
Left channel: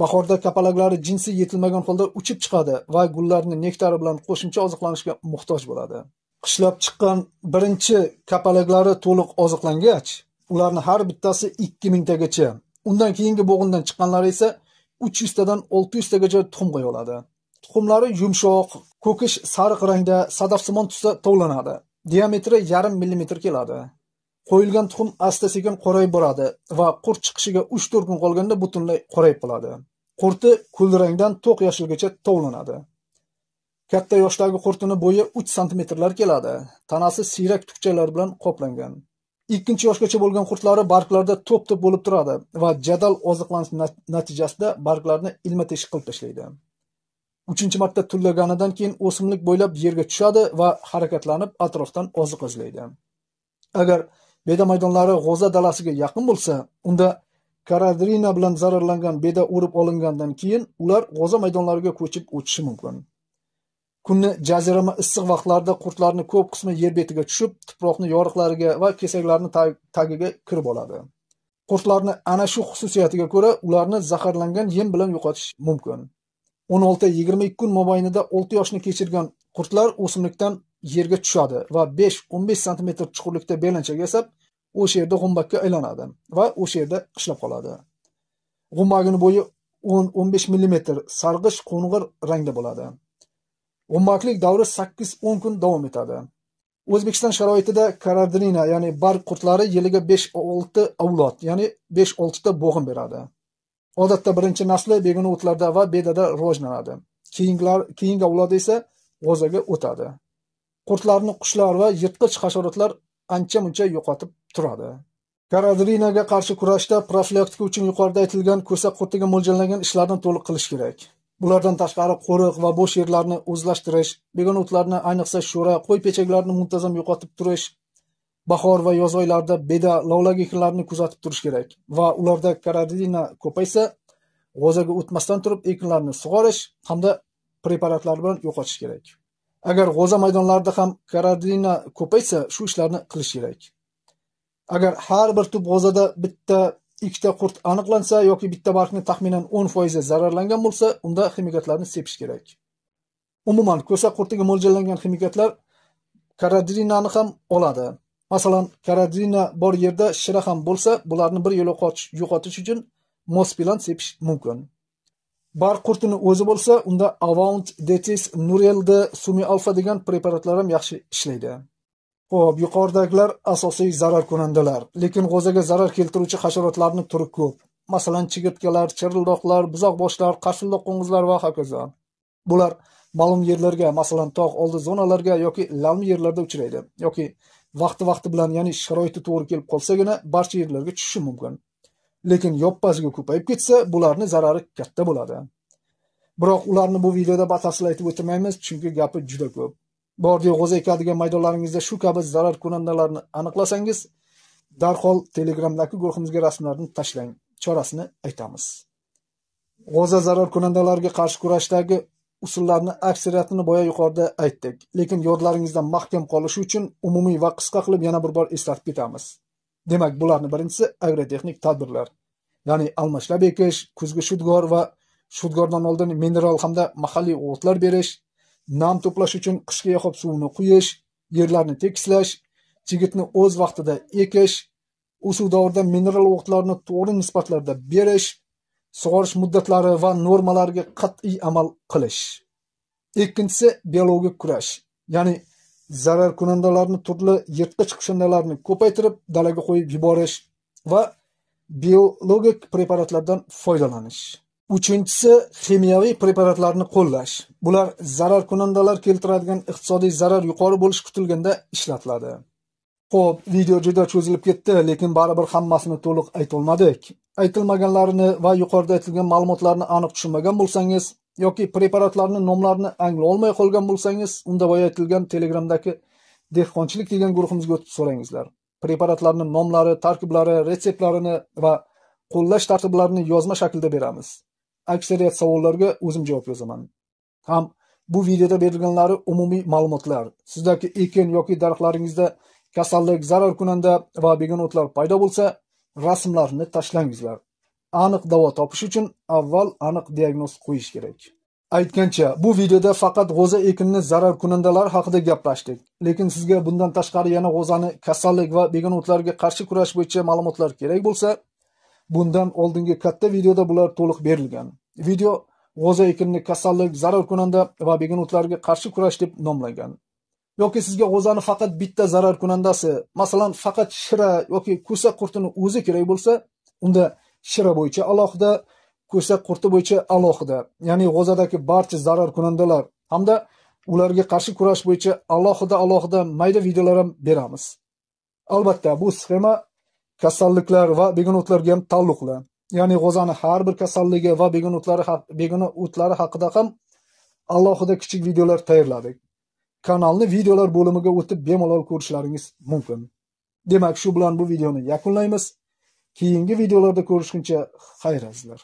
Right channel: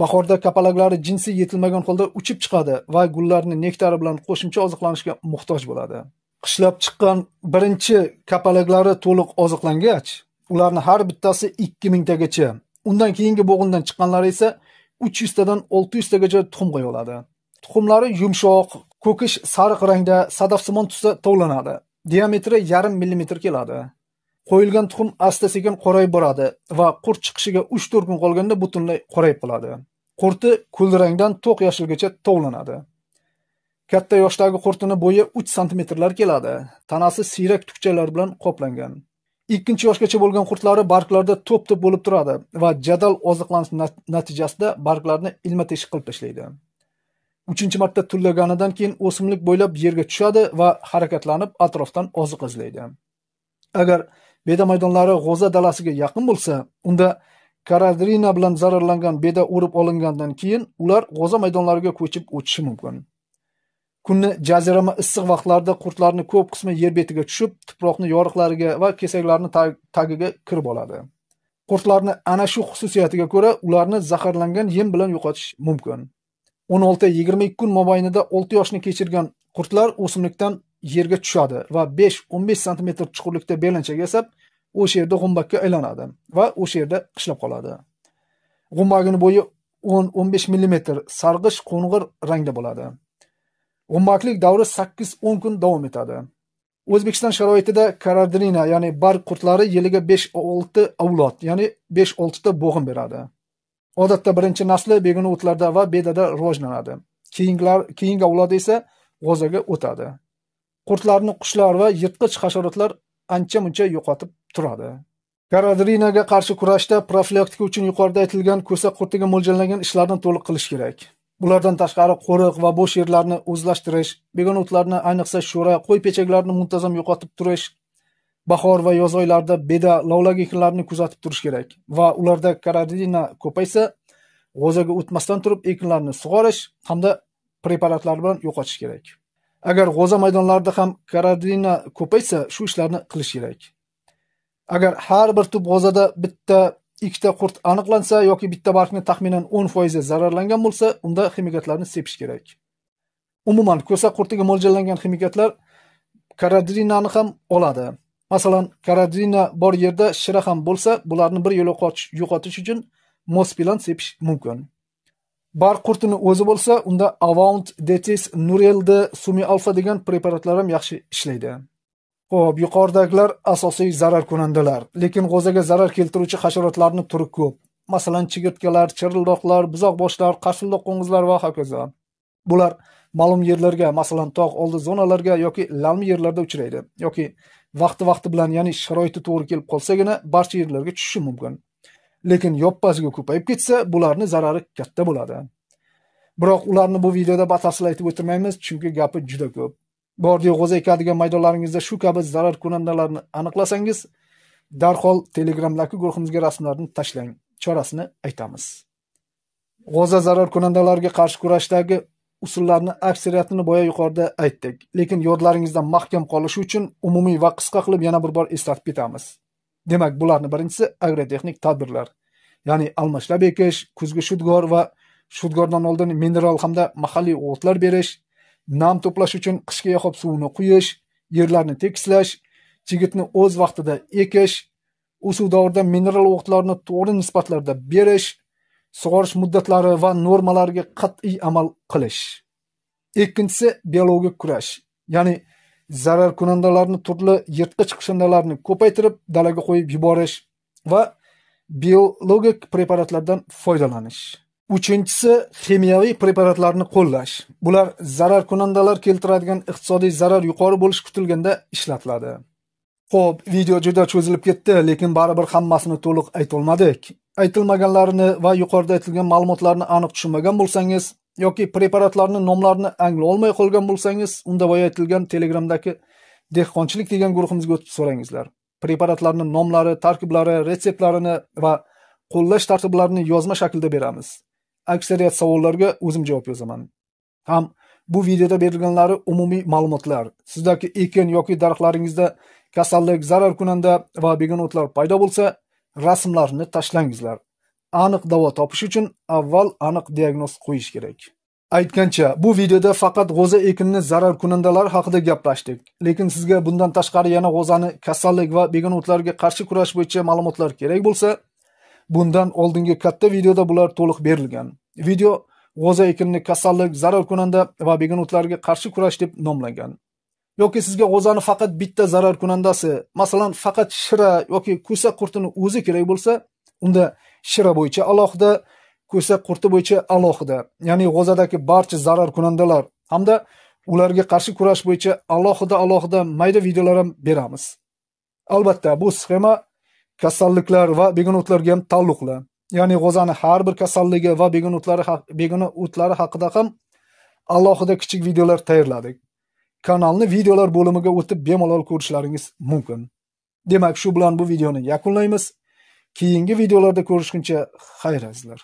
Bahorda kapalaklari jinsi yetilmagan holda uchib chiqadi va gullarni nektari bilan qo'shimcha oziqlanishga muhtoj bo'ladi. Qishlab chiqqan birinchi kapalaklari to'liq oziqlangach, ularni har bittasi 2000 tagacha, undan keyingi bo'g'indan chiqqanlari esa 300 tadan 600 tagacha tuxum qo'ya oladi. Tuxumlari yumshoq, ko'kish sariq rangda, sadafsimon tusda tovlanadi. Diametri 0,5 mm keladi. Qo'yilgan tuxum asta-sekin qorayib boradi va qurt chiqishiga 3-4 kun qolganda butunlay qorayib qoladi. Qurti kulrangdan to'q yashilgacha tovlanadi. Katta yoshdagi qurtini bo'yi 3 cm keladi. Tanasi siyrak tukchalar bilan qoplangan. Ikkinchi yoshgacha bo'lgan qurtlari barglarda to'p-to'p bo'lib turadi va jadal oziqlanish natijasida barglarni ilma-teshik qilib tashlaydi. 3-marta tullaganidan keyin o'simlik bo'ylab yerga tushadi va harakatlanib atrofdan oziq izlaydi. Agar beda maydonlari g'o'za dalasiga yaqin bo'lsa, unda karadrina bilan zararlangan beda o'rib olingandan keyin ular g'o'za maydonlariga ko'chib o'tishi mumkin. Kunni jazirama issiq vaqtlarda qurtlarning ko'p qismi yer betiga tushib, tuproqning yoriqlariga va kesaklarning tagiga kirib oladi. Qurtlarni ana shu xususiyatiga ko'ra ularni zaharlangan yem bilan yo'qotish mumkin. 16-22 kun mobaynida 6 yoshni kechirgan qurtlar o'simlikdan yerga tushadi va 5-15 cm chuqurlikda belanchak yasab, o'sha yerda g'umbakka aylanadi va o'sha yerda qishlab qoladi. G'umbagining bo'yi 10-15 mm sarg'ish qo'ng'ir rangda bo'ladi. G'umbaklik davri 8-10 kun davom etadi. O'zbekiston sharoitida karadrina, ya'ni barg qurtlari yiliga 5-6 avlod, ya'ni 5-6 ta bo'g'in beradi. Odatda birinchi nasli begona o'tlarda va bedada rivojlanadi. Keyingi avlod esa g'o'zaga o'tadi. Qurtlarni qushlar va yirtqich hasharotlar ancha-muncha yo'qotib turadi. Karadrinaga qarshi kurashda profilaktika uchun yuqorida aytilgan ko'sa qurtiga mo'ljallangan ishlarni to'liq qilish kerak. Bulardan tashqari qo'riq va bo'sh yerlarni o'zlashtirish, begona o'tlarni, ayniqsa sho'ra, qo'y pechaklarini muntazam yo'qotib turish, bahor va yoz oylarida beda, lavlagi ekinlarini kuzatib turish kerak va ularda karadrina ko'paysa, g'o'zaga o'tmasdan turib ekinlarni sug'orish hamda preparatlar bilan yo'qotish kerak. Agar g'o'za maydonlarida ham karadrina ko'paysa, shu ishlarni qilish kerak. Agar har bir tup g'o'zada bitta ikkita qurt aniqlansa yoki bitta bargni taxminan 10% zararlangan bo'lsa, unda ximikatlarni sepish kerak. Umuman, ko'sa qurtiga mo'ljallangan ximikatlar karadrinani ham oladi. Masalan, karadrina bor yerda shira ham bo'lsa, bularni bir yo'la yo'qotish uchun mospilan sepish mumkin. Barg qurtini o'zi bo'lsa, unda Avant, Detis, Nureld, Sumi Alfa degan preparatlar ham yaxshi ishlaydi. Xo'p, yuqoridagilar asosiy zarar kunandalar, lekin g'o'zaga zarar keltiruvchi hasharotlarning turi ko'p. Masalan, chigirtkalar, chirildoqlar, buzoqboshlar, qarsildoq qo'ng'izlar va hokazo. Bular ma'lum yerlarga, masalan, tog' oldi zonalarga yoki lavmi yerlarda uchraydi, yoki vaqti bilan, ya'ni sharoiti to'g'ri kelib qolsagina barcha yerlarga tushishi mumkin. Lekin yoppasiga ko'payib ketsa, bularning zarari katta bo'ladi. Biroq ularni bu videoda batafsil aytib o'tirmaymiz, chunki gapi juda ko'p. Bordi g'o'za ekadigan maydonlaringizda shu kabi zarar kunandalarni aniqlasangiz, darhol Telegramdagi guruhimizga rasmlarni tashlang. Chorasini aytamiz. G'o'za zarar kunandalarga qarshi kurashdagi usullarni aksariyatini boya yuqorida aytdik, lekin yodlaringizda mahkam qolishi uchun umumiy va qisqa qilib yana bir bor eslatib ketamiz. Demak, bularning birinchisi agrotexnik tadbirlar, ya'ni almashlab ekish, kuzgi shudgor va shudgordan oldin mineral hamda mahalliy o'tlar berish, nam to'plash uchun qishki yahob suvini quyish, yerlarni tekislash, chigitni o'z vaqtida ekish, o'suv davrida mineral o'tlarni to'g'ri nisbatlarda berish, sug'orish muddatlari va normalariga qat'iy amal qilish. Ikkinchisi biologik kurash, ya'ni zarar kunandalarni turli yirtqich qishindalarni ko'paytirib dalaga qo'yib yuborish va biologik preparatlardan foydalanish. Uchinchisi, ximiyaviy preparatlarni qo'llash. Bular zararkunandalar keltiradigan iqtisodiy zarar yuqori bo'lishi kutilganda ishlatiladi. Xo'p, video juda cho'zilib ketdi, lekin baribir hammasini to'liq aytolmadik. Aytilmaganlarini va yuqorida aytilgan ma'lumotlarni aniq tushunmagan bo'lsangiz yoki preparatlarning nomlarini anglay olmay qolgan bo'lsangiz, unda boya aytilgan Telegramdagi dehqonchilik degan guruhimizga o'tib so'rangizlar. Preparatlarning nomlari, tarkiblari, retseptlarini va qo'llash tartiblarini yozma shaklda beramiz. Aksariyat savollarga o'zim javob yozaman. Ham bu videoda berilganlari umumiy ma'lumotlar. Sizdagi ekin yoki daraxtlaringizda kasallik, zararkunanda va begonotlar paydo bo'lsa, rasmlarni tashlangizlar. Aniq davo topish uchun avval aniq diagnoz qo'yish kerak. Aytgancha, bu videoda faqat g'o'za ekinni zararkunandalar haqida gaplashdik. Lekin sizga bundan tashqari yana g'o'zani kasallik va begonotlarga qarshi kurash bo'yicha ma'lumotlar kerak bo'lsa, bundan oldingi katta videoda bular to'liq berilgan. Video g'o'za ekinni kasallik, zararkunanda va begonotlarga qarshi kurash deb nomlangan. Yoki sizga g'o'zani faqat bitta zararkunandasi, masalan, faqat shira yoki ko'sa qurtini o'zi kerak bo'lsa, unda shira bo'yicha alohida, ko'sa qurti bo'yicha alohida, ya'ni g'o'zadagi barcha zararkunandalar hamda ularga qarshi kurash bo'yicha alohida mayda videolar ham beramiz. Albatta, bu sxema kasalliklar va begonotlarga ham taalluqli. Ya'ni g'o'zani har bir kasalligi va begonotlari haqida ham alohida kichik videolar tayyorladik. Kanalni videolar bo'limiga o'tib bemalol ko'rishlaringiz mumkin. Demak, shu bilan bu videoni yakunlaymiz. Keyingi videolarda ko'rishguncha xayr azizlar.